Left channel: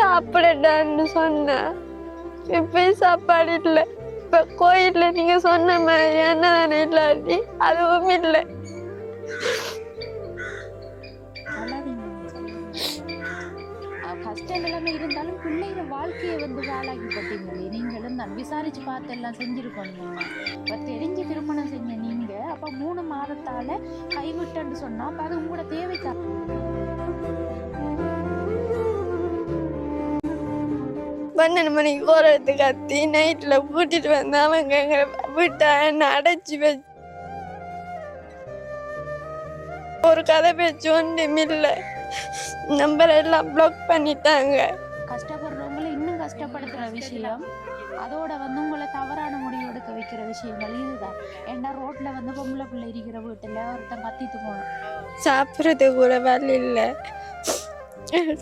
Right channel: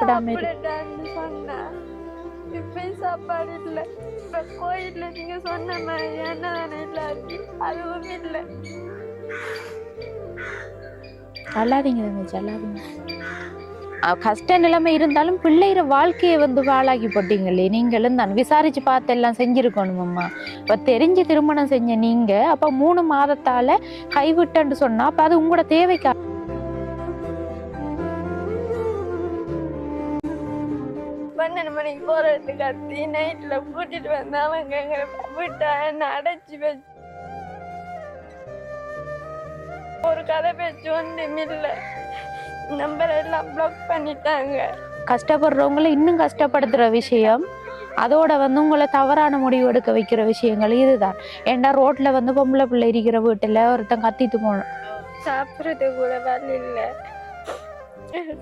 சாப்பிடட்டான்னு சொன்னேன். இப்ப சாப்பாடு இல்ல. இப்ப கோயில்ல நீங்க சொன்ன மாதிரி அன்னதானம் இல்லாட்டி அதுவும் இல்லை. கஷ்ட நிலைமை இருந்தாலும் பிள்ளைகிற வாழ்க்கையை வந்து வாழாக்கி போட்டீங்களே. நீங்களும் தான் விசாரிச்சு பார்த்து எல்லாம் செஞ்சிருக்கணுமம்மா. இப்ப தெரிஞ்சு திருமணம் செஞ்ச நீங்க அப்ப 3 மாதத்தால கைவிட்டன்னு சொன்னா அப்ப அது உங்களோட தேவைக்கா 12 மணிக்கு போறதுக்கு கத்தி நைட்ல கூட்டிட்டு வந்து அவங்க எங்களை விட்டா என்ன அடைச்சி வச்சு ஒரு கதை பேச்சு ஒன்றும் இல்லை. நம்பர் எல்லாம் பிளாக் பண்ணிட்டாங்க. கஷ்டப்படுறவங்களை இன்னும் கஷ்டப்படுத்துற விஷயம், அதோட வந்து உங்களை தவறான முடிவு எடுக்க வைக்கிற விஷயங்கள் இதுதான். ஏன்னா ரோட்ல வந்து பொம்பளை பிள்ளை இருக்கிற வீட்டுல ஒருத்தன் கத்திட்டு போனோம். சாப்பிட்றது கூட வழி இல்லை.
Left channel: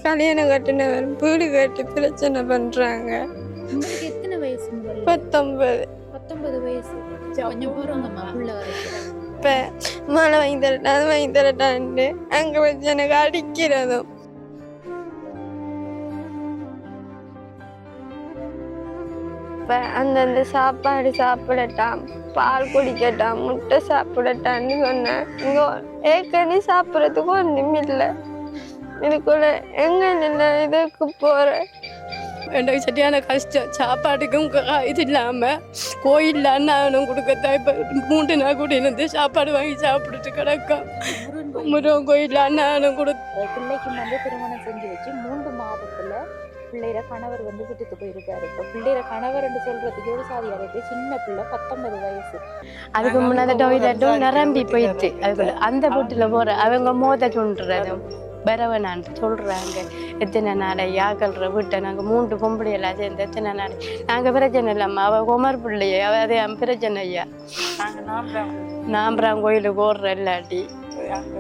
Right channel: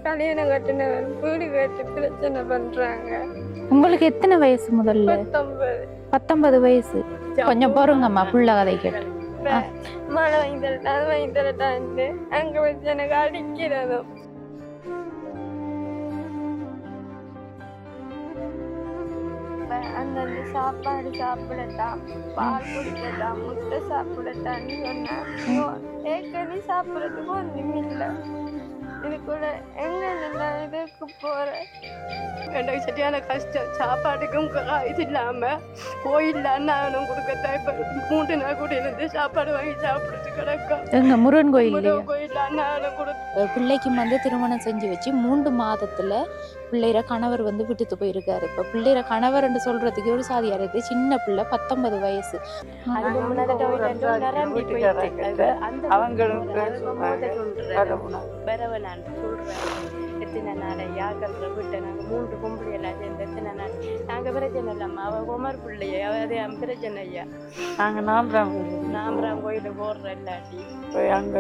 கல்யாணம் கட்டினவர் வீடு கட்டி பிரச்சனை பண்றாங்க. உங்களுக்கு எத்தனை வயசு முதல்ல? 19 வயசு. கொஞ்சம் பொறுங்கம்மா புள்ள கதைக்கு. இப்ப மழை வாங்கி தரட்டா அது வாங்கி தரட்டான்னு அங்க வச்சு எனக்கு அடிக்கிறதும். இப்ப அந்தந்த சாப்பாடு சாப்பிடட்டாம், பால் குடிக்கட்டாம், முட்டை சாப்பிடட்டான்னு சொன்னேன். இங்க ஏற்கனவே சாப்பிடறதுக்கு ஒன்றும் இல்லை. இதுக்குள்ள எங்க நின்று இதுக்கு போறேன். எனக்கு சரியான கஷ்டம். சாப்பாட்டுக்கும் இது இல்லாம கோயில்ல அண்ணானும் கொடுக்கத்தான் இப்ப 3 நாள் கூட இருந்து சாப்பாடு வாங்கி சாப்பிட்டுட்டு கிடக்கும். முருகன் கோயில்ல அண்ணானும் பிள்ளைக்கு வந்து திருமணம் செஞ்சு வச்சு 3 மாதத்துல பிள்ளைற கணவர் வந்து விட்டுட்டு போயிருக்காரு. இப்ப பிள்ளைற கணவர் என்று சொல்றதுக்கு ஒரு சாதியா இருக்கு. சின்ன பிள்ளை 19 வயசு. அதுக்கு முன்னாடி டொய்லெட்டும் நிரம்பி போயிட்டு அந்த வீட்டுல போற அவங்க மோத சொல்றது பரவனான்னு சொல்றாங்க. எத்தனை நாளை யாக்கல்ற வீட்டை நாங்கள் 3 பொம்பளை எல்லாம் சேர்ந்து எத்தனை நாள் நாங்கள் பிரச்சனை இல்லாம அவ குமர் பிள்ளைய அதே பிரச்சனை ஐயா. நாங்கள் நாம்பராம் கோயிலுக்கு ஓடுற இல்லாட்டி அங்க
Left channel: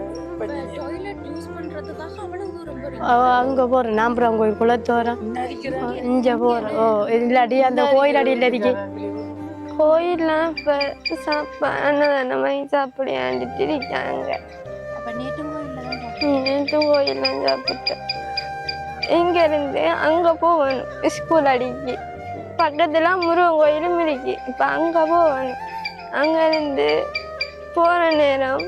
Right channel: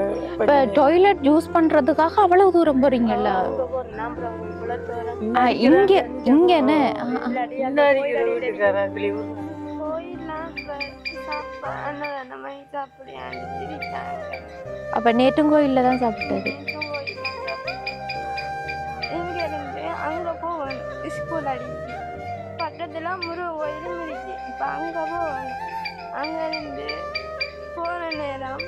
டாய்லெட் யூஸ் பண்றதுக்காக அவ்வளவு தூரம் போறீங்க? அங்க போறோம் நாம்பராம் கோயில் குளத்தோரம் இல்லாட்டி அந்த கோயில் அடியில் இருக்கு. கோயில்லாம் இப்ப அன்னதானம் வாங்கி சாப்பிடியாண்டு திரிக்காங்க. அப்ப நேற்றும் கோயில்ல தான் சாப்பிட்டேன். நேற்றும் கோயில் தான் சாப்பிட்டேன். இங்க இருந்து அங்க போகணும். ஸ்கூல் அடிக்கு பக்கத்துல முருகன் கோயிலும் இருக்கு. இப்ப அங்க போகணும். அங்க இருந்து போற நேரம்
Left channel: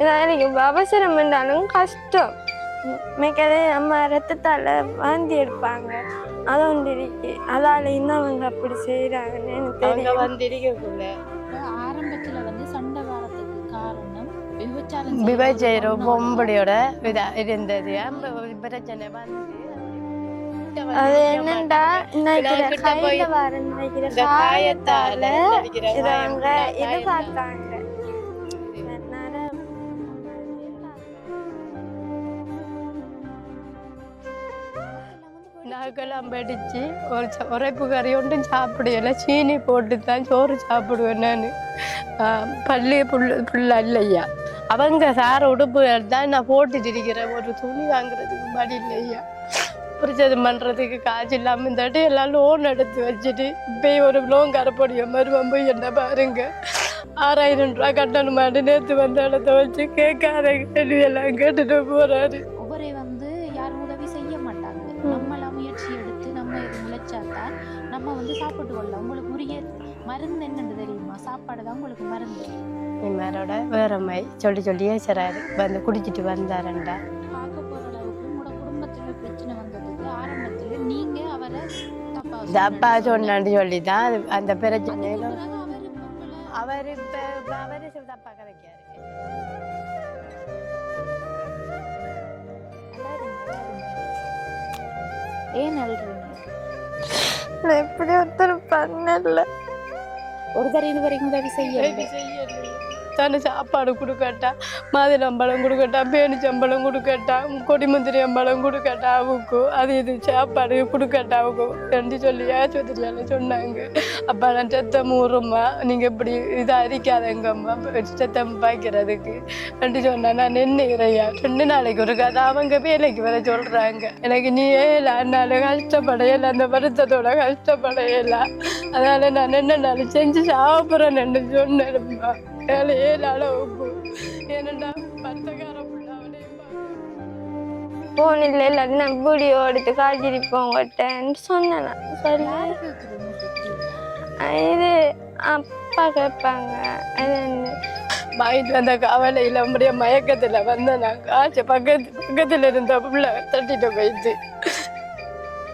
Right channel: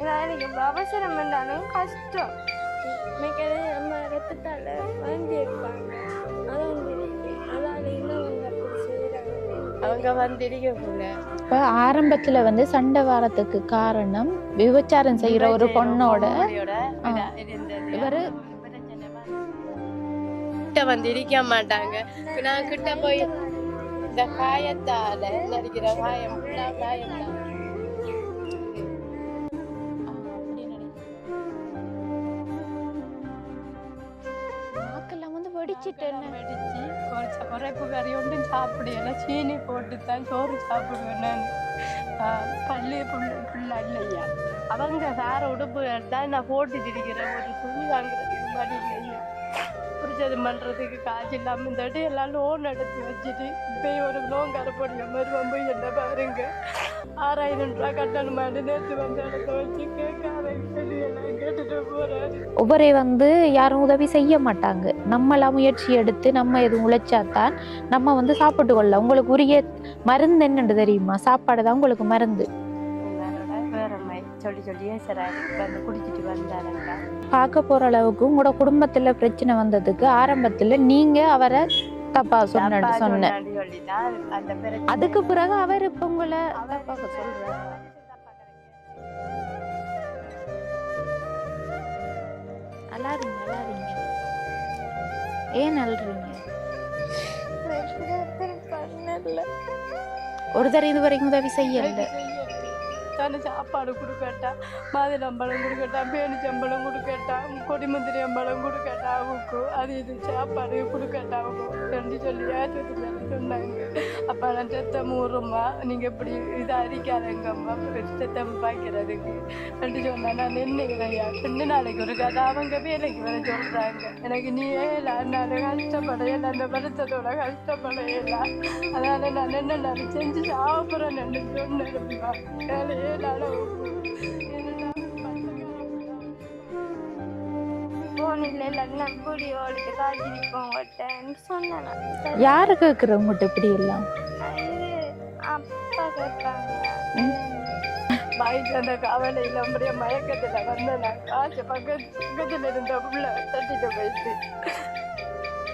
இதானிக்கு அவசரம் பண்ணாலும் கஷ்டம். மிக்கதே நம்ம ரத்தத்தால வாந்தி எடுப்பாங்க. அது ஒன்று இருக்கு. அதால இன்னும் அவங்க அப்படி செய்யறாங்கன்னு எனக்கு தெரியும். வந்திருக்கக்குள்ள இப்ப ஆரம்பத்துல வந்து சண்டை வாரத்துக்கு காரணம் விபச்சாரம் செய்யற பொம்பளையோட இருந்தது. பிரச்சனை காயத்தால இதை பார்த்தாங்க. படிச்சு உரைப்பு கறி ஒன்றும் சாப்பிடல. சீனி போட்டு தான் சோறு சாப்பிடுவேன் நான். பள்ளி புள்ள இல்லையா அவங்க சார உடுப்பு தான் நான் போட்டுட்டு இருக்கிறேன். ஒரு துணி வாங்குறதுக்கு மடி இல்லையா. பிரச்சனை பண்றதுக்கு காசு இல்லாம இந்த எல்லாம் லோன் எடுத்து வச்சுட்டு இப்ப ஒரு லோன் கரப்படிய மருவம் போய் என்ன பாருங்க 6000 ரூபாய் கட்டணுமாட்டு நேற்று வந்து இடத்த வச்சு கேட்காத கேள்வி எல்லாம் கேட்டுட்டு போறாரு. ஒவ்வொரு வந்து யாரும் உதவி செய்ய மாட்டாங்க. நம்மளாம் முயற்சி எடுத்து நம்ம எது உழைச்சாத்தான் நம்ம வந்து சாப்பிட்டு கொள்ளலாம். உங்களுக்கு உரிய மருந்து என்னன்னு தெரியுமா? சாப்பாடு தான் உங்களுக்கு மருந்து. இவரோட வேற மாதிரி சொல்லியே சராரு வந்து குடிச்சிட்டு வந்தாருண்டா. பார்க்க போற அளவுக்கு உங்களோட குடும்பத்துல பிரச்சனை வந்ததுக்கு ஆரம்பத்துல நீங்க அவரை தப்பா சொல்லிதான் அந்த பிரச்சனை. அதுக்கு பிறகு அவர் இப்ப உங்களை தப்பா கிடைக்காது. ஏன் அல்றீங்க? எப்படி ஒருத்தர் பண்ணல. ஒரு தடவை இது வரைக்கும் உதவி செய்ய தானே சாப்பாடு கொடுக்கட்டா, மாதுளம்பழம் கொடுக்கட்டா, பேனிச்சம்பழம் கொடுக்கட்டா, கொடிமுந்திரி அம்பழம் கொடுக்கட்டா அவுக்கு அது இது சாப்பாடு கொடுக்கட்டா அவுக்கு ரெண்டு சொல்லி ஆஸ்பத்திரியால சொன்னாங்க. அப்போ நான் சத்தம் ஊறும்மா நீங்கள் இப்படி இதாக அரிக்காதங்கம்மா சத்தம் பாய்க்கிறதுக்கு ரெண்டு சொன்னா நான் நின்றுக்கிறையா 2 நாளைக்கு ஒரு கதை அவங்க வேலைக்கு வர சொல்கிறாங்க. எனக்கு நீ ஏழாண்டாலும் கஷ்டப்படையில அந்த வருத்தத்தோட கஷ்டப்படையில அதனால நான் 2 நாள் செஞ்சு சாப்பிட்றேன்னு சொன்னேன். போன் இல்லை இல்லாட்டி நான் வீடியோ எடுத்து காய்ச்சிருப்போம் விட்டேன்னு சொன்னேன். சரி யாரு கேக்குற உங்கள்கிட்ட இப்படி எல்லாம்? இது அப்பா கேட்பாங்க. வாங்கிட்டு வந்த கவலையில் அப்படியே மயக்கத்தில் வந்தேன். நான் காய்ச்ச பக்கத்தில் இருந்த பிள்ளை தட்டிட்டு போயிடுச்சு.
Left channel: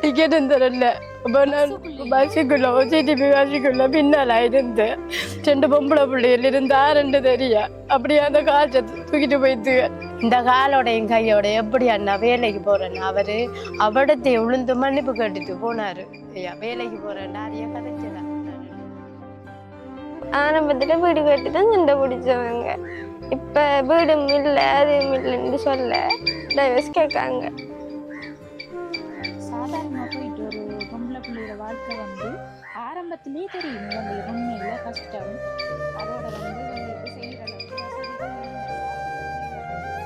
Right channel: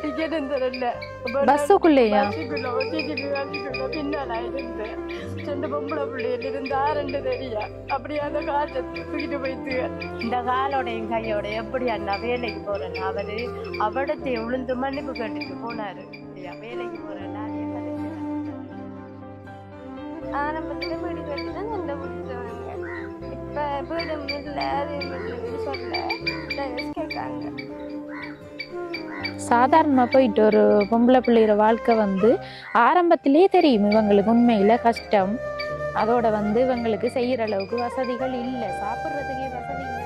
டிக்கெட் தரல. பஸ்ஸுக்குள்ளேயா? பஸ்ஸுக்குள்ள OCTP பஸ்ஸுக்குள்ள பின்னால் இருந்து 2 பொம்பளை பிள்ளைகள் இருந்தா 2 தெரியா அப்படியே அந்த காய்ச்ச தூக்கிட்டு போயிட்டு. இந்த காலோடையும் கையோட எப்படி அண்ணா வேலைக்கு போறேன்னு அவரு அவடத்தை உளுந்து மன்னிப்பு கேட்டுட்டு போனாரு. ஐயா வேலைக்கு போறேன் நிறைய ஆரம்பத்துல வீடு கட்டி தான் சண்டை பிடிச்சவங்க. இப்ப வீடும் இல்லை அதுவும் இல்லைன்னு சொல்ல டைவர்ஸ் கேட்காங்க. சாதாரணமா போயிட்டு ஒரு பொம்பளை பிள்ளைகிற வாழ்க்கை வந்து ஆரம்பத்திலேயே தெரியும் இவங்களுக்கு உண்மையில கஷ்டம். அதோட வந்து இவங்களுக்கு செய்யற அளவுக்கு வசதிகள் இல்லை. சாப்பிட்றதுக்கே வசதி இல்லை.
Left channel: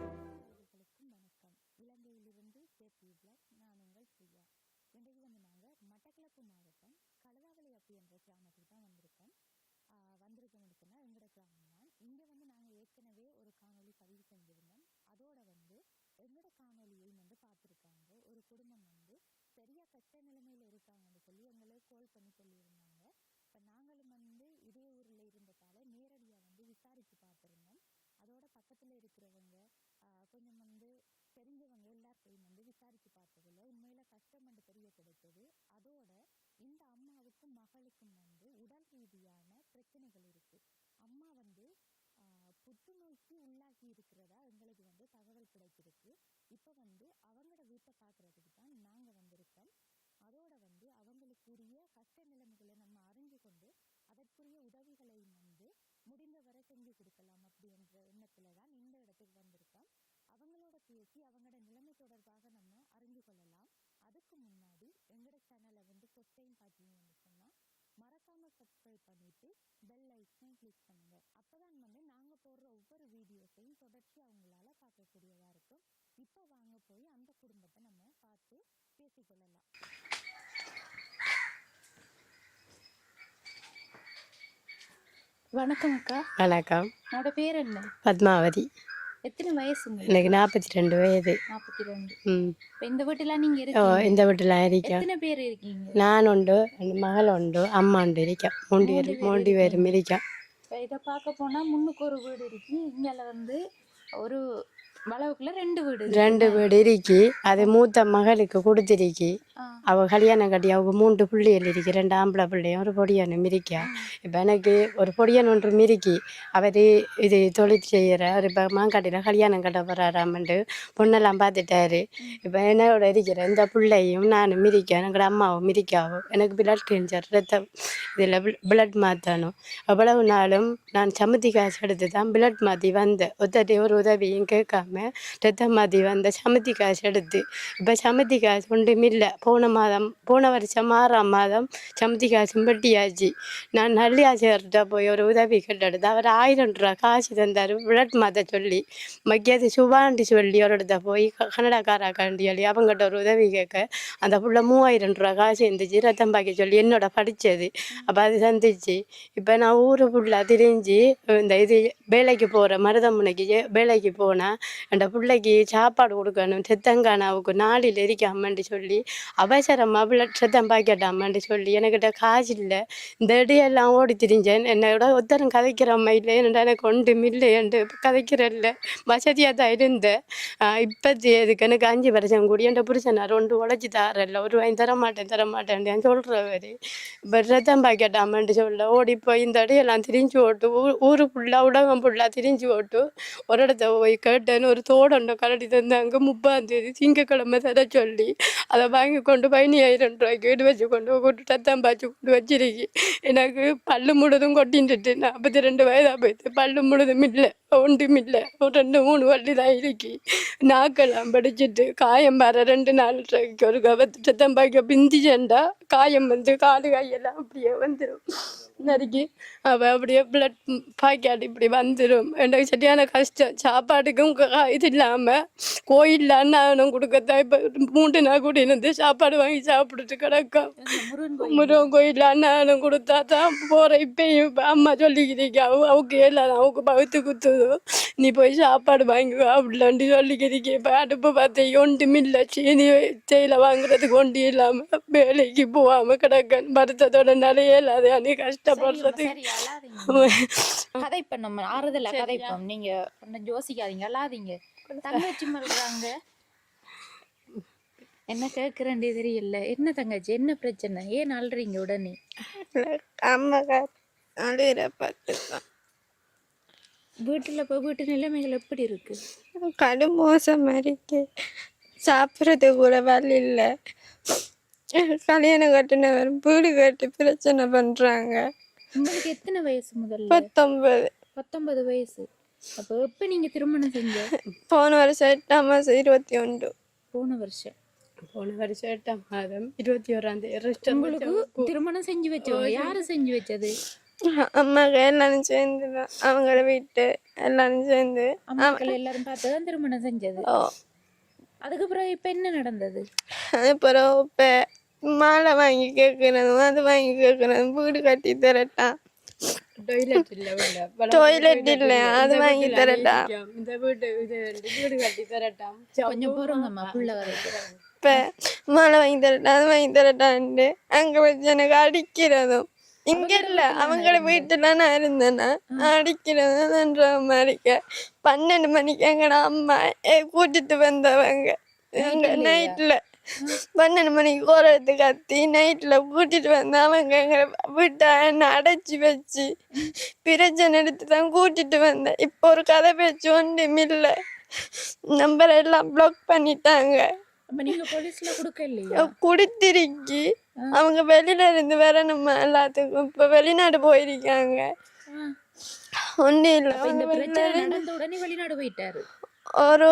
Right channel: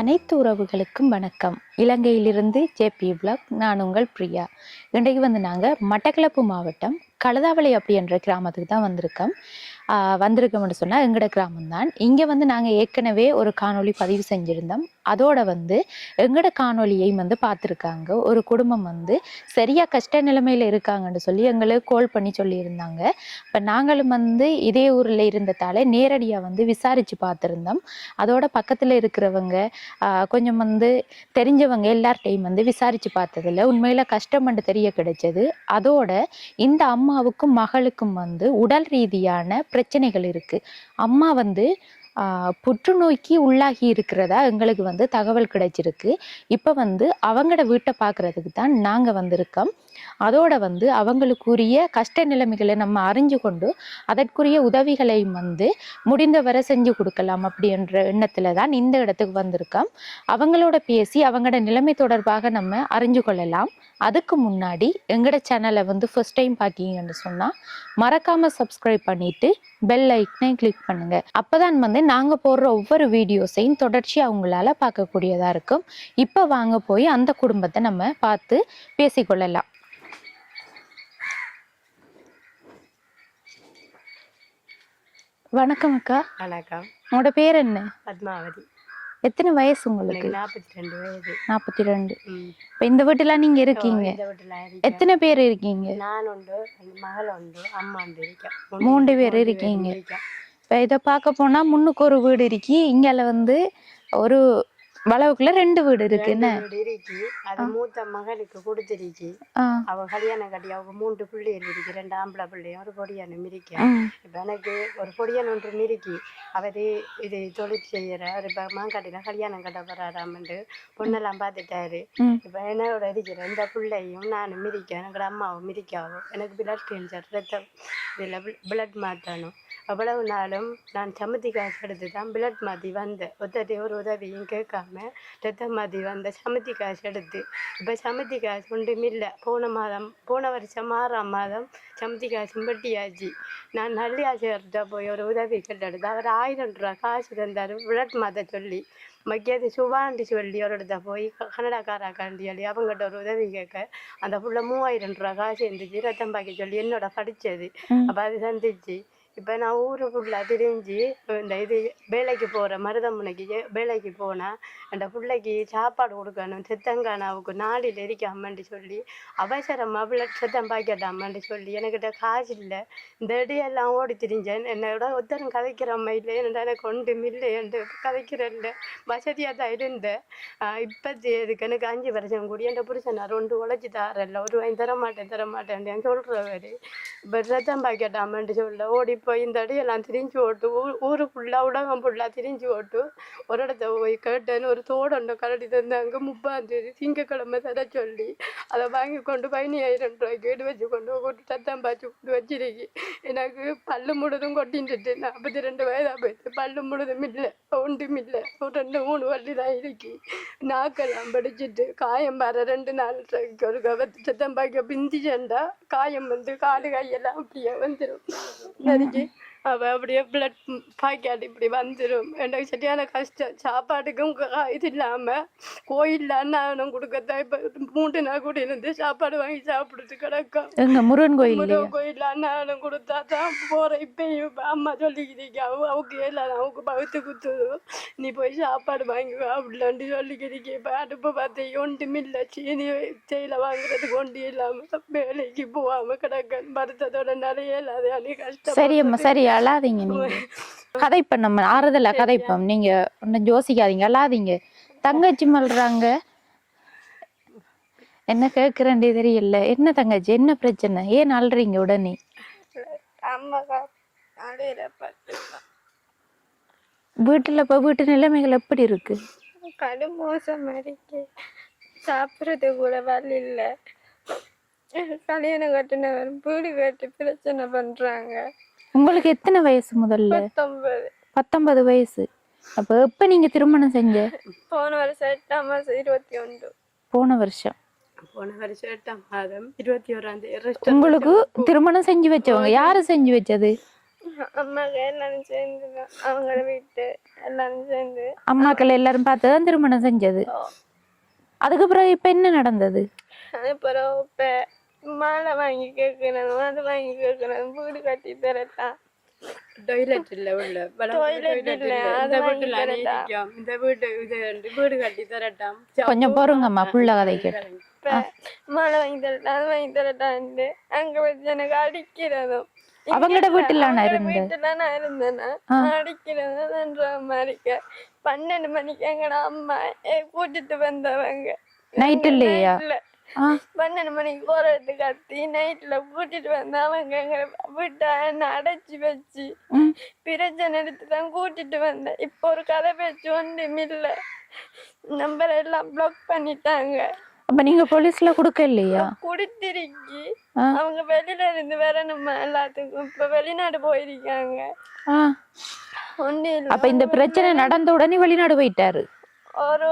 அனைத்து உறவுகளுக்கும் வணக்கம். இலங்கையிலிருந்து ஜேபி பிளாக். நான் உங்கள் பிரியா. இன்றைக்கு வந்து நாங்கள் மட்டக்களப்பு மாவட்டம் கழுதாவளை அப்படின்ற கிராமத்துக்கு தான் வந்திருக்கோம்னு சொன்னால் எங்களோட கிராமம் தான். இங்கே வந்து நாங்கள் ஏற்கனவே ஒரு காணொளி பதிவு செஞ்சுருந்தோம். அதோட வந்து எங்களோட காணொலியையும் வந்து பார்த்துருக்காங்க. ஒரு குடும்பம் வந்து சரியாக கஷ்ட நிலைமையில் இருக்காங்கன்னு சொல்லி எங்களுக்கு கால் பண்ணி சொல்லியிருந்தாங்க. இப்போ நாங்களும் வந்து இதே ஊரில் இருந்ததால் நேரடியாக வந்து விசாரித்து பார்த்துருந்தோம். அதோட பக்கத்தில் இருக்கிறவங்க கொஞ்சம் வந்து தெரிஞ்சவங்க எல்லார்ட்டையும் வந்து விசாரித்து பார்த்ததில் உண்மையில் கஷ்டம்னு தெரிய கிடைச்சது. அதோட இந்த அம்மாவுக்கும் மகளுக்கும் வந்து உடல் ரீதியான பிரச்சனைகள் இருக்கு. அம்மா வந்து புற்றுநோய்க்கு உள்ளாகி இருக்கிறதா எங்களுக்கு வந்து தகவல் கிடைச்சிருக்கு. இப்போ வந்து அவங்களோட வீட்டை பார்க்கறதுக்கு தான் நாங்கள் வந்திருக்கோம். அதோட வந்து அவங்களுக்குரிய கஷ்ட நிலைமைகளை நம்ம அறிஞ்சு கொண்டு அதற்குரிய உதவிகளையும் வந்து முடிந்தவரை செஞ்சு கொடுக்கலாம் அப்படின்ற எண்ணத்துல தான் இந்த இடத்துக்கு வந்திருக்கோம். அவங்களோட பேசி அவங்களோட நிலைமை தொடர்பாக நம்ம அறிஞ்சு கொள்ளலாம். அதுக்கு முன்னாடி எங்களோட சேனலை வந்து ஃபர்ஸ்ட் டைம் பார்க்கிங்கன்னு சொன்னால் மறக்காம சப்ஸ்கிரைப் பண்ணிட்டு பெல் ஐக்கனை கிளிக் பண்ணுங்க. அப்போதான் வந்து நாங்கள் போடுற ஒவ்வொரு வீடியோஸையும் தொடர்ச்சி அவங்களால பார்க்கக்கூடியதா இருக்கும். இப்போ வாங்க போய் அந்த குடும்பத்தை நம்ம பார்த்து பேசிக்கொள்ளலாம். வணக்கம் அக்கா. வணக்கம். உங்களோட பேர் என்ன? பத்மாவதி. எத்தனை வயசு உங்களுக்கு? எனக்கு 42 வயது. 42. இப்போ இந்த வீட்டுல நீங்க இருக்கீங்க? இந்த வீட்டுல இருக்கேன். எத்தனை பேர் இருக்கீங்க? நான் உண்டு, மகள் உண்டு, அம்மா உண்டு இருக்கேன். 3 பேர் இருக்கீங்க. இப்போ இதை பார்க்க போனா முன்னுக்கு ஒரு வீடு இருக்கு, இங்கால வந்து ஒரு வளவுக்குள்ள 2 வீடு இருக்கு. 2 வீடு இருக்கு. அது மூத்த மகளுக்கு கொடுத்திருக்கு. அவ கல்யாணம் கட்டி அவங்க 3 பிள்ளைகள் இருக்கு. 2 ஆம்பளை பிள்ளையும் ஒரு பொடியனும் இருக்கா. இப்ப எனக்கு ஒரு பொடியன் ஒன்று மிரிக்கி அவரு இது தொழில் செய்யற இப்ப மாங்காட்டில கல்யாணம் கட்ட போறாராமண்டு பொண்ணெல்லாம் பார்த்துட்டாரு. இப்ப என்னோட இருக்கிற இந்த பிள்ளையும் நானும் மிரிக்க எங்களோட அம்மாவும் மிரிக்காவும் எனக்கு பிளட் கேன்சர் ரத்தம் இதுல பிளட் மாற்றணும். அவ்வளவு நாளும் நான் சம்மதி காசு எடுத்து தான் பிளட் மாற்றி வந்தேன். ஒத்தட்டை ஒரு உதவியும் கேட்காம ரத்தம் மாற்றி வந்த சமத்தி காசு எடுத்து இப்போ சமத்தி காசு ஒன்றும் இல்லை. போன வருஷம் 6ஆம் மாதம் சமத்தி காசும் வெட்டியாச்சு. நான் நல்லியாச்சிட்ட போய் ஒரு உதவி கேட்டெடுத்து அவர் 1000 ரூபா காசு தந்தார் பிளட் மாற்ற சொல்லி. மக்கியது சுபாண்டி சொல்லி ஒரு இடத்த போய் கனடாக்காராக்காண்டி சொல்லி அவங்ககிட்ட ஒரு உதவி கேட்க அந்த புள்ள 3000 ரூபா காசு இருந்துச்சு ரத்தம் பாக்கி சொல்லி என்னோட படித்தது. அப்போ அது சந்திச்சு இப்போ நான் ஊரு ஃபுல்லாக திரிஞ்சு இந்த இது வேலைக்கு போகிற மருதமுனைக்கு வேலைக்கு போனால் அந்த பிள்ளைக்கு சாப்பாடு கொடுக்கணும். செத்தங்கானாவுக்கு 4 இருக்காமன்னு சொல்லி அவசரமாக பிள்ளை செத்தம் பாக்கட்டாமன்னு சொல்லி எனக்கிட்ட காசு இல்லை. இந்த இடையெல்லாம் ஓடி திரிஞ்சேன். என்னோட ஒருத்தரும் கதைக்கிற அம்மா இல்லை, என்னோட எனக்கு ஒன்றும் இல்லை என்று கதைக்கிறல்ல வசதியாக தான் இருந்தேன். இப்போது எதுக்கு எனக்கு 5 வருஷம் கூடி என் புருஷனார் 1 உழைச்சி தாரல, ஒரு வாங்கி தரமாட்டேன் சொல்கிறவர். இப்போ ரத்தம் பாக்கட்டாமன்னு சொல்ல ஓடி போய் இந்த இடையெல்லாம் திரிஞ்சு ஓட்டு ஊரு ஃபுல்லாக உலகம் ஃபுல்லாக திரிஞ்சு ஓட்டு ஒரு இடத்த போய் கேட்டேன்னு ஒரு தோடண்டை கரடி தந்தாங்க. 30ஆம் தேதி திங்கக்கிழமை தர சொல்லி அதை வாங்கி கொண்டு 15,000 ரூபாய்க்கு வீடு வச்சு கொண்டு ரத்தம் பாய்ச்சி கொண்டு வச்சிருக்கி. எனக்கு பல்லு முழுதும் கொட்டின்ட்டு 42 வயதாக போயிடுது. பல்லு முழுதும் இல்லை, ஒன்றும் இல்லை, ஒரு 2-3 வள்ளி தான் இருக்கி. நாக்கெல்லாம் படிச்சுட்டு காயம் வர 2-4 ரூபாய்க்கு ஒரு கவத்து ரத்தம் பாய்க்க பிந்திச்சேன்டா காயம் வந்து காலு கையெல்லாம் அப்படியே வந்துடும். நறுக்கி அவள் அப்படியே பிளட் பாய்க்காடு இப்படி வந்துடும். எனக்கு சரியான கஷ்டம். சாப்பாட்டுக்கும் இது இல்லாம கோயில்ல அன்னதானம் கொடுக்கத்தான் இப்ப 3 நாள் கூட இருந்து சாப்பாடு வாங்கி சாப்பிட்டுட்டு கிடக்கும். எங்க முருகன் கோயில் முருகன் கோயில்ல அன்னதானம் கொடுத்தா தான் போற. இப்பயும் இப்ப அம்மா சொல்லிக்கிறீங்க அவுக்கு எல்லாம் அவுக்கு பகுத்து குத்துதோ நீ போய் சாப்பாடு வாங்கி அப்படிலான்ட்டு சொல்லிக்கிறீங்க. இப்ப அடுப்பு பார்த்து ஒன்றும் இல்லை, சீனி தேயிலை வாங்குறதுக்கு ஒன்றும் இல்லாம வேலைக்கு போகாம கிடக்க வருத்தத்தோட நிறைய இல்லாத சரி கஷ்டம். அம்மா சரி அழாதீங்க கதைப்ப நம்ம ஆறுதலா கதைப்போம் நீங்க ஒன்னும் யோசிக்காதீங்க அழாதீங்க. தங்கச்சி மல்றாங்க என்ன கேக்குறேன்டே தெரியல. என்ன தங்கச்சி என்ன பிரச்சனை ஏன் அழுறீங்க உடனே? அம்மா அழுகிற பார்த்துதான் வீட்டுல இப்ப வீட்டு நிலைமைகள் எப்படி இருக்கு? கடும் மோசமா இருக்கு. சாப்பிட்றது கூட வழி இல்லை. கல்யாணம் கட்டினவர் வீடு கட்டி பிரச்சனை பண்றாங்க. உங்களுக்கு எத்தனை வயசு முதல்ல? 19. 19 வயசு. அப்ப எப்ப நீங்க திருமணம் செஞ்ச? போன வருஷம் 8ஆம் மாசம் 21. போன வருஷம் 8ஆம் மாதம் 21ஆம் தேதி. உங்களுக்கு திருமணம் செஞ்சு வச்சவங்க யாரு செஞ்சு வச்சது? அம்மாக்கு எல்லாரும் சேர்ந்து அவங்கள வீட்டு எல்லாரும் சேர்ந்து அம்மாக்கள் எல்லாரும் பார்த்துதான் திருமணம் செஞ்சது. அதுக்கு பிறகு இப்ப என்ன நடந்தது? அதுக்கப்புறம் இப்ப மாலை வாங்கி கேட்கறதும் அது வாங்கி கேட்கறதும் வீடு கட்டி தரட்டா, டாய்லெட் இல்ல அது வாங்கி தரட்டா, இந்த வீடு கட்டி தரட்டாம். கொஞ்சம் பொறுங்கம்மா புள்ள கதைக்கு. இப்ப மாலை வாங்கி தரட்டா அது வாங்கி தரட்டான்ட்டு அங்க வச்சு எனக்கு அடிக்கிறதும். அவங்களோட வீட்டுல நான் இருந்தேன்னா அடிக்கிறதுன்ற மாதிரிக்க 12 மணிக்கு எங்கட அம்மா கூட்டிட்டு வந்தவங்க. நைட்ல 12 மணிக்கு கோரத்து கத்தி நைட்ல கூட்டிட்டு வந்த அவங்க எங்க வீட்டை என்ன அடைச்சி வச்சு பிரச்சனை எடுத்துதான் கூட்டிட்டு வந்தேன். இப்போ ஒரு கதை பேச்சு ஒன்றுமில்ல. நம்பர் எல்லாம் பிளாக் பண்ணிட்டாங்க. அப்ப நீங்க போலீஸ்ல கொடுக்க இல்லையா? குடித்திருக்கி அவங்க வெளியில இருந்து வரணுமா எல்லாத்துக்கும். இப்ப வெளிநாடு போயிருக்காங்க. ஒண்ணு இல்ல. அப்ப இந்த பிரச்சனை நடந்த உடனே வெளிநாடு போயிட்டாரு. ஒரு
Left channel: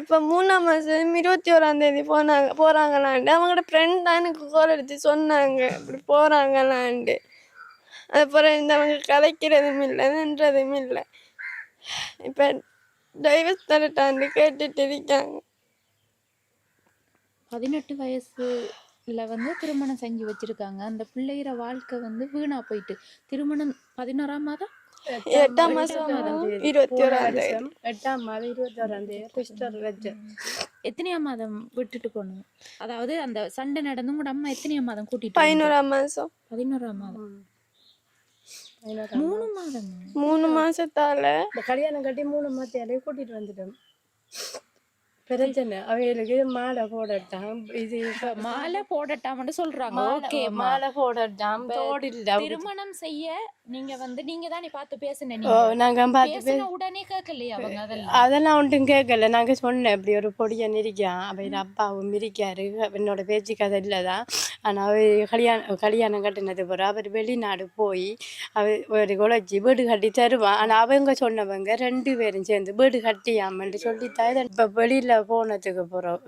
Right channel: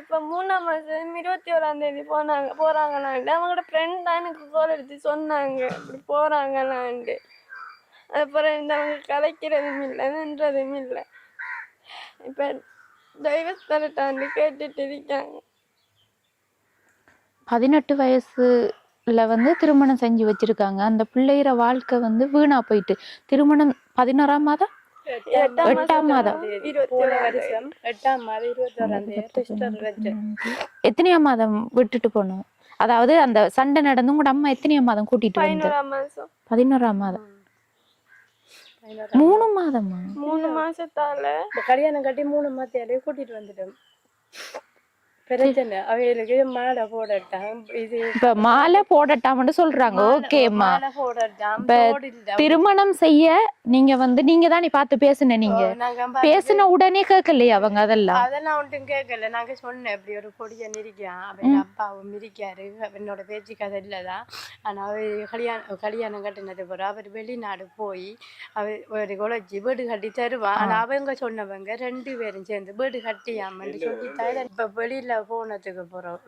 இப்ப 3ஆம் மாசம் 21ஆம் தேதி போறாங்களாண்டு அவங்களோட ஃப்ரெண்ட் தான் எனக்கு கோல் எடுத்து சொன்னாங்க இப்படி போறாங்களாண்டு. அதுக்கப்புறம் இந்த அவங்க கதைக்கிறதும் இல்லைன்றதும் இல்லை. இப்ப டைவர்ஸ் தரட்டாண்டு கேட்டுட்டு இருக்காங்க. 18 வயசுல திருமணம் செஞ்சு வச்சிருக்காங்க. அந்த பிள்ளைகிற வாழ்க்கை வீணா போயிட்டு திருமணம் 11ஆம் மாதம் 8ஆம் மாதம் 21ஆம் தேதி. எத்தனையாம் மாதம் விட்டுட்டு போனோம்? அதாவது அந்த சண்டை நடந்து உங்க அம்மா எத்தனையாம் மாதம் கூட்டிட்டு? 11ஆம் மாசம். 11ஆம் மாதம் 3 மாதமா? 3 மாசத்தால கல்யாணம் கட்டி 3 மாசத்தாலே கூட்டிட்டு வந்துட்டோம். பிரச்சனை அவைகளுக்கு மாலை போடட்டாம். இது இப்ப மாலை போடட்டாம்னு சொல்றாங்க. ஓகேம்மா, திருமணம் செய்ய நீங்க நீங்க தானே பார்த்து பேசுன. நீங்க பேசுன உடனே கேட்கலையா அவங்க? அதெல்லாம் ஒன்றும் கேட்கல. நாங்க சொன்னேன் இப்படி ஒரு பொடியன் இருக்கான், அவன் அப்பாவும் இருக்காரு, என்னோட பேச்சு கதை இல்லதான். ஆனா அவர் கல்யாணம் கட்டினது பிறகு அவர் வெளிநாடு போய் அவர் ஒரு குழச்சி வீடு கட்டி தருவான். ஆனா அவங்க சொன்னவங்க 2 பேரும் சேர்ந்து வீடு கட்டியாமன்னு சொல்லித்தான் இப்ப வெளியில போனதுக்கு போறோம்.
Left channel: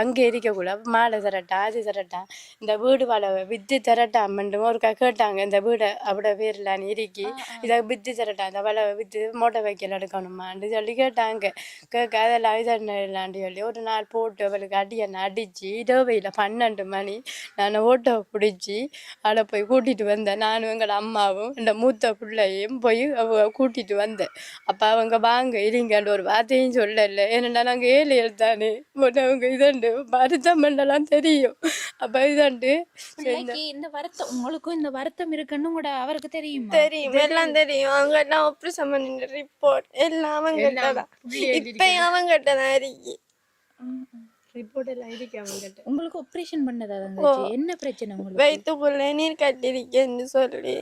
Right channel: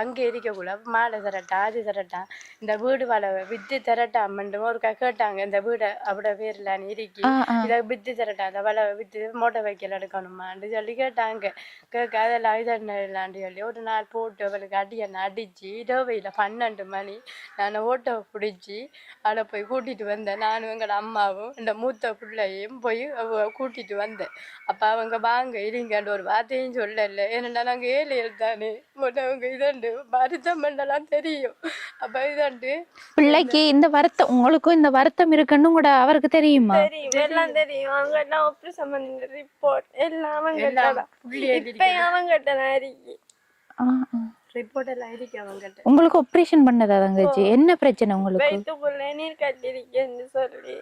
அங்க இருக்கக்கூட மாலை தரட்டா அது தரட்டா இந்த வீடு வாழ வித்து தரட்டாமன்னு ஒரு கேட்டாங்க. இந்த வீடு அவட பேர்ல இருக்கி இதை வித்து தரட்டா அந்த வளை வித்து மோட்டை வைக்கல எடுக்கணுமான்னு சொல்லி கேட்டாங்க. கேட்க அதெல்லாம் இதெல்லாண்டு சொல்லி ஒரு நாள் போட்டு அவளுக்கு என்ன அடிச்சு இரவையில 12 மணி நான் ஓட்டோ பிடிச்சி அதை போய் கூட்டிட்டு வந்தேன். நானும் எங்களோட அம்மாவும் இந்த மூத்த பிள்ளையும் போய் கூட்டிட்டு வந்தேன். அப்ப அவங்க வாங்க இருங்கன்னு ஒரு வார்த்தையும் சொல்லல. ஏன்னா நாங்க 7 எழுத்தானே அவங்க இதண்டு வருத்தம் பண்ணலாம் தெரியும். அப்ப இதண்டு பிள்ளைக்கு இந்த வருத்தம் உங்களுக்கும் இந்த வருத்தம் இருக்குன்னு கூட அவருக்கு தெரியுமா? தெரியும், எல்லாம் தெரியும். அவங்க எல்லாம் ஆபரேஷன் பண்ணிட்டு ரிப்போர்ட் எல்லாம் அவங்ககிட்ட இப்ப அவங்ககிட்ட தான் இருக்கு. ரிப்போர்ட் எல்லாம் இருக்கு அவங்ககிட்ட. உங்களுக்கு ஆபரேஷன் பண்ணதா தங்கச்சி? என்ன பிரச்சனை உங்களுக்கு? வயிற்றுக்குள்ள நீர் கட்டிருக்கேன்னு சொல்லி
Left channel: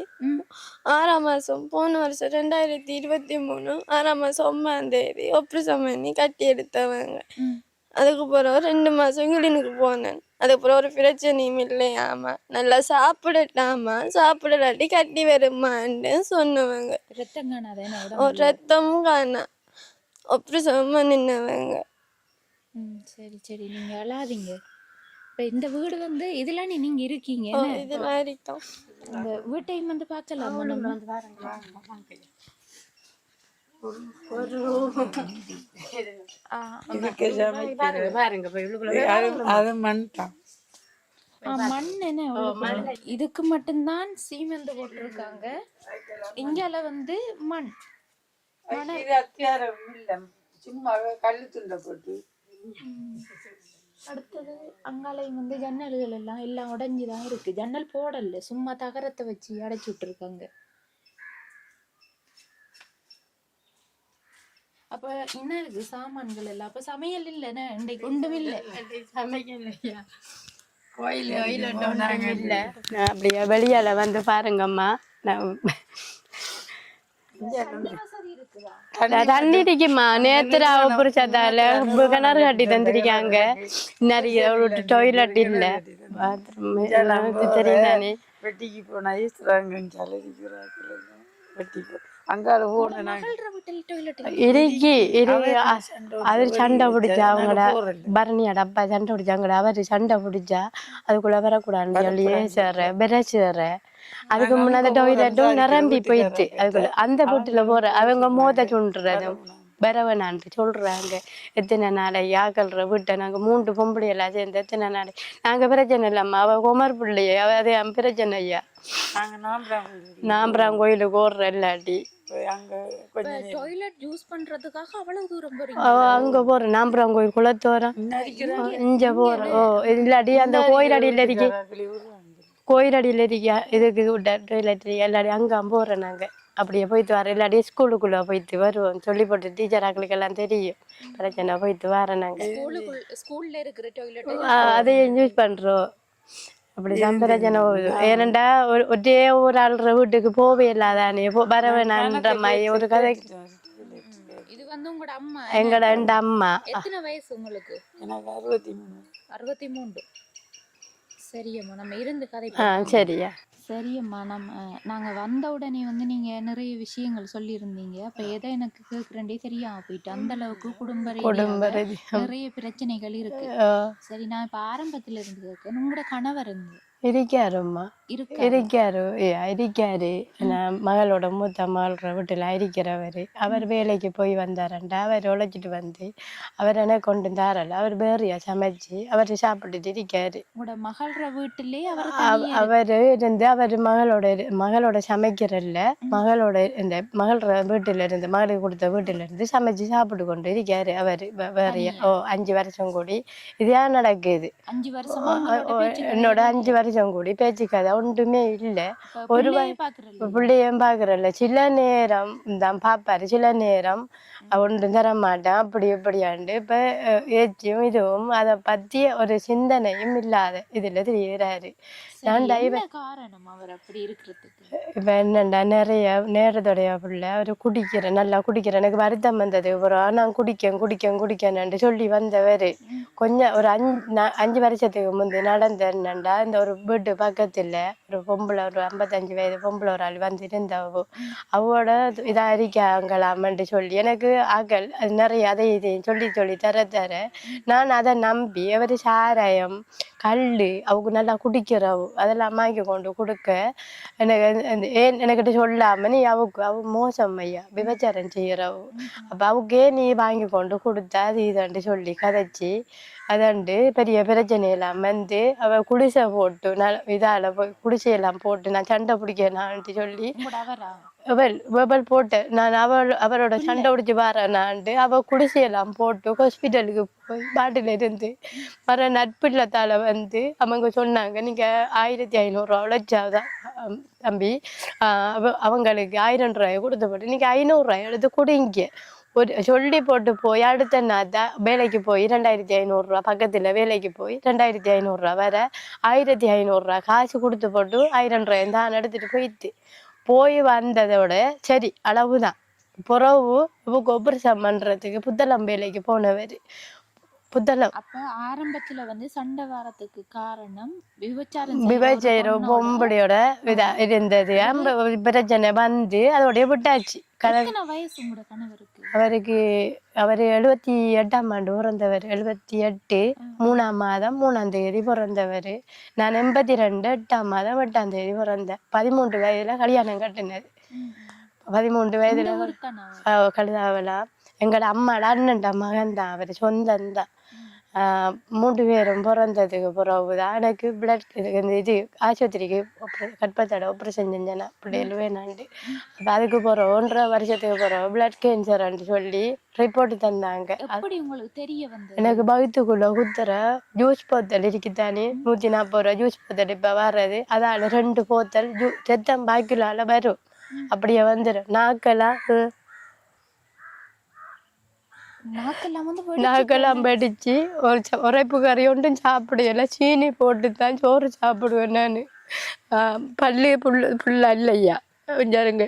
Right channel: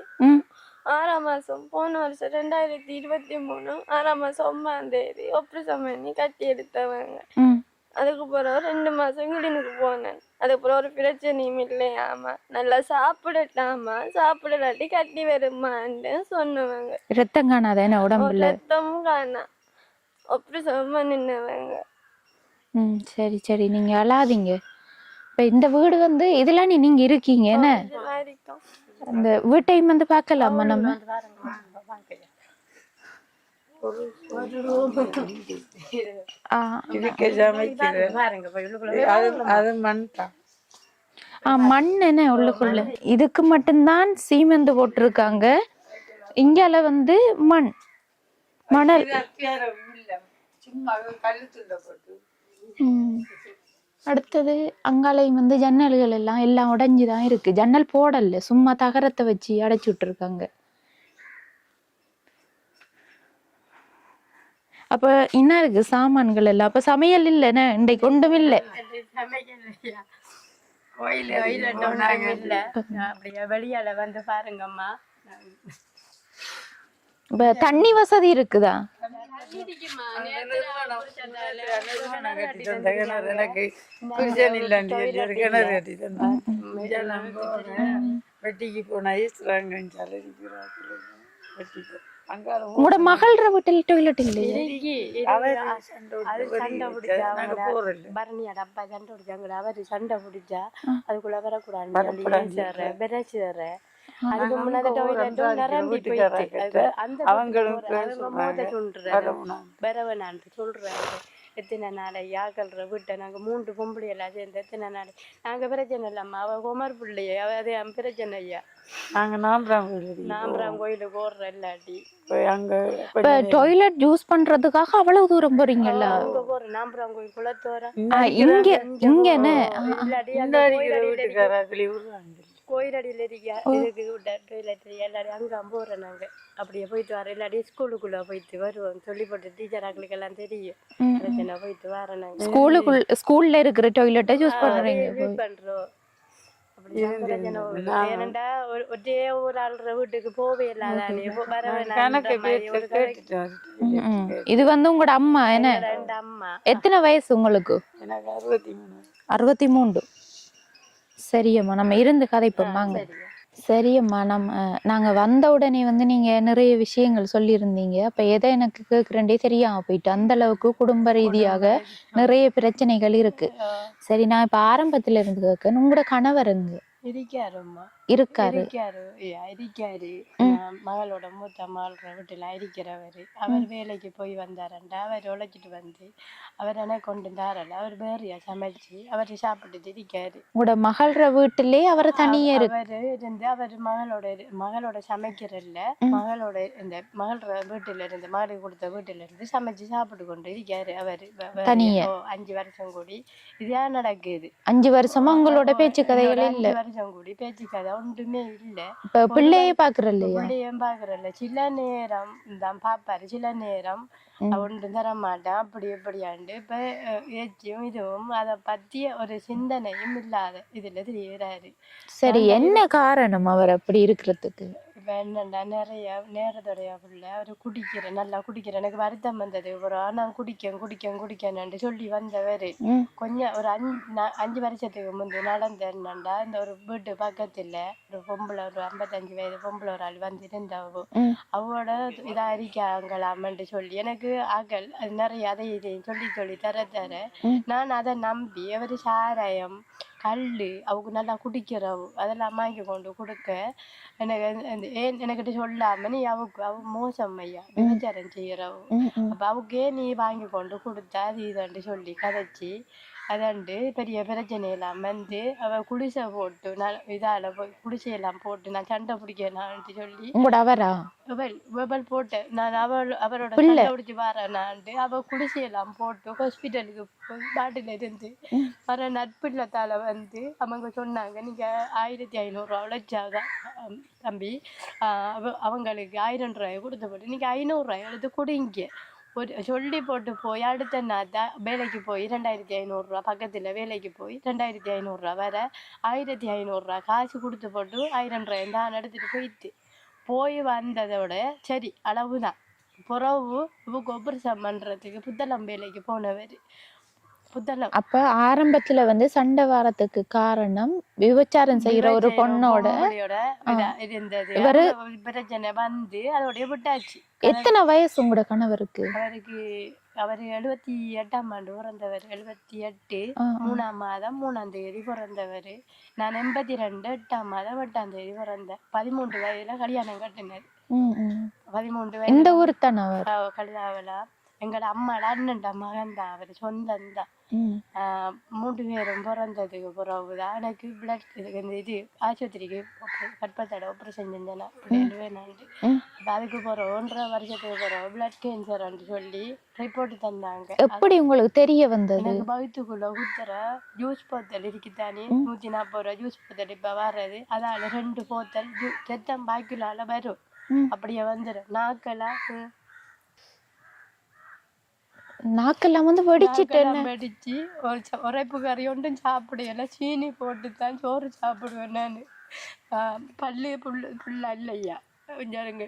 6ஆம் மாசம் போன வருஷம் 2023 6ஆம் மாசம் 9ஆம் தேதி ஆபரேஷன் பண்ணி கட்டி எடுத்தவங்க. அதுக்கு பிறகு 2 மாசம் கிளினுக்கு போனேன். அதுக்கப்புறம் ஒரு பிரச்சனையும் இல்லையாமா, நல்லா சாப்பிடட்டாமா, சாப்பிடலாட்டி கட்டி வருமான்னு சொன்னவங்க. ரத்தம் காணாத உடம்புல? ரத்தமும் காணா ஆபரேஷன் பண்ணினவங்க. சரி சரி, நீங்க அழாதீங்க. இப்ப இந்த வீடு இதெல்லாம் நீங்க இருக்கீங்க என்ன? இந்த வீட்டையும் பார்க்கலாமா நம்ம? இதுக்கு சமைக்கிறது அது மண் தான். மண் என்ன உள்ளுக்குள்ள இதுக்கு மட்டும்தான் சீமெந்து போட்டிருக்காங்க. இங்கால வந்து மண் மணல். சும்மா கல்லு துண்டை போட்டு. அடுத்தது அங்காலையும் வந்து ஜன்னல்கள் எல்லாம் உடைஞ்சுதான் இருக்கு. ஜன்னல் போடல, சும்மா தகரத்தை வச்சு அடைச்சு விட்டுருக்காங்க. அப்ப என்ன இருக்கு சாமான்கள் எல்லாம்? அப்ப சமையல் இல்லைன்னு இன்றைக்கு ஒன்றும் இல்லை. அப்படியே வெளியால வந்து பாருங்கம்மா. தண்ணி வசதி இருக்குதா? தண்ணி இருக்குமா. நேத்து புரிச்சதால கிணறு கட்டி தந்திருக்காங்க. டாய்லெட் இல்ல தெரியுதானே. வெட்டிக்கு போனா உங்களோட மகள்ற வீட்டில் டாய்லெட் இருக்கு. அது சண்டை பிடிச்சா அவங்களோட பரணியோட அப்பா சண்டை பிடிச்சாங்களா, அவரு சண்டை பிடிச்சா அதுக்குள்ள வரக்கூடாதுன்னு சொல்லி விரைச்சுற. அதுக்கு முன்னாடி டாய்லெட்டும் நிரம்பி போயிட்டு அதுக்கு அந்த வீட்டுல போற அவங்க மோத சொல்றது பெறவனான்ட்டு சொல்றாங்க. எத்தனை நாளை யாக்கல்ற வீட்டை நாங்க 3 பொம்பளை எல்லாம் சேர்ந்து எத்தனை நாளை நாங்க பிரச்சனை இல்லாம அவ குமர் பிள்ளைய அதே பிரச்சனை ஐயா. நாங்க நாம்பராம் கோயிலுக்கு ஓடுற இல்லாட்டி அங்க டாய்லெட் யூஸ் பண்றதுக்காக அவ்வளவு தூரம் போறீங்க? அங்க போறோம் நாம்பராம் கோயில் குளத்தோரம் இல்லாட்டி அந்த கோயிலடியில இருக்க கோயிலடியில இருக்கியா இதுக்கு டாய்லெட் எல்லாரையும் அங்க போறோம் நாங்க. அப்படியே போயிட்டு வர இல்லாட்டி ஸ்கூலுக்குள்ள போயிட்டு வருவோம். சொல்லி போட்டு டீச்சராக்களுக்கு எல்லாம் தெரியும் பிரச்சனை. போயிட்டு வரோம் நாங்க. ஸ்கூல்ல இருக்கிற டாய்லெட்டை அதையும் யூஸ் பண்றோம். அப்படிதான் பிரச்சனை போகுது. ஏனண்டா ஒரே ஒரு ஆள்ற வீட்டுக்கு போவே இல்லாதானே வரவேணான்ற மாதிரி ஒரு கதை. இது வந்து உங்களோட அம்மா? எங்களோட 2 அம்மா. எத்தனை வயசு உங்களுக்கு? எனக்கு 63. 63. சரியம்மா, நம்ம இருந்து கதை போலாம். சரியா? சரியம்மா, நாங்க வந்த உடனே வந்து நீங்க நிறைய விஷயங்கள் சொல்லியிருந்தீங்க. அப்ப எதை எனக்கு கேட்கிறேன்டே தெரியாம போயிட்டு, அந்த அளவுக்கு குடும்ப ரீதியாக நிறைய பிரச்சனைகள் இருக்கு. சரி, நான் இப்ப ஆரம்பத்துல இருந்து கேட்க, உங்களோட கணவர் இருக்காரும்மா. இருக்காரு. மகளோட மூத்த மகளோட வீட்டுல இருக்கிறவரு. அவர் வேலைக்கு போய் வந்தாரண்டா அவர் உழைச்சிட்டு வந்து அவர் என்ன கொண்டு தாரல. அவர் வேறையா சமைச்சு அவர் சாப்பிட்டுட்டு இருக்காரு. உங்களோட மகளோட வீட்டிலே அவர் அவரு இருந்து அவர் மகளோட சமைக்கிறல்ல, மகளோட இந்த மகளோட வீட்டுல இருந்து மகளுக்கு கொடுத்த வீட்டுல இருந்து சமைச்சு சாப்பிட்டு கொண்டு இருக்காரு. அவரு 5 வருஷம் கூடி இதா நடக்குது. 5 வருஷமா உங்களோட பேச்சு கதையோட 5 வருஷம் கூடி பேச்சு கதை ஒன்றுமே இல்ல. பிள்ளையும் பாக்குறல்ல. சில நேரம் தான் பாப்பாரு, சில நேரம் ஒன்றும் தர மாட்டேன் அப்படி இப்படியாண்டு. இப்ப ஏச்சியும் இதுவும் அதை பத்தி ஒரு சிந்தனையும் இல்லாத இதுல தெரியுறாரு. சரி, என்ன காரணம் அவர் அப்படி இருக்கிறதுக்கு? இப்ப என்னண்டா நிறைய நேரத்தோடைய பிள்ளை அவரு நல்லா குடிக்கிற. எனக்கு வருத்தம் வந்தது. நான் குடிக்கேன்னு சொல்லி வந்தவரு கொஞ்சம் ஒரு 5 வருஷத்துக்கு முந்தைய நடந்த என்னண்டா, இந்த ஒரு வீட்டு பக்கத்துல ஒரு பொம்பளை, ஒரு 55 வயது பொம்பளை ஒரு ஆள் வந்து இருந்தவோ அவோட இதா இருக்காங்களாமன்ட்டு சொல்லி எனக்கு ஆக்கள் அது நிறைய அதை இதையும் சொல்லி தர நான் அதை நம்பி அவரு சாராயம் கல்லு அவங்க நல்லா குடிக்கிறவு அதெல்லாம் வாங்கி கொண்டு கொடுக்க எனக்கிட்ட சொல்லாம நீ அவ மோசம் ஐயா விபச்சாரம் செய்யறவு. அப்ப அவக்கே நீ வாங்கி கொண்டு கொடுத்தா அது இதண்டு சொல்லி கதைச்சி அதண்டு பெரிய பிரச்சனை எல்லாம் வந்து அவ குடிசை போட்டு இதால போய் குடிசையெல்லாம் போட்டு நான் சண்டை பிடிக்கலான்ட்டு சொல்லி அவள் போட்டேன். நான் அவரோட சண்டை பிடிச்சி வரேனான்ட்டு அவ குடிசையெல்லாம் போட்டு ஹாஸ்பிட்டலுக்கு போய் பாட்டில இருந்து வர நட்பில்லத்தால வந்து அவங்க சொன்னாங்க, நீங்க 1500 ரூபா உழைச்சாதான் தம்பி அவங்களுக்கு 1000 ரூபாய் கொடுத்து போட்டு நீங்க 500 ரூபாய் எடுத்து கொடுங்க ஒரு சொல்லி போட்டு போய் அடுத்த நாள் தான் வேலைக்கு போய் 2500 ரூபா பக்கத்துல வேலைக்கு போய் 2500 ரூபா வர 1500 ரூபா காசு கொடுத்து போட்டு 1000 ரூபாய் தான் எடுத்துட்டு போய் வந்ததோட சரி அளவுதான். புறவு ஆபரேஷன் பண்றதுக்கு புத்தளம் வேலைக்கு போனவர். புத்தளம் அப்ப ஆரம்பத்துல வந்து சண்டை வாரத்துக்கு காரணம் விபச்சாரம் இருந்தது. பிரச்சனை வந்து அதோடய விட்டாச்சு. எத்தனை வயசு உங்களோட கணவருக்கு? அவரு 78ஆம் ஆண்டு பிறந்தவர். 78 3ஆம் மாதம் 3ஆம் தேதி பிறந்தவர். நான் 82 8ஆம் மாதம் 8ஆம் தேதி பிறந்தேன். 13 வயதுல கல்யாணம் கட்டினது. 13 எந்த வயதுல ஊர் தானே அவர்? கழுதாவலாம். எங்களோட அம்மாட அண்ணன்ட மகன் தான், அவர் சொந்தம் தான். 3 பேரும் பிறந்ததுக்கு பிறகுதான் எனக்கு பிளட் இது ஆஸ்பத்திரிக்கு கற்பத்தோட ஆப்ரேஷன் செஞ்சேன்னா பிள்ளைகள் வேணாண்டு. அப்போ அதுக்கு பிறகு 1.5 வருஷத்துக்கு பிறகு பிளட் கேன்சர்ன்னு சொல்லி ரிப்போர்ட் தந்தாங்க. எப்படி உங்களுக்கு தெரிய வந்தது? எனக்கு வயிற்றுக்குள்ள குத்துற ஜூஸ் போத்தல் இருக்குத்தானே 140 ரூபா ஜூஸ் போத்தல் இப்ப வர்றது, அதால 2 போத்தல் ரத்தம் பாய்க்குள்ளால வரும். அப்படியே வந்துடும். நாக்கெல்லாம் வந்து நாக்கெல்லாம் வெடிச்சு உரைப்பு கறி ஒன்றும் சாப்பிடல. சீனி போட்டு தான் சோறு சாப்பிடுவேன் நான். பள்ளி புள்ள இல்லையா கொஞ்சருங்க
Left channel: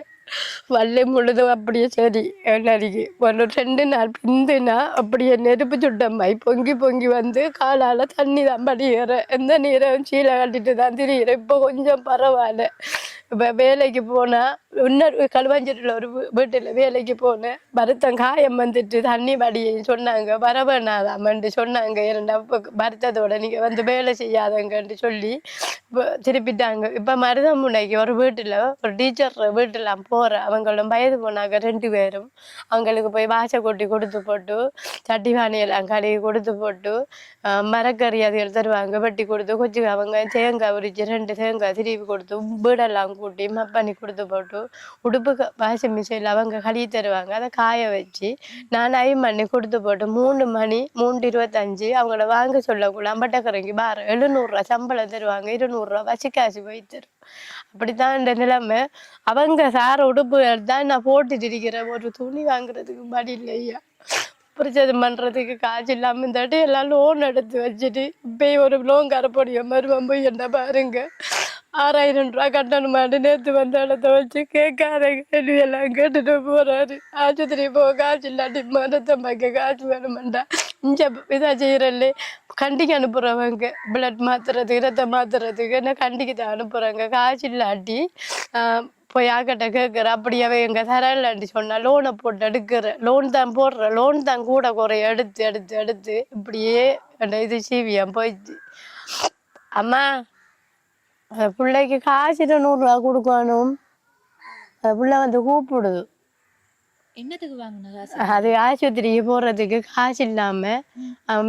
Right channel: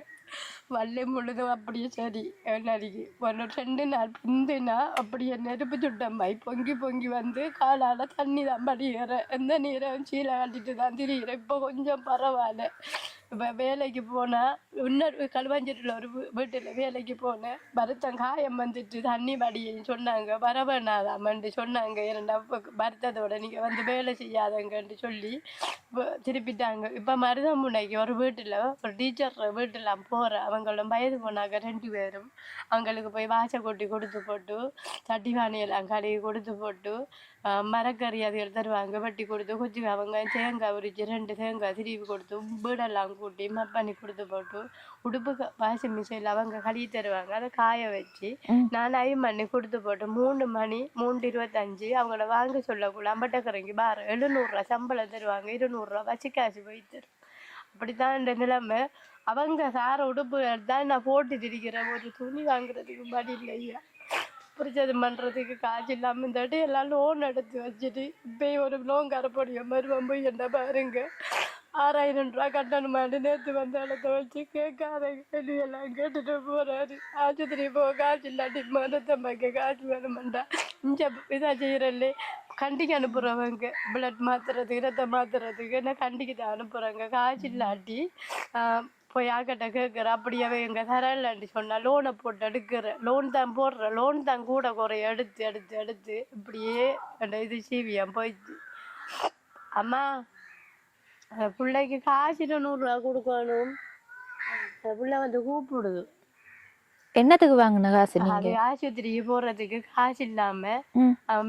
வள்ளி முழுதும் அப்படியே சரி நடிக்கு ஒரு 2 நாள் பிந்துனா அப்படியே நெருப்பு சுட்டம்மாய் பொங்கி பொங்கி வந்து காலால் தண்ணி தான் படிக்கிறேன். எந்த நீரும் சீலை கட்டிட்டு தான் திரிகிறேன். இப்போ கொஞ்சம் பரவாயில்ல. இப்போ வேலைக்கு போனால் இன்னொரு களுவாஞ்சேரியில் ஒரு வீட்டில் வேலைக்கு போனேன். வருத்தம் காயம் வந்துட்டு தண்ணி வடியை சொன்னாங்க, வரவேணாதாமன்ட்டு சொன்னாங்க. 2 வருத்தத்தோட நீங்கள் வந்து வேலை செய்யாதங்கன்ட்டு சொல்லி திருப்பிட்டாங்க. இப்போ மருதமுனைக்கு ஒரு வீட்டில் ஒரு டீச்சர் வீட்டில் போகிறேன். அவங்களோட வயது போனாங்க 2 பேரும். அவங்களுக்கு போய் வாசை கொட்டி கொடுத்து போட்டு சட்டிவானியெல்லாம் கழுவி கொடுத்து போட்டு மரக்கறி அதுகள் தருவாங்க வெட்டி கொடுத்து கொச்சி அவங்க தேங்காய் உரிச்சு 2 தேங்காய் திருப்பி கொடுத்து வீடெல்லாம் கூட்டி மப்பண்ணி கொடுத்து போட்டு உடுப்பு வாஷிங் மிஷினில் அவங்க கழுவி தருவாங்க. அதை காய வச்சு நான் அயன் பண்ணி கொடுத்து போட்டு 3 மணி 3:25 அவங்கள வாங்க சொல்லக்கூட அம்பட்டக்கரைக்கு 700 ரூபா சம்பளம் தருவாங்க. 200 ரூபா வசிக்காசு போய் தரும். அப்படித்தான் இந்த நிலைமை. அவங்க சார உடுப்புகள் தான் நான் போட்டுட்டு இருக்கிறேன். ஒரு துணி வாங்குறதுக்கு படி இல்லையா, புரிச்சது பண்ணுறதுக்கு காசு இல்லாமல் இந்த எல்லாம் லோன் எடுத்து வச்சுட்டு இப்போயும் ஒரு லோன் கரப்படிய மருவம் போய் என்ன பாருங்க 6000 ரூபா கட்டணுமாட்டு நேற்று வந்த இடத்த வச்சு கேட்காத கேள்வியெல்லாம் கேட்டுட்டு போகிறாரு. ஆஸ்பத்திரி போக காசு இல்லாட்டி மரத்தை பார்க்க காசு வேணுமெண்டா இங்கே இதாக செய்கிறல்ல கண்டிக்கு அனுப்புகிறவங்க பிளட் மாற்றுறதுக்கு ரத்தம் மாற்றுறதுக்கு என்ன கண்டிக்கு தான் அனுப்புகிறாங்க. காசு இல்லாட்டி போய் ஆக்கிட்ட கேட்குற அப்படியாவே எங்கள் தரலாண்டி சொன்னால் லோனை போட்டு எடுக்கிற லோன் தான் போடுற லோன் தான் கூட குறைய எடுத்து எடுத்து எடுத்து இப்படியே அந்த இது சீவியம் போயிடுச்சு. அம்மா பிள்ளைக்கு காசு 100 ரூபா கொடுக்கணும். பிள்ளை வந்து கூப்பிடுது. என்னத்துக்கு வாங்கின காசு? அது ஆஸ்பத்திரிக்கு போறதுக்கு காசு இல்லாம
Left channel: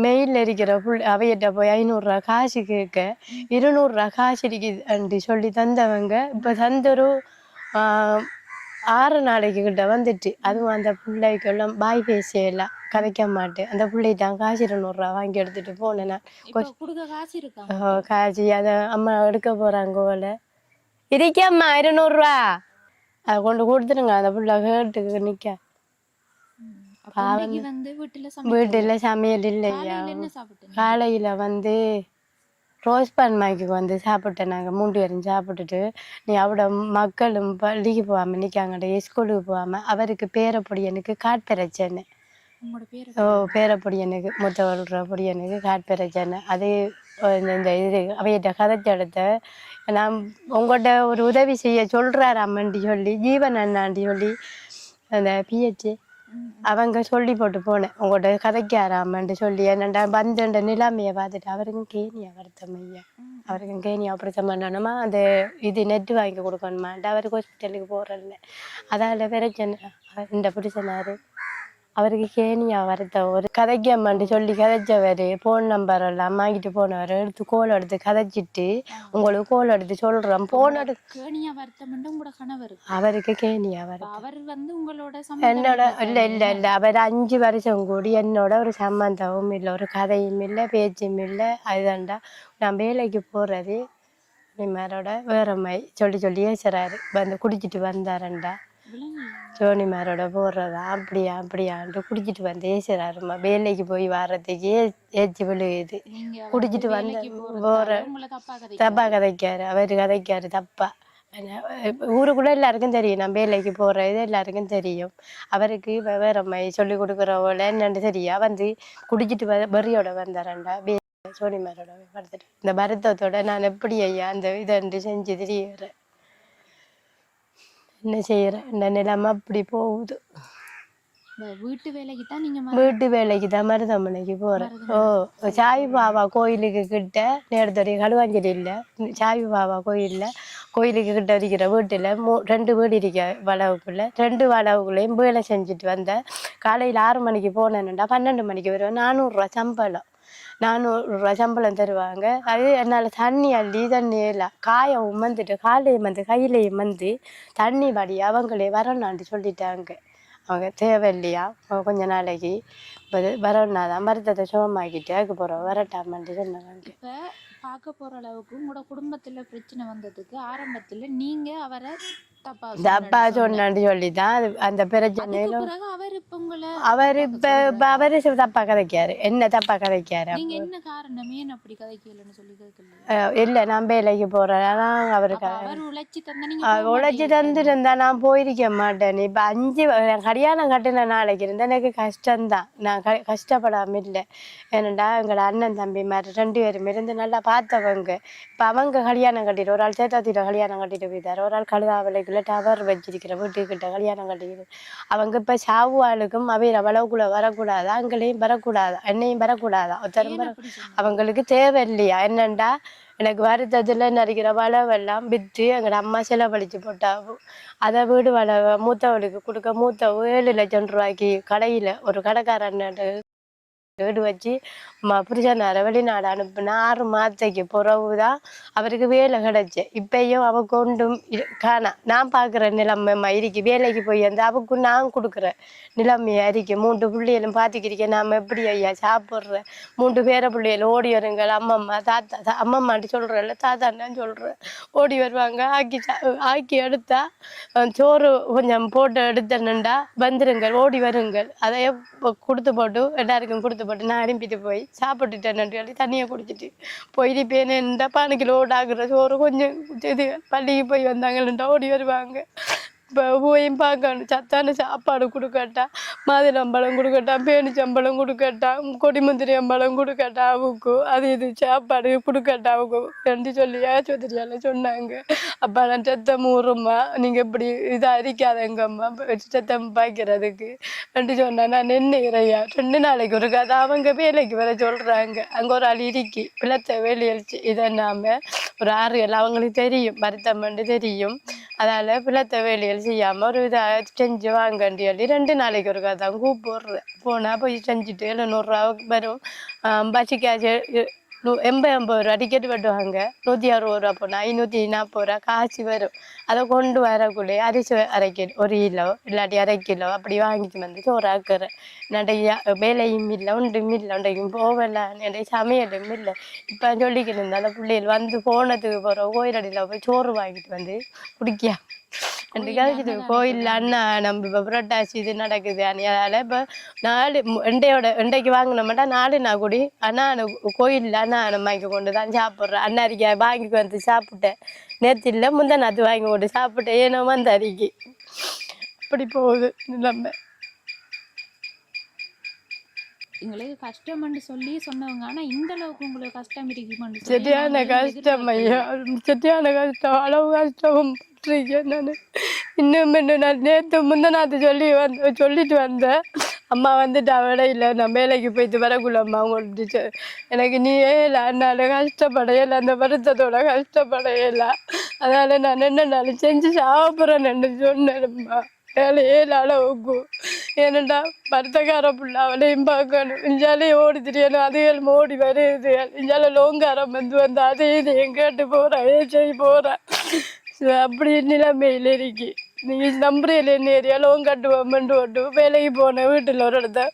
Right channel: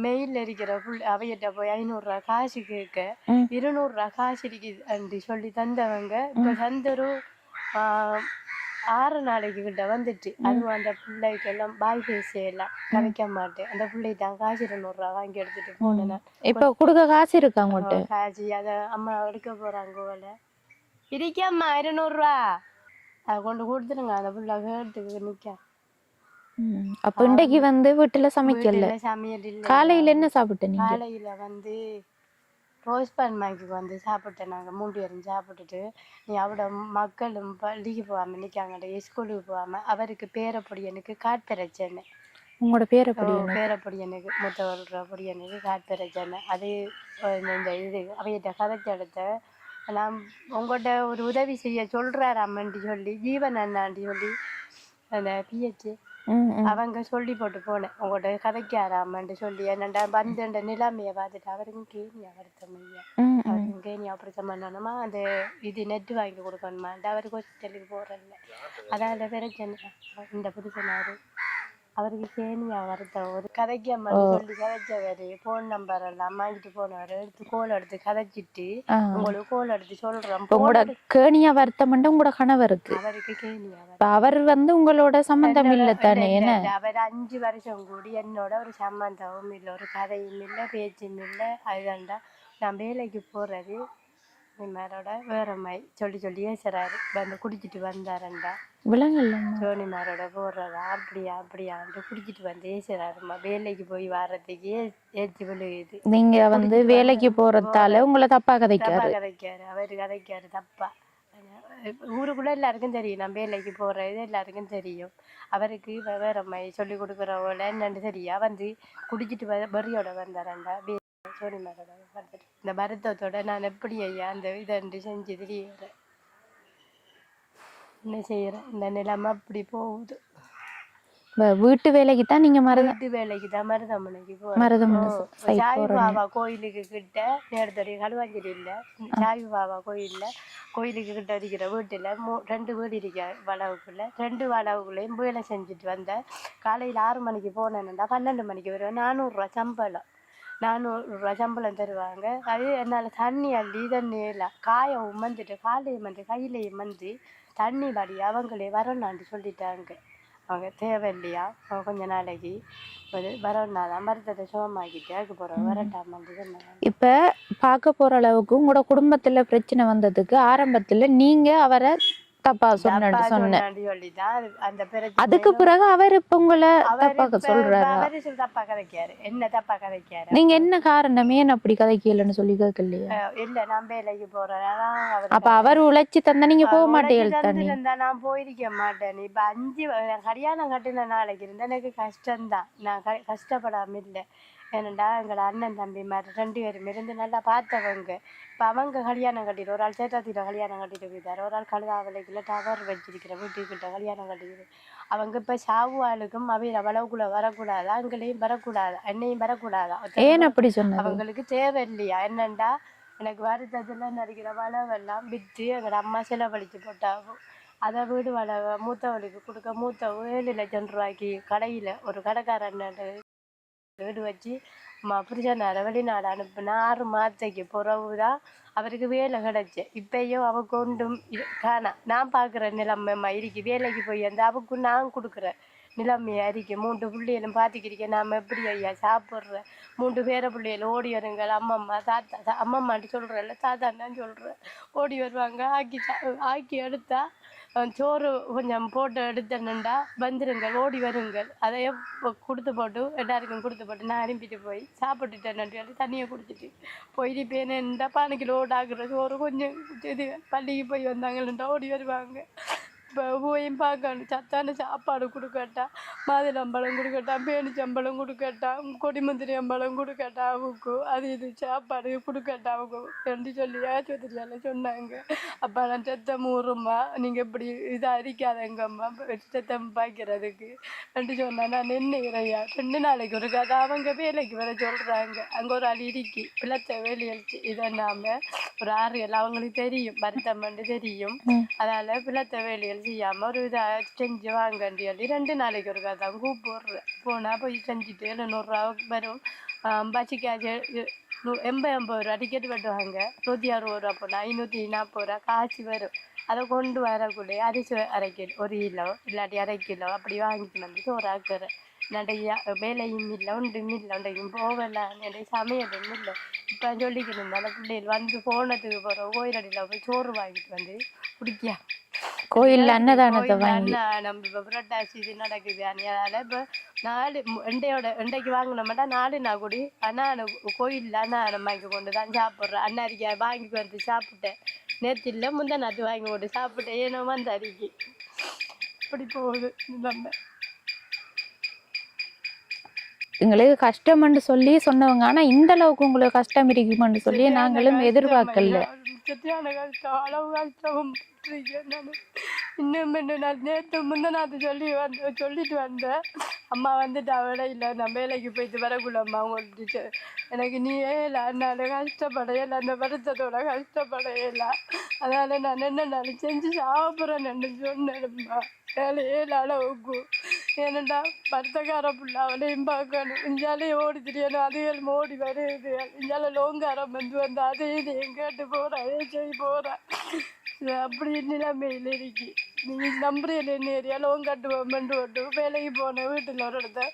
மெயில்ல இருக்கிற அவையிட்ட போய் 500 ரூபா காசு கேட்க 200 ரூபா காசு இருக்குது சொல்லி தந்தவங்க இப்ப தந்தொரு 6 நாளைக்கு கிட்ட வந்துட்டு. அதுவும் அந்த பிள்ளைக்கு எல்லாம் பாய் பேசியெல்லாம் கதைக்க மாட்டேன். அந்த பிள்ளைதான் காசு 200 ரூபா வாங்கி எடுத்துட்டு போனேன். இப்ப கொடுக்க காசு இருக்காங்க காசு அதை அம்மா எடுக்க போறாங்க போல இருக்கம்மா 200 ரூபா அதை கொண்டு கொடுத்துருங்க. அந்த பிள்ளை கேட்டுக்கு நிக்க. அப்ப இன்னைக்கு வந்து வீட்டுல சமையல் இல்லை. காலையில என்ன சாப்பிட்டேன்? காலையில வந்து ரோஸ் பான் மாய்க்கு வந்து சாப்பிட்டேன். நாங்கள் 3 பேரும் சாப்பிட்டுட்டு நீ அவட மக்களும் பள்ளிக்கு போகாம நிற்காங்கட ஸ்கூலுக்கு போகாம அவருக்கு பேரப்பொடியனுக்கு காட்பெரச்சேன்னு. உங்களோட பேரப்பொடியனுக்கு மூத்தவள்ற பொடியனுக்கு காட்பெரச்சேன்னு. அதே இந்த இது அவையிட்ட கதைச்ச இடத்த நான் உங்கள்கிட்ட ஒரு உதவி செய்ய சொல்றாரு அம்மன்டி சொல்லி ஜீவன் அண்ணாண்டி சொல்லி அந்த பிஹெச் அவங்க சொல்லி போட்டு போனேன். உங்கள்கிட்ட கதைக்காராமன்ட்டு சொல்லி என்னண்டா பந்தண்ட நிலைமையை பார்த்துட்டு அவருக்கும் கேணியா வருத்தம் ஐயா அவருக்கும் கேணியா ஆப்ரேஷன் பண்ணணுமா அந்த இது நெட்டு வாங்கி கொடுக்கணுமான்ட்டு அவருக்கு ஹாஸ்பிட்டலுக்கு போகிறதில்ல. அதால் பிரச்சனை இந்த பிடிச்சனாரு அவருக்கு கேணியா வருத்தம் ஒரு கதைக்காமன்னு சொல்லி கதைச்சவர் ஃபோன் நம்பர் எல்லாம் வாங்கிட்டு போனவர் எடுத்து கோல் எடுத்து கதைச்சிட்டு உங்களுக்கு கோல் எடுத்து சொல்றோம். கேணியா வருத்தம் உங்களோட கணவருக்கு அவருக்கு கேணியா அவர் வந்து உங்களோட சம்பந்தம் இல்ல. அவர் 5 வருஷம் கூடி என்னோட ஒரு சம்பந்தமும் இல்லை, ஒரு கதையும் இல்லை, பேச்சும் இல்லை. அதுதான்டா நான் வேலைக்கு போறது ஜோனிமாரோட வேற மாதிரி சொல்லி சொல்லி ஏசுறாரு. வந்து குடிச்சிட்டு வந்தாரண்டா ஜோனிமாரோட போடுறதா அப்படியா அப்படியான்ட்டு குடிச்சிட்டு வந்து ஏசுறாருமா. வேலைக்கு போய் வர்றதுக்கு ஏச்சு விழுகுது. நீங்க குடிச்சிட்டு வேலைக்கு போறதால உங்களை தப்பா கதைக்காரு. அவரு கதைக்காரு தப்பா. ஊருக்குள்ள எல்லாருக்கும் தெரியும் நான் வேலைக்கு போறது எல்லாருக்கும் தெரியும். அவருக்கு வேற மாதிரி சொல்லி கொடுக்குறவங்கள என்னன்னு தெரியா வந்து குடிச்சிட்டு வெறியோட வந்தாரண்டா சோனிமாரோட படுத்துட்டு. இந்த வருத்தத்தோட நான் எப்படி ஐயா அந்த இதை செஞ்சு திரியிறேன். என்ன செய்யறேன் இந்த நிலைமை அப்படி போகுது. வீட்டு வேலைக்கு தான் நீங்க வீட்டு வேலைக்கு தான் மருதமனைக்கு போறோம். சாய் பாபா கோயிலுக்கு கிட்ட நேரத்தடி களுவாஞ்சேரி இல்லை சாய் பாபா கோயில்ல கோயிலுக்கு கிட்ட இருக்கிற வீட்டில் 2 வீடு இருக்க வளவுக்குள்ள 2 வளவுக்குள்ளேயும் வேலை செஞ்சுட்டு வந்தேன். காலையில் 6 மணிக்கு போனேன்னுடா 12 மணிக்கு வருவேன். 400 சம்பளம் 400 சம்பளம் தருவாங்க. அது என்னால் தண்ணி இல்லை காயவும் வந்துட்டு காலையும் வந்து கையிலையும் வந்து தண்ணி படி அவங்களே வரணும்னு சொல்லிட்டாங்க. அவங்க தேவையில்லையா கொஞ்ச நாளைக்கு வரணுன்னாதான் மருத்துவத்தை சுகமாக்கிட்டு அதுக்கு போகிறோம் வரட்டாமன்ட்டு சொன்னாங்க. இப்ப பார்க்க போற அளவுக்கு உங்களோட குடும்பத்துல பிரச்சனை வந்ததுக்கு ஆரம்பத்துல நீங்க அவரை தப்பா சொன்னான்னு சொல்லிதான் அந்த பிரச்சனை. அதுக்கு பிறகு அவர் இப்ப உங்களை அவரு தப்பா கதைக்காரு, என்ன தப்பா கதைக்காரு. நீங்க என்ன காரணம் ஏன் அப்படி கதைக்கலன்னு சொல்லி கேட்கலையா? இல்ல நான் வேலைக்கு போறேன். அப்ப அவர் உழைச்சி தந்தா நீங்க உழைச்சி தந்துருந்தா நான் போயிருக்க மாட்டேன். இப்ப 5 கல்யாணம் கட்டின நாளைக்கு இருந்தா எனக்கு கஷ்டம்தான். நான் கஷ்டப்படாம இல்லை. ஏன்னாண்டா எங்களோட அண்ணன் தம்பி மாதிரி 2 பேரும் இருந்து நல்லா பார்த்தவங்க. இப்ப அவங்க கல்யாணம் கட்டிட்டு ஒரு ஆள் சேத்தாத்திர கல்யாணம் கட்டிட்டு போயிட்டாரு, ஒரு ஆள் கழுதாவளைக்குள்ள டவர் வச்சிருக்கிற வீட்டுக்கிட்ட கல்யாணம் கட்டிக்கிது. அவங்க இப்ப சாவுவாளுக்கும் அவையில வளவுக்குள்ள வரக்கூடாதா, அங்களையும் வரக்கூடாதா, என்னையும் வரக்கூடாதா. ஏன் அப்படி சொன்ன? அவங்களுக்கு தேவை இல்லையா? என்னண்டா எனக்கு வருத்தத்துல நடிக்கிற வளவெல்லாம் விற்று எங்களோட அம்மா செலவழிச்சு போட்டாவும் அதை வீடு வளவை மூத்தவளுக்கு கொடுக்க மூத்தவ 7 லட்சம் ரூபாய்க்கு கடையில ஒரு கடைக்காரன் வீடு வச்சு புருஷனார வெளிநாடு அனுப்புனா 6 மாதத்துக்கு பிறகுதான் அவருக்கு வேலை கிடைச்சு. இப்பயும் அவ கொண்டும் காணா. நான் பாக்குற நிலைமை இருக்கு. வேலைக்கு போய் வந்து அவக்கு நான் கொடுக்குற நிலைமையா இருக்கு. 3 பிள்ளைகளும் பாத்துக்கிறீங்க. நாம எப்படி ஐயா சாப்பிட்ற 3 பேர பிள்ளைகள் ஓடி வருங்கள். அம்மம்மா தாத்தா அம்மம்மாட்டு சொல்றேன்ல, தாத்தான்னு சொல்றேன். ஓடி வருவாங்க. ஆக்கி எடுத்தா சோறு கொஞ்சம் போட்டு எடுத்தனுண்டா வந்துருங்கள், ஓடி வருங்கள். அதையே கொடுத்து போட்டு எல்லாருக்கும் கொடுத்து போட்டு நான் அனுப்பிட்டு போய் சாப்பிட்டுட்டேன்னு சொல்லி தண்ணியை குடிச்சிட்டு போயிருப்பேன். இந்த 12 கிலோ ஆகுற சோறு கொஞ்சம் இது பள்ளிக்கு போய் வந்தாங்கன்னுட்டா ஓடி வருவாங்க. இப்போ போயும் பார்க்கணும். சத்தான சாப்பாடு கொடுக்கட்டா, மாதுளம்பழம் கொடுக்கட்டா, பேனிச்சம்பழம் கொடுக்கட்டா, கொடிமுந்திரி அம்பழம் கொடுக்கட்டா, அவுக்கு அது இது சாப்பாடு கொடுக்கட்டா அவுக்கு ரெண்டு சொல்லி ஆஸ்பத்திரியால் சொன்னாங்க. அப்போ நான் சத்தம் ஊறும்மா, நீங்கள் இப்படி இதாக அரிக்காதங்கம்மா சத்தம் பாய்க்கிறதுக்கு ரெண்டு சொன்னா. நான் நின்றுக்கிறையா 2 நாளைக்கு ஒரு கதை அவங்க வேலைக்கு வர சொல்கிறாங்க. அங்கே ஒரு ஆள் இறுக்கி பிளத்த வேலையழிச்சு இதை நாம ஒரு 6 அவங்களுக்கு தெரியும், வருத்தம் பண்ணி தெரியும். அதால பிளத்த வேலையல் செய்யாம ஒரு இதை செஞ்சு வாங்கண்டி சொல்லி 2 நாளைக்கு ஒரு கதை கூப்பிடுறேன். போனா போய் செஞ்சுட்டு 700 ரூபா வரும். பசிக்காச்சு 80 ரூபா டிக்கெட் வெட்டுவாங்க. 160 ரூபா போனா 540 ரூபா காசு வரும். அதை கொண்டு வரக்குள்ளே அரிசி 1/2 கிலோ 1 கிலோ இல்லாட்டி 1/2 கிலோ அப்படி வாங்கிட்டு வந்து சோறு ஆக்குறேன். நிறைய வேலையும் இல்லை, ஒன்றும் இல்லை, ஒன்றைக்கும் போகல, நிறைய சமையலும் இல்லை. இப்போ சொல்லிக்கிட்டு இருந்தால பிள்ளைகள் வந்து போனதுக்கு போகிற கோயிலடியில் போய் சோறு வாங்கிட்டு வந்து குடிக்கா. கோயில் அன்னதானம் இப்போ புரட்டாசி இது நடக்குது. அதனால இப்போ 4 எண்டைக்கு வாங்கின மாட்டா 4 நாள் கூடி கோயிலில் அன்னதானம் வாங்கி கொண்டு தான் சாப்பிட்றேன். அன்னரிக்காய் வாங்கி வந்து சாப்பிட்டேன். நேற்று இல்லை முந்தா நாற்று வாங்கி கொண்டு சாப்பிட்டேன். ஏனோ வந்து அரிக்கி அப்படி போகுது நிலைமை. எங்களுக்கு கஷ்டம்னு சொல்லி சொன்னவங்க, ஆனா இந்த அளவுக்கு உங்களுக்கு கஷ்டம் இருக்குமென்னு சொல்லி சரியான கஷ்டம், அளவு கஷ்டம். நான் இன்னும் நான் நேற்று முந்தநாத்து சொல்லிட்டு வந்தேன். அம்மா வந்துட்டு அவட இல்லை, நான் வேலைக்கு போயிட்டு வரக்குள்ள அம்மா உங்களுக்கு எனக்கு நீயே இல்லை, அதனால கஷ்டப்படையில அந்த வருத்தத்தோட கஷ்டப்படையில. அதனால நான் என்ன செஞ்சு சாப்பிட்றேன்னு சொன்னேன்மா. வேலையே இல்லை அளவுக்கு. ஏனண்டா பருத்தக்கார புள்ள அவளையும் பார்க்கணும். இஞ்சாலே ஓடி தெரியணும், அதுகள் ஓடி வருது. இஞ்சால லோங்காரம் வந்து அதே இது எங்கேட்டு போகிறேன் ஏச்சி போகிறேன். அப்படி நிலைமையில் இருக்கு. நீங்கள் நம்புறையில் என்ன ஏரியா லோன் கட்டுவோம்ட்டு ஓட்டு வேலைக்கு போனேன். வீட்டில் ஒரு இடத்த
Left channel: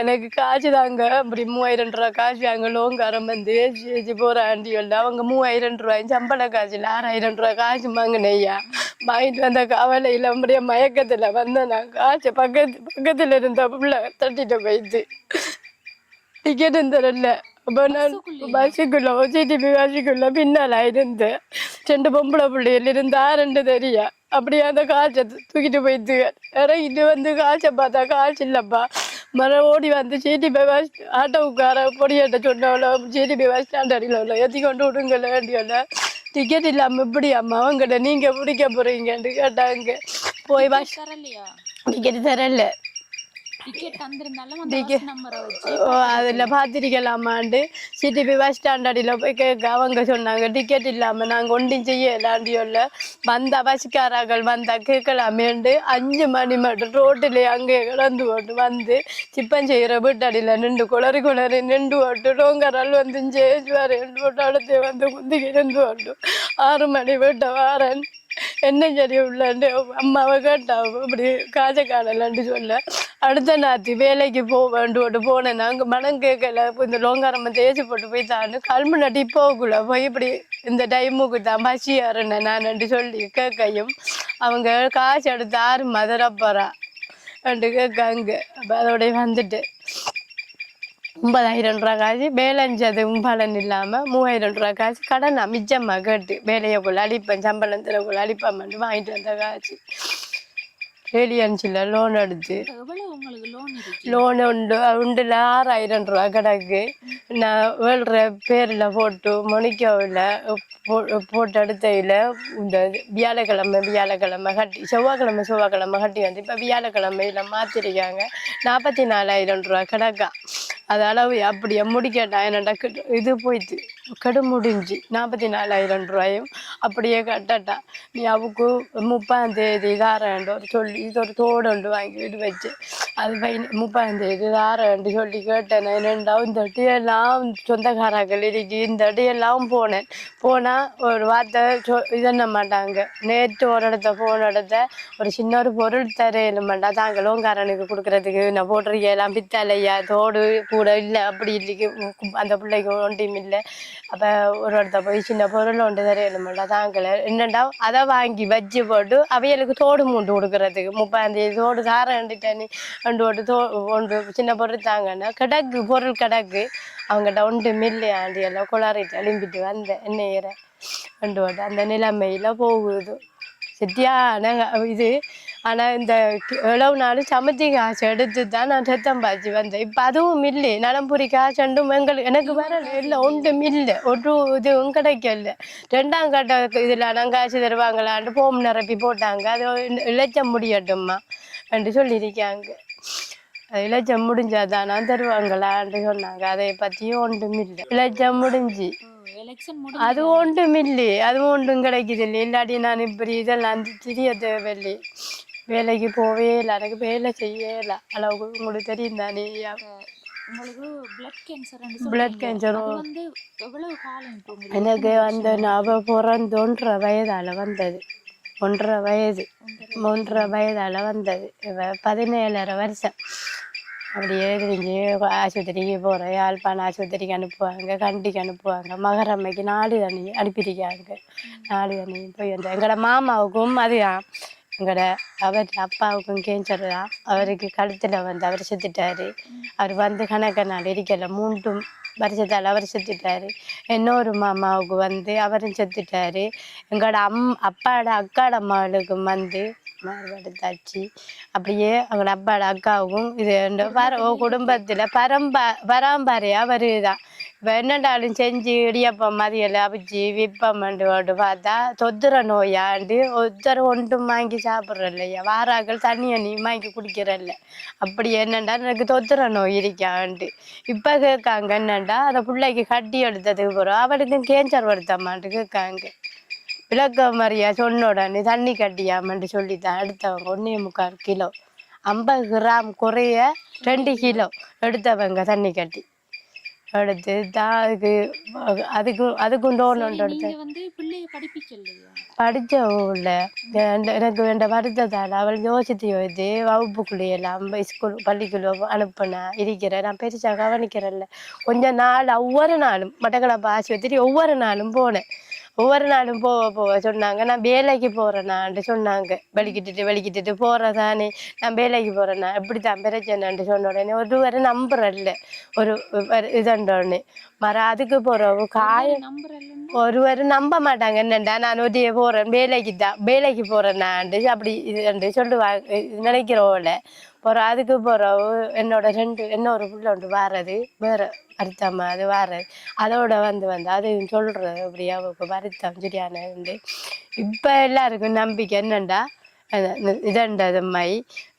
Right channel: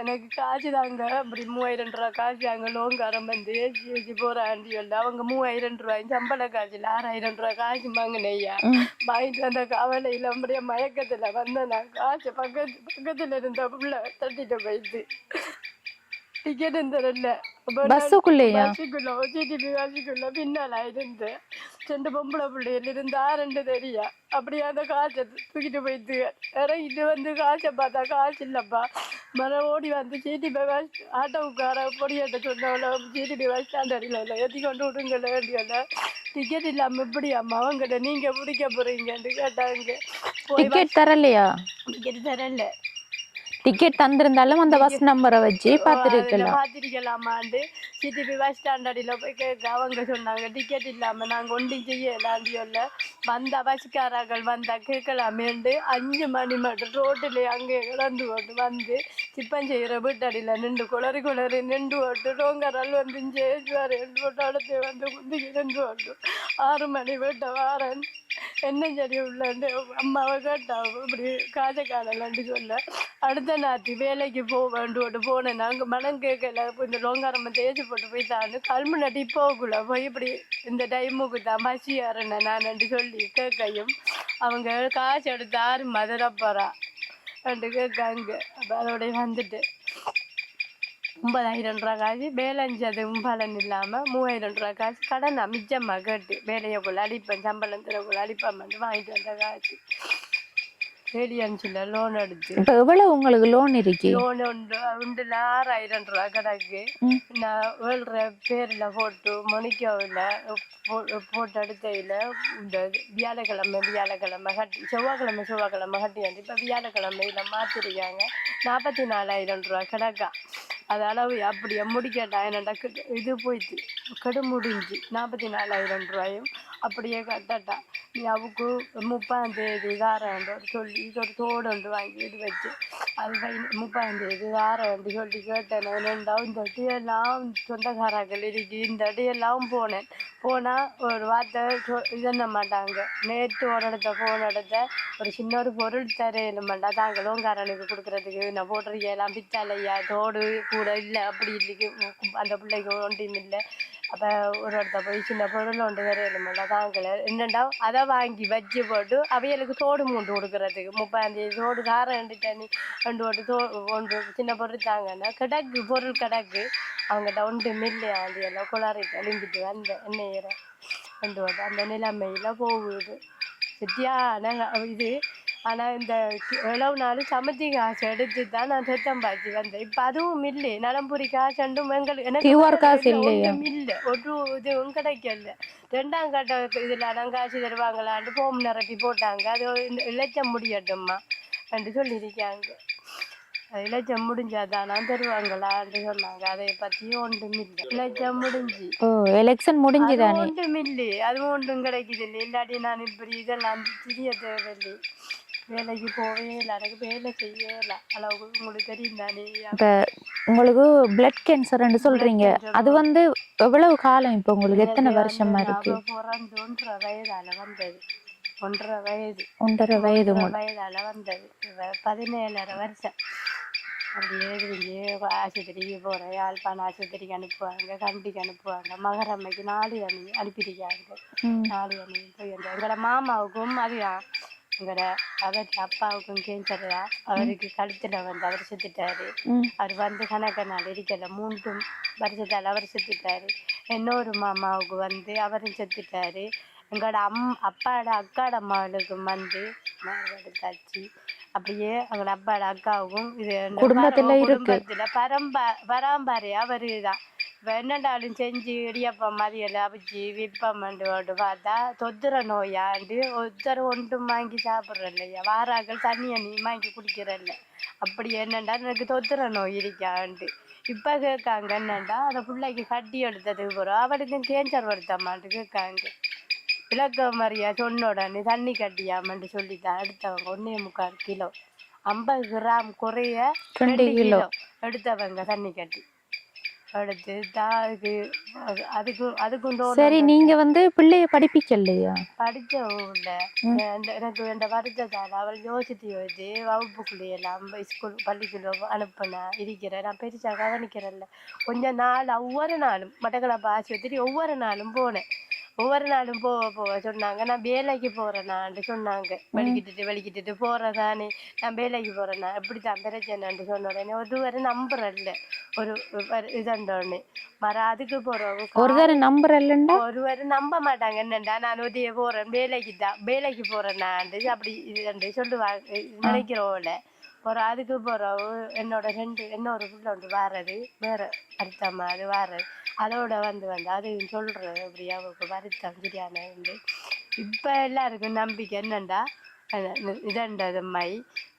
எனக்கு காசு தாங்க அப்படி 3000 ரூபா காசு அங்கே லோன்காரம் வந்து ஏச்சி போகிற ஆண்டி இல்லை. அவங்க 3000 ரூபாய் சம்பள காசு இல்லை, 6000 ரூபா காசு வாங்கினையா. வாங்கிட்டு வந்த கவலையில் அப்படியே மயக்கத்தில் வந்தேன். நான் காசு பக்கத்தில் இருந்த பிள்ளை தட்டிட்டு போயிடுது. டிக்கெட் தரல. பஸ்ஸுக்குள்ள ஓசிடிபி பஸ்ஸுக்குள்ள பின்னால் இருந்து 2 பொம்பளை பிள்ளைகள் இருந்தா 2 தெரியா. அப்படியே அந்த காய்ச்ச தூக்கிட்டு போயிட்டு இறங்கிட்டு வந்து காய்ச்ச பார்த்தா காய்ச்சி இல்லப்பா. மரம் ஓடி வந்து சிடிபி பஸ் ஆட்டோவுக்கார பொடியாட்ட சொன்னவளோ சிடிபி பஸ் ஸ்டாண்ட் அடியில் ஏற்றி கொண்டு விடுங்கள வேண்டியல. டிக்கெட் இல்லாமல் எப்படி அம்மா அவங்ககிட்ட நீங்கள் பிடிக்க போறீங்கன்னு கேட்டாங்க. போய் தரலையா? டிக்கெட் தரல. டிக்கெட் தந்திருந்தாலும் அந்த பஸ் நம்பரை வச்சு அதில் பார்த்துருக்கலாமாண்டு சிடிபி பஸ் ஸ்டாண்டர்டில் போய் கேட்க அவங்க சொன்னாங்க டிக்கெட் இல்லாமல் நாங்கள் ஒன்றும் செய்யலாண்டியோல்ல வந்த பஸ்காரர்கள் வந்தால் கேட்கலாமேண்டு 5 மணி மட்டும் ரோட்டில் அங்கே கிடந்து போட்டு வந்து சிப்பம் செய்கிற வீட்டடியில் நின்று குளறி நின்று போட்டு ரோங்கரால் வந்து சேச்சுவாரன் போட்டு அடுத்து வந்து குந்திக்கு நின்று போட்டு 6 மணி வீட்டை வாரன் என்ன சரி உள்ளாண்டு அம்மாவை கேட்டாவும் இப்படி காலன்னு சொல்ல அடுத்த நாத்தி வேலைக்கு போவேன்ட்டு போனேன் நாங்கள் மனம் கேட்கல இப்போ இந்த லோங்காரம்ம தேய்ச்சி போட்டு போய் தாண்டு கல்மு நட்டி போகக்குள்ள போய் இப்படி இந்த டைமுக்கு தான் பசியாருன்னு நான் சொல்லி கேட்கையும் அவங்க காசு எடுத்து 6 மதுரப்பறா ரெண்டு கேட்காங்க அப்போ அதோடய வந்துட்டு 9,000 ரூபா காசு பேலன்ஸ் அது பலன் இல்லாமல் 3,000 ரூபா காசு கடன் மிச்சமாக கேட்டு வேலையக்குள்ள அழிப்பேன் சம்பளம் தரக்குள்ள அழிப்பாமட்டு வாங்கிட்டு வந்த காசு ஏலியன்ஸில் லோன் எடுத்து. இப்போ எவ்வளோ உங்களுக்கு லோன் இருக்கு? லோன் உண்டுல 6,000 ரூபா கிடக்கு. நான் வேள்ற பேரில் போட்டு மொனிக்காவில் போட்டு எடுத்தையில் இந்த வியாழக்கிழமை கட்டி செவ்வாய்க்கிழமை கட்டி வந்து இப்போ வியாழக்கிழமையில் மாற்றிருக்காங்க. 44,000 ரூபா கிடக்கா. அது அளவு அப்படியே முடிக்கட்டா என்னடா இது போயிட்டு கெடு முடிஞ்சு 44,000 ரூபாயும் அப்படியே கட்டட்டா. நீ அவுக்கு 30ஆம் தேதி தாரேண்டோ சொல்லி இது ஒரு தோடு ஒன்று வாங்கிட்டு வச்சு அது 30ஆம் தேதி தாரேன்ட்டு சொல்லி கேட்டேன். என்னண்டா இந்த அடியெல்லாம் சொந்தக்காரர்கள் இருக்கு இந்த அடியெல்லாம் போனால் ஒரு வார்த்தை இதென்ன மாட்டாங்க. நேற்று ஒரு இடத்த போன இடத்த ஒரு சின்ன ஒரு பொருள் தரையில மாட்டா தாங்களும் காரனுக்கு கொடுக்குறதுக்கு நான் போட்டிருக்கேன் பித்தலையா தோடு கூட இல்லை அப்படி இல்லைக்கு அந்த பிள்ளைக்கு ஒன்றையும் இல்லை. அப்போ ஒரு இடத்த போய் சின்ன பொருள் ஒன்று தரையில மாட்டா தாங்களை என்னண்டா அதை வாங்கி வச்சு போட்டு அவைகளுக்கு தோடு மூண்டு கொடுக்குறதுக்கு 30ஆம் தேதி தோடு தாரேன்ட்டு ரெண்டு போட்டு ஒன்று சின்ன பொருள் தாங்கன்னா கிடக்கு பொருள் கிடக்கு அவங்ககிட்ட ஒன்று மில்லையாண்டி எல்லாம் குளாரிட்டு எழும்பிட்டு வந்தேன் என்ன ஏற ரெண்டு போட்டு அந்த நிலைமையில் போகுது சரியான இது. ஆனால் இந்த எவ்வளவு நாள் சமத்தி காசு எடுத்து தான் நான் ரத்தம் பாய்ச்சி வந்தேன். இப்போ அதுவும் இல்லை. நலம்புரி காசுண்டும் எனக்கு ஒன்றும் இல்லை. ஒரு இதுவும் கிடைக்கல. 2ஆம் கட்ட இதில் நான் காசு தருவாங்களான்ட்டு போம் நிரப்பி போட்டாங்க. அது இளைச்ச முடியட்டும்மா என்று சொல்லியிருக்காங்க. அது இளைச்சம் முடிஞ்சாதான் நான் தருவாங்களான்னு சொன்னாங்க. அதை பற்றியும் ஒன்றும் இல்லை. இளைச்சம் முடிஞ்சு எலெக்ஷன் முடிஞ்சு அது ஒன்றும் இல்லை. அதுவும் ஒன்றும் கிடைக்குது இல்லை. இல்லாட்டி நான் இப்படி இதெல்லாம் தெரிய தேவையில்லை. வேலைக்கு போவே இல்லை. எனக்கு வேலை செய்யவே இல்லை. அளவுக்கு உங்களுக்கு தெரியும் தானே. உங்களுக்கு பிளட் கேன்சர்ன்னு சொல்றீங்க. அது வந்து எவ்வளவு காலம் இப்போ உங்களுக்கு? நான் பிறந்து 1.5 வயதால வந்தது. 1.5 வயதால வந்தது. 17.5 வருஷம் அப்படியே தெரிஞ்சு ஆஸ்பத்திரிக்கு போகிறேன். யாழ்ப்பாணம் ஆஸ்பத்திரிக்கு அனுப்புவாங்க, கண்டிக்கு அனுப்புவாங்க. மகரம்மைக்கு 4 அனுப்பியிருக்காங்க. 4 போய் வந்தேன். எங்களோட மாமாவுக்கும் அதுதான் எங்களோட அவர் அப்பாவுக்கும் கேன்சர் தான். அவருக்கு கழுத்தில் வந்து அவர் செத்துட்டாரு. அவர் வந்து கணக்க நாள் இருக்கல 3 வருஷத்தால் அவர் செத்துட்டாரு. இன்னொரு மாமாவுக்கு வந்து அவரும் செத்துட்டாரு. எங்களோட அப்பாவோட அக்காட மகளுக்கும் வந்து மாறுபடுத்தாச்சு. அப்படியே அவங்களோட அப்பாவோட அக்காவுக்கும் இது குடும்பத்தில் பரம்பரையாக வருதுதான். இப்போ என்னண்டாலும் செஞ்சு இடியப்பம் மதியெல்லாம் அவிச்சு விற்பம்ண்டு போட்டு பார்த்தா தொத்துற நோயாண்டு ஒன்றும் வாங்கி சாப்பிட்றல்லையா. வாராக்கள் தண்ணி வாங்கி குடிக்கிறல்ல. அப்படி என்னண்டா எனக்கு தொத்துற நோய் இருக்கான்ட்டு இப்போ கேட்காங்க. என்னண்டா அந்த பிள்ளைக்கு கட்டி எடுத்ததுக்கு போகிறோம் அவளுக்கும் கேன்சர் வருத்தமான்ட்டு கேட்காங்க. விளக்க மாதிரியா சொன்ன உடனே தண்ணி கட்டியாமன்ட்டு சொல்லித்தான் எடுத்தவங்க 1.25 கிலோ 50 கிராம் குறைய 2 கிலோ எடுத்தவங்க தண்ணி கட்டி எடுத்து தான் அதுக்கும் சரி. நீங்க வந்து பிள்ளைய படிப்பிக்கலையா? படிச்சவும்ல எனக்கு வேண்ட வருத்தத்தால் அவள் யோசித்து வகுப்புக்குள்ளேயெல்லாம் ஸ்கூல் பள்ளிக்குள்ள அனுப்புனா இருக்கிறேன். நான் பெருசாக கவனிக்கிறேன்ல. கொஞ்ச நாள் ஒவ்வொரு நாளும் மட்டக்களப்பு ஆஸ்பத்திரி ஒவ்வொரு நாளும் போனேன். ஒவ்வொரு நாளும் போக சொன்னாங்க. நான் வேலைக்கு போறேனான்ட்டு சொன்னாங்க. வலிக்கிட்டு போறதானே நான் வேலைக்கு போறேன்னா எப்படித்தான் பிரச்சனைன்ட்டு சொன்ன உடனே ஒருவரை நம்புறல்ல ஒரு இதுண்டோன்னு மற அதுக்கு ஒருவர் நம்ப மாட்டாங்க. என்னண்டா நான் ஒதிய போறேன் வேலைக்கு போறேன்னாண்டு அப்படி இது சொல்லுவாங்க நினைக்கிறோம்ல. அதுக்கு போறவு என்னோட இன்னொரு புள்ள ஒன்று வாரது வேற வருத்தமா அது வாரது அதோட வந்து அது சொல்றது அப்படியே அவருக்கு வருத்தம் சரியான உண்டு. இப்போ எல்லாருக்கும் நம்பிக்கை என்னண்டா இதண்டதும்மை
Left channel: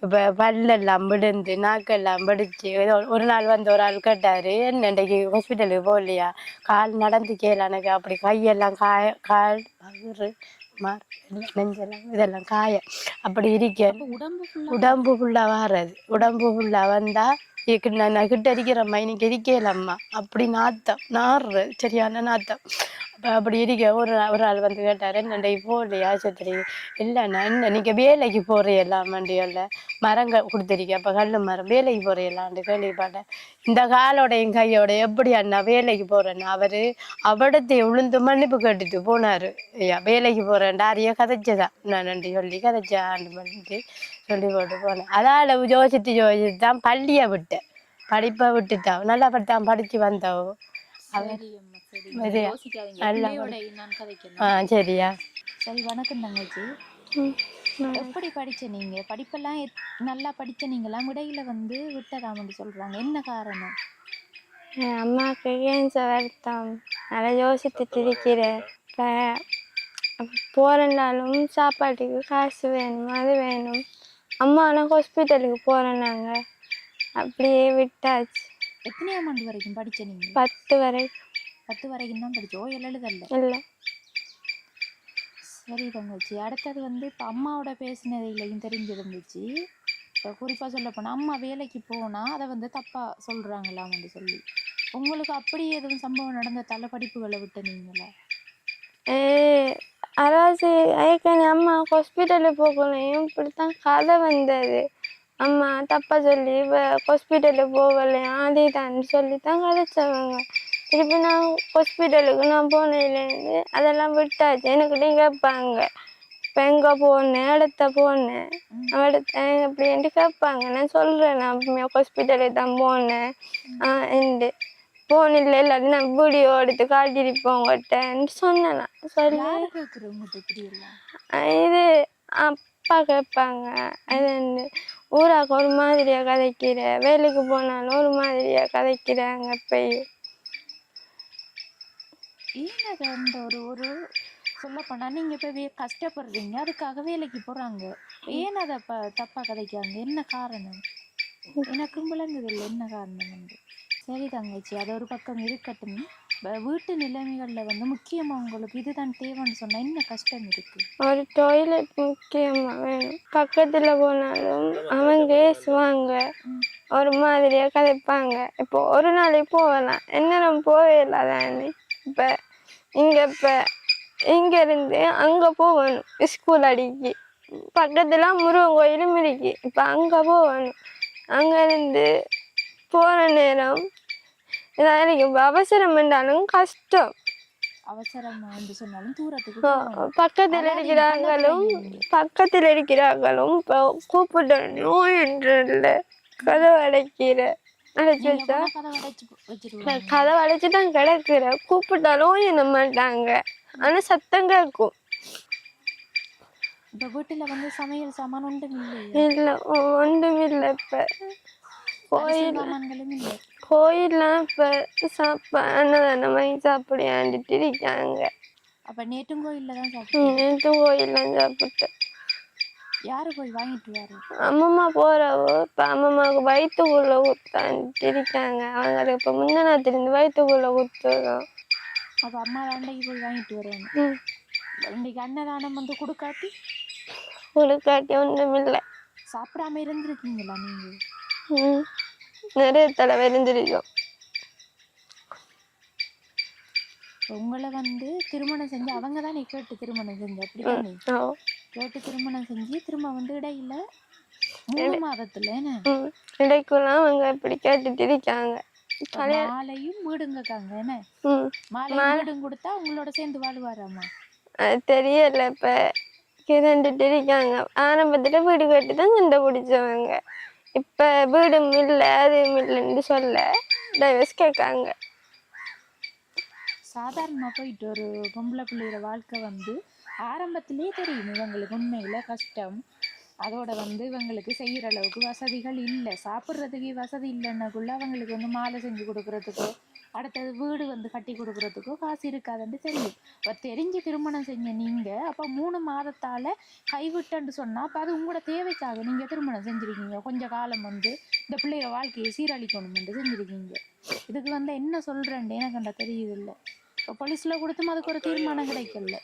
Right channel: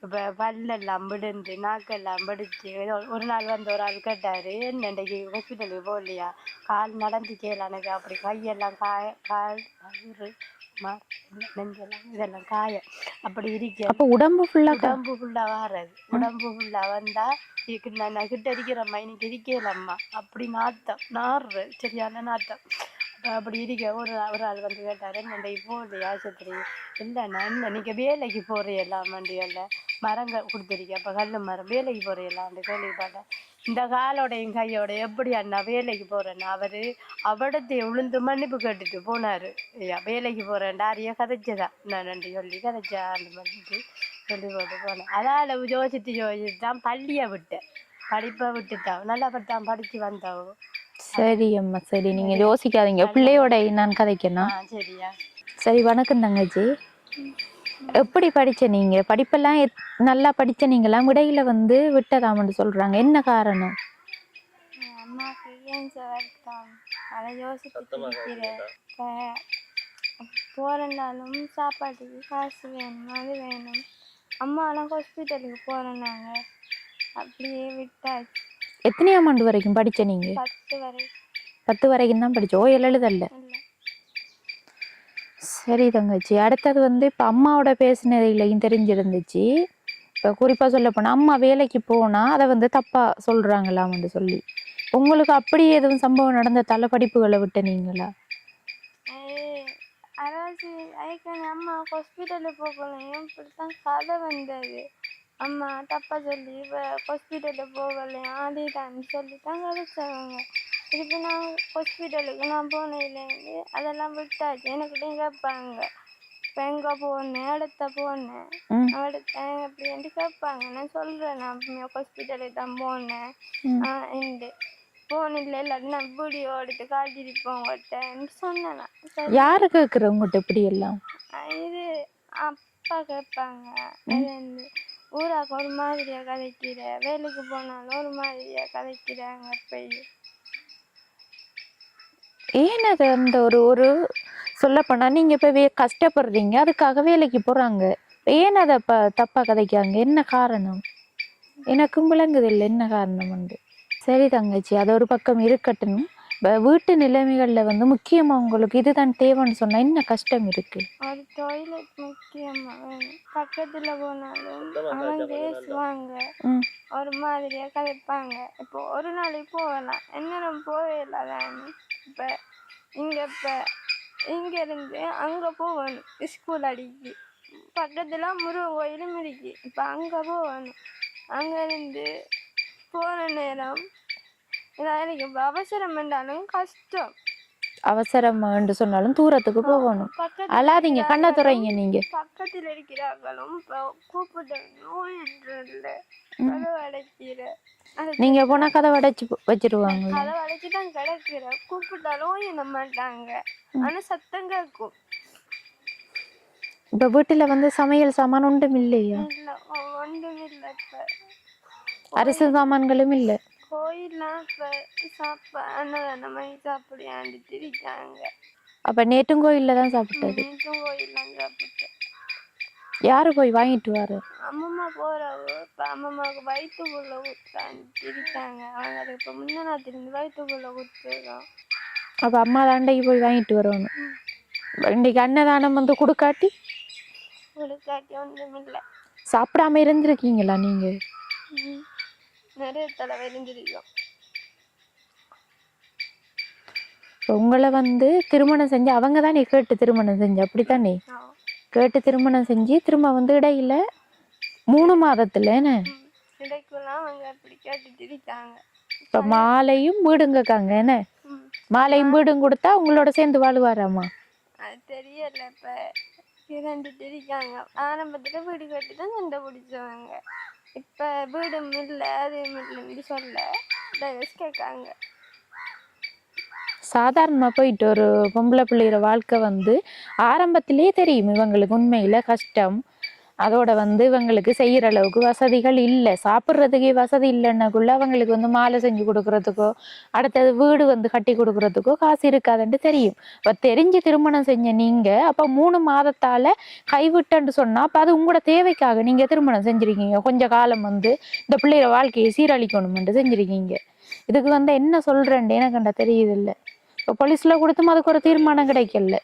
இப்போ பல்லெல்லாம் விழுந்து நாக்கெல்லாம் வெடிச்சு ஒரு நாள் வந்து ஒரு ஆள் கேட்டாரு என்ன இன்றைக்கு ஹாஸ்பிட்டலுக்கு போகலையா கால் நடந்து கேள எனக்கு அப்படி கையெல்லாம் கால் வயிறு நெஞ்செல்லாம் இதெல்லாம் காய அப்படி இருக்க அப்ப உடம்பு ஃபுல்லா வாரது உடம்பு ஃபுல்லா வந்தா நான் கிட்ட இருக்கிற அம்மா இன்னைக்கு இருக்கலம்மா அப்படி நாத்தம் நாடுறது சரியான நாத்தம் அப்படி இருக்க ஒரு ஆள் வந்து கேட்டாரு என்னண்டை போகலையா ஆஸ்பத்திரி இல்லைண்ணா என்ன நீங்கள் வேலைக்கு போகிறீங்களாம் வண்டியில் மரங்கள் கொடுத்துருக்கேன் அப்போ கல் மரம் வேலைக்கு போகிறீங்களான்னு கேள்விப்பட்டேன் இந்த காலோடையும் கையோட எப்படி அண்ணா வேலைக்கு போகிறேன்னா அவடத்தை உளுந்து மன்னிப்பு கேட்டுட்டு போனார் ஐயா வேலைக்கு போகிறேன்டா அதையே கதைச்சதான் நான் நன்றி சொல்லி கதைச்சாண்டு பண்ணிட்டு சொல்லி போட்டு போனேன் அதால் யோசித்து தான் பள்ளியை விட்டேன் படிப்பை விட்டுட்டான் நல்லா படித்தான் படித்து வந்தவோ. சரி அம்மா சரி நீங்க யோசிக்காதீங்க பிள்ளையோட நான் கதைக்கணும் சரியா சரி வணக்கம் தங்கச்சி எப்படி படிச்ச நீங்க படிப்பெல்லாம் நல்லா படிச்ச நீங்களாம் இடையில வந்து விட்டதாமன்னு சொல்றாங்க என்ன காரணம் என் அம்மாவுக்கு கேன்சர் வருத்தம் நல்லா யோசித்துட்டு இருக்கிறேன் இப்போ போகிறனாலும் சாப்பாட்டுக்கு காசு வேணும் அது வேணும் அம்மா ஆனால் ஹாஸ்பிட்டலுக்கு போகிறோம் நாங்கள் அப்படியே விட்டாச்சு எத்தனையாம் ஆண்டு வரைக்கும் படிச்ச நீங்க 10 வரை 10 வரைக்கும் தான் படிச்சோம் எழுதல்ல இல்லை சரி தங்கச்சி அடுத்தது வந்து இப்போ அம்மாவோட பேசினதையும் தெரிஞ்சிருந்துச்சு இப்போ குறிப்பாக சொல்ல போனால் அம்மா வேலைக்கு போனால் அதை வந்து தப்பாக சொல்கிறாங்களாம்னு சொல்லி உங்களுக்கு அப்படி எதுவும் சம்பவம் நடந்த படிப்புகளை விட்ட நீங்களா அதாவது ஏற்கனவே அம்மா ஹாஸ்பிட்டலுக்கு போகலையும் இப்படித்தான் கதை வந்தது அம்மா தப்பா சொல்லி ஹாஸ்பிட்டலுக்கு போகலையா அதே தான் சொல்லி தான் கதைச்சவங்க திருப்பி நான் ஹாஸ்பிட்டலுக்கு நான் போனதுலேருந்து அதெல்லாம் விட்டாச்சு எனக்கிட்டே கேட்பாங்க இப்போ எங்கே போனேன் இடத்த போனேன் இடத்த அப்படின்ட்டு கேட்பாங்க நான் சொல்கிறேன் நான் ஹாஸ்பிட்டலுக்கு தான் போனேன் எண்டு போனில் எல்லாரும் நான் வீடியோ எடுத்து காட்டியிருப்போம் உங்கள்கிட்டன்னு சொன்னேன் யாரு கேட்குற உங்கள்கிட்ட இப்படி எல்லாம் இது அப்பா கேட்பாங்க அது வந்து ஊராக ஒரு மாதிரியா கதைக்கிற வேலைக்கு போனாலும் ஒரு மாதிரியா கதைக்கிறாங்க போய் ஏன் அது அந்த ஒரு சொல்லப்போனா நீங்க இப்போ கஷ்டப்படுறீங்க அதுக்காக வேலைக்கு போறாங்க ஏன் அதை தப்பா கதைக்காங்க என்ன காரணம் எனக்கும் விளங்குது இல்லை என்ன காரணம் வந்து சரி தங்கச்சி அது ஒரு பக்கம் இருக்கட்டும் வீட்டு நிலைமைகள்ல வந்து முக்கியமா உங்களுக்கு இதுதான் தேவைன்னு சொன்னா என்ன கஷ்டம் இருக்கு ஒரு டாய்லெட் முக்கியமா வேணும் பக்கத்துல போனாலும் அவங்க ஏசுவாங்க ஒரு மாதிரியா கதைப்பாங்க இப்போ ஒரு நாளைக்கு போகலாம் என்ன போகல தானே இப்ப இங்க இருந்து அங்க போகணும் ஸ்கூல் அடிக்கி பக்கத்துல முருகன் கோயிலும் இருக்கு இப்ப அங்க போகணும் அங்க இருந்து போற நேரம் எனக்கு அவசரம் என்றாலும் கஷ்டம் அவசரம் என்று சொன்னாலும் தூரத்துக்கு போகணும் பக்கத்துல இருக்கிறார்களும் கூப்பிட்டு நோய் என்று இல்லை கதவு அடைக்கிற நீங்க போனா கதவை அடைச்சு வச்சிருவாங்க கதவை அடைச்சுதான் கிடக்குற கூப்பிட்டாலும் என்ன மாட்டாங்க ஆனா சத்தம் கேட்கும் இப்ப வீட்டுல வந்து சமையல் சாமான் ஒன்றும் இல்லையா இல்ல ஒன்றும் இல்லை இப்ப அரிசி சாமான்களும் இல்லை கோயில்லாம் இப்ப அன்னதானம் வாங்கி சாப்பிடாண்டுட்டு இருக்காங்க அப்ப நேற்றும் கோயில்ல தான் சாப்பிட்டேன் நேற்றும் கோயில்லாம் சாப்பிட்டேன் யாரு போய் வாங்கிட்டு வாரு அம்மம்மா போறவோ இப்ப அம்மம்மாவுக்கு வயிற்றுக்குள்ள குத்தான்ட்டு இருக்காங்க அவங்க இப்ப முந்தினத்திலிருந்து வயிற்றுக்குள்ள குத்துறோம் அப்ப அம்மா தாண்டைக்கு போய் வாங்கிட்டு வரணும் இன்னைக்கு அன்னதானம் வந்து கொடுக்காட்டி ஒன்றும் இல்லை சாப்பிடாம இருந்திருக்கீங்களா நீங்க நிறைய தடவை இருந்திருக்கோம் உங்களை வந்து திருமணம் செஞ்சு அவங்க தான் நீ கேட்டு திருமணம் செஞ்சு அப்படித்தானே கேட்டு திருமணம் செஞ்சு திரும்ப வந்து இடையில 3 மாதத்துல இடைக்குலாம் அவங்க இப்படி கேட்டுட்டு இருக்காங்க இப்ப மாலையும் வீடும் கேட்காங்க என்ன மாலையும் வீடும் கொடுத்தா உங்களோட சேர்ந்து வாழ்வாராமா அது தெரியல இப்ப கிரண்டுட்டு இருக்காங்க ஆரம்பத்துல வீடு கேட்டு தான் சண்டை பிடிச்சவங்க இப்ப வீடும் இல்லை அதுவும் இல்லைன்னு சொல்ல டைவர்ஸ் கேட்காங்க சாதாரணமா போயிட்டு ஒரு பொம்பளை பிள்ளைகிற வாழ்க்கை வந்து ஆரம்பத்திலே தெரியும் இவங்களுக்கு உண்மையில கஷ்டம் அதோட வந்து இவங்களுக்கு செய்யற அளவுக்கு வசதிகள் இல்லை, சாப்பிட்றதுக்கே வசதி இல்லைன்னாக்குள்ள அவங்களுக்கு வந்து மாலை செஞ்சு கொடுக்கறதுக்கோ அடுத்தது வீடு வந்து கட்டி கொடுக்கறதுக்கோ காசு இருக்காதுன்ட்டு தெரியும். இப்ப தெரிஞ்சு திருமணம் செஞ்ச நீங்க அப்ப 3 மாதத்தால கைவிட்டன்னு சொன்னா அப்ப அது உங்களோட தேவைக்காக நீங்க திருமணம் செஞ்சிருக்கீங்க. கொஞ்ச காலம் வந்து இந்த பிள்ளைய வாழ்க்கையை சீரழிக்கணும்னு செஞ்சிருக்கீங்க. இதுக்கு வந்து என்ன சொல்றேன்ட்டு எனக்கு கண்ட தெரியுது இல்லை. இப்போ போலீஸ்ல கொடுத்தும் அதுக்கு ஒரு தீர்மானம் கிடைக்கல.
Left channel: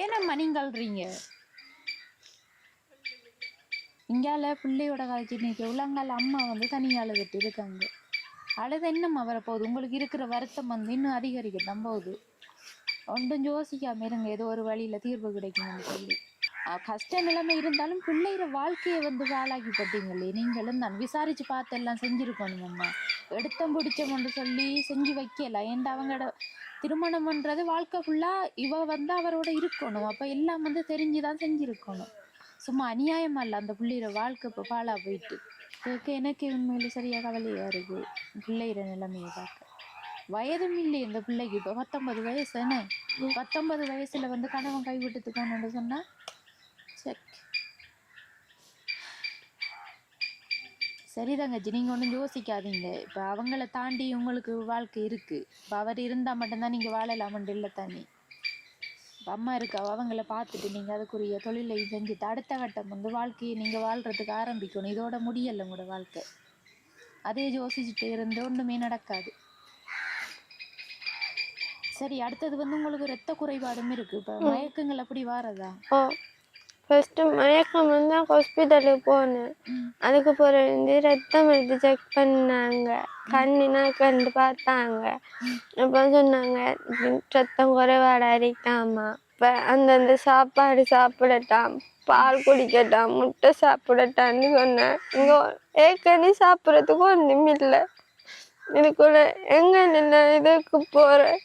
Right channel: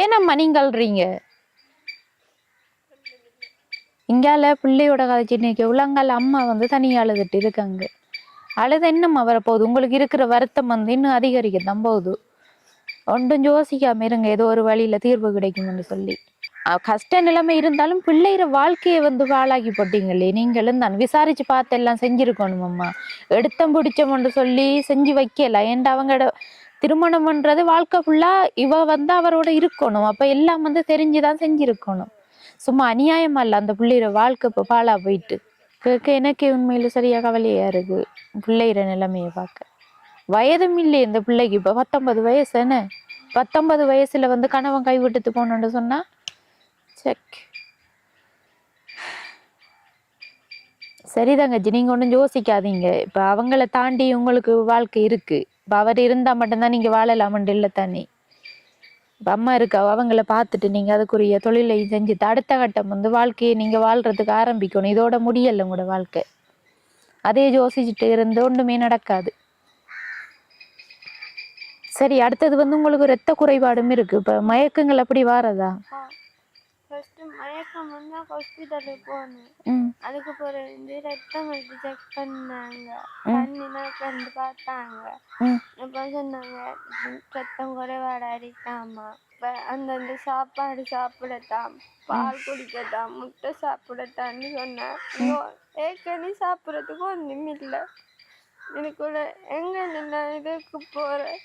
ஏனம்மா நீங்க அல்றீங்க? இங்கால பிள்ளையோட கதைச்சு இன்னைக்கு உள்ளங்கால அம்மா வந்து தனியாக அழுதுட்டு இருக்காங்க. அழுது என்னம்மா வரப்போகுது? உங்களுக்கு இருக்கிற வருத்தம் வந்து இன்னும் அதிகரிக்கத்தான் போகுது. ஒன்றும் யோசிக்காம இருங்க, ஏதோ ஒரு வழியில தீர்வு கிடைக்கும்னு சொல்லி. கஷ்ட நிலைமை இருந்தாலும் பிள்ளைகிற வாழ்க்கையை வந்து வாழாக்கி போட்டீங்களே நீங்களும் தான். விசாரிச்சு பார்த்து எல்லாம் செஞ்சிருக்கணும் அம்மா. எடுத்தம் பிடிச்சோம்னு சொல்லி செஞ்சு வைக்கல. ஏன்டா அவங்களோட திருமணம்ன்றது வாழ்க்கை ஃபுல்லா இவ வந்து அவரோட இருக்கணும். அப்ப எல்லாம் வந்து தெரிஞ்சுதான் செஞ்சிருக்கணும். சும்மா அநியாயமா இல்லை அந்த பிள்ளைகிற வாழ்க்கை இப்போ பாழா போயிட்டு கேட்க எனக்கு உண்மையில சரியா கவலையா இருக்கு. பிள்ளைகிற நிலைமையை பார்க்க வயதும் இல்லையே இந்த பிள்ளைக்கு. இப்போ 19 வயசு என்ன? 19 வயசுல வந்து கணவன் கைவிட்டுட்டு போனோன்னு சொன்னா செக். சரி தங்கச்சி, நீங்க ஒன்றும் யோசிக்காதீங்க. இப்ப அவங்கள தாண்டி உங்களுக்கு வாழ்க்கை இருக்கு. இப்ப அவர் இருந்தா மட்டும்தான் நீங்க வாழலாமண்டு இல்லை தானே. இப்ப அம்மா இருக்கா, அவங்கள பார்த்துட்டு நீங்க அதுக்குரிய தொழிலை செஞ்சுட்டு அடுத்த கட்டம் வந்து வாழ்க்கையை நீங்க வாழ்றதுக்கு ஆரம்பிக்கணும். இதோட முடியல உங்களோட வாழ்க்கை. அதே யோசிச்சுட்டு இருந்து ஒன்றுமே நடக்காது. சரி, அடுத்தது வந்து உங்களுக்கு இரத்த குறைபாடும் இருக்கு. இப்ப மயக்கங்கள் அப்படி வாரதா? ஃபர்ஸ்ட் மயக்கம் வந்து ஹாஸ்பிட்டலுக்கு போனேன். அதுக்கு பிறகு ரத்தம் எடுத்து செக் பண்ணாங்க. கண்ணினா கண்டு பார்த்தாங்க. அப்ப சொன்னாங்க ரத்தம் குறைபாடா இருக்காமா. இப்ப அந்தந்த சாப்பாடு சாப்பிடட்டாம், பால் குடிக்கட்டாம், முட்டை சாப்பிடட்டான்னு சொன்னேன். இங்க ஏற்கனவே சாப்பிட்றதுக்கு ஒன்றும் இல்லை. இதுக்குள்ள எங்க நின்று இதுக்கு போறேன்.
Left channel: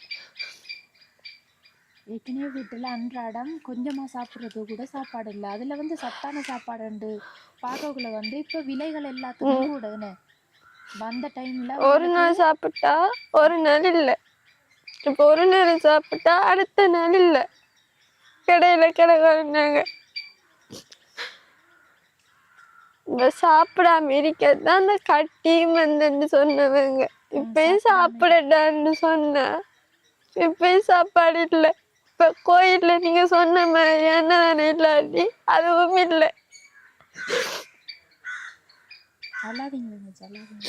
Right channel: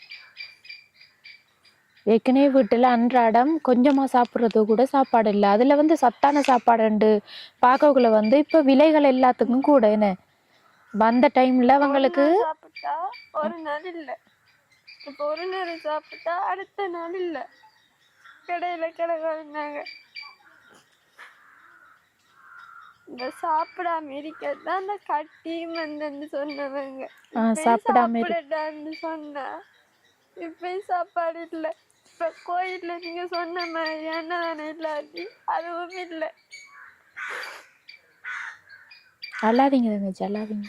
ஏற்கனவே வீட்டுல அன்றாடம் கொஞ்சமா சாப்பிட்றது கூட சாப்பாடு இல்லை. அதுல வந்து சத்தான சாப்பாடு பார்க்கக்குள்ள வந்து இப்ப விலைகள் எல்லாத்துக்கும் கூட என்ன வந்த டைம்ல அவங்களுக்கு சாப்பிட்டா ஒரு நாள் இல்லை. இப்ப ஒரு நேரம் சாப்பிட்டா அடுத்த நாள் இல்லை. கடையில கிடக்குறாங்க. சாப்பிடாம இருக்கதான் அந்த கட்டியும் வந்து சொன்னவங்க. இப்பயும் சாப்பிடட்டான்னு சொன்ன. இப்பயும் சாப்பாடு இல்லை. இப்ப கோயில்ல நீங்க சொன்ன மாதிரி என்னதானே இல்லாட்டி அதுவும் இல்லை. அல்லாதீங்க தங்கச்சி, அல்லாதீங்க.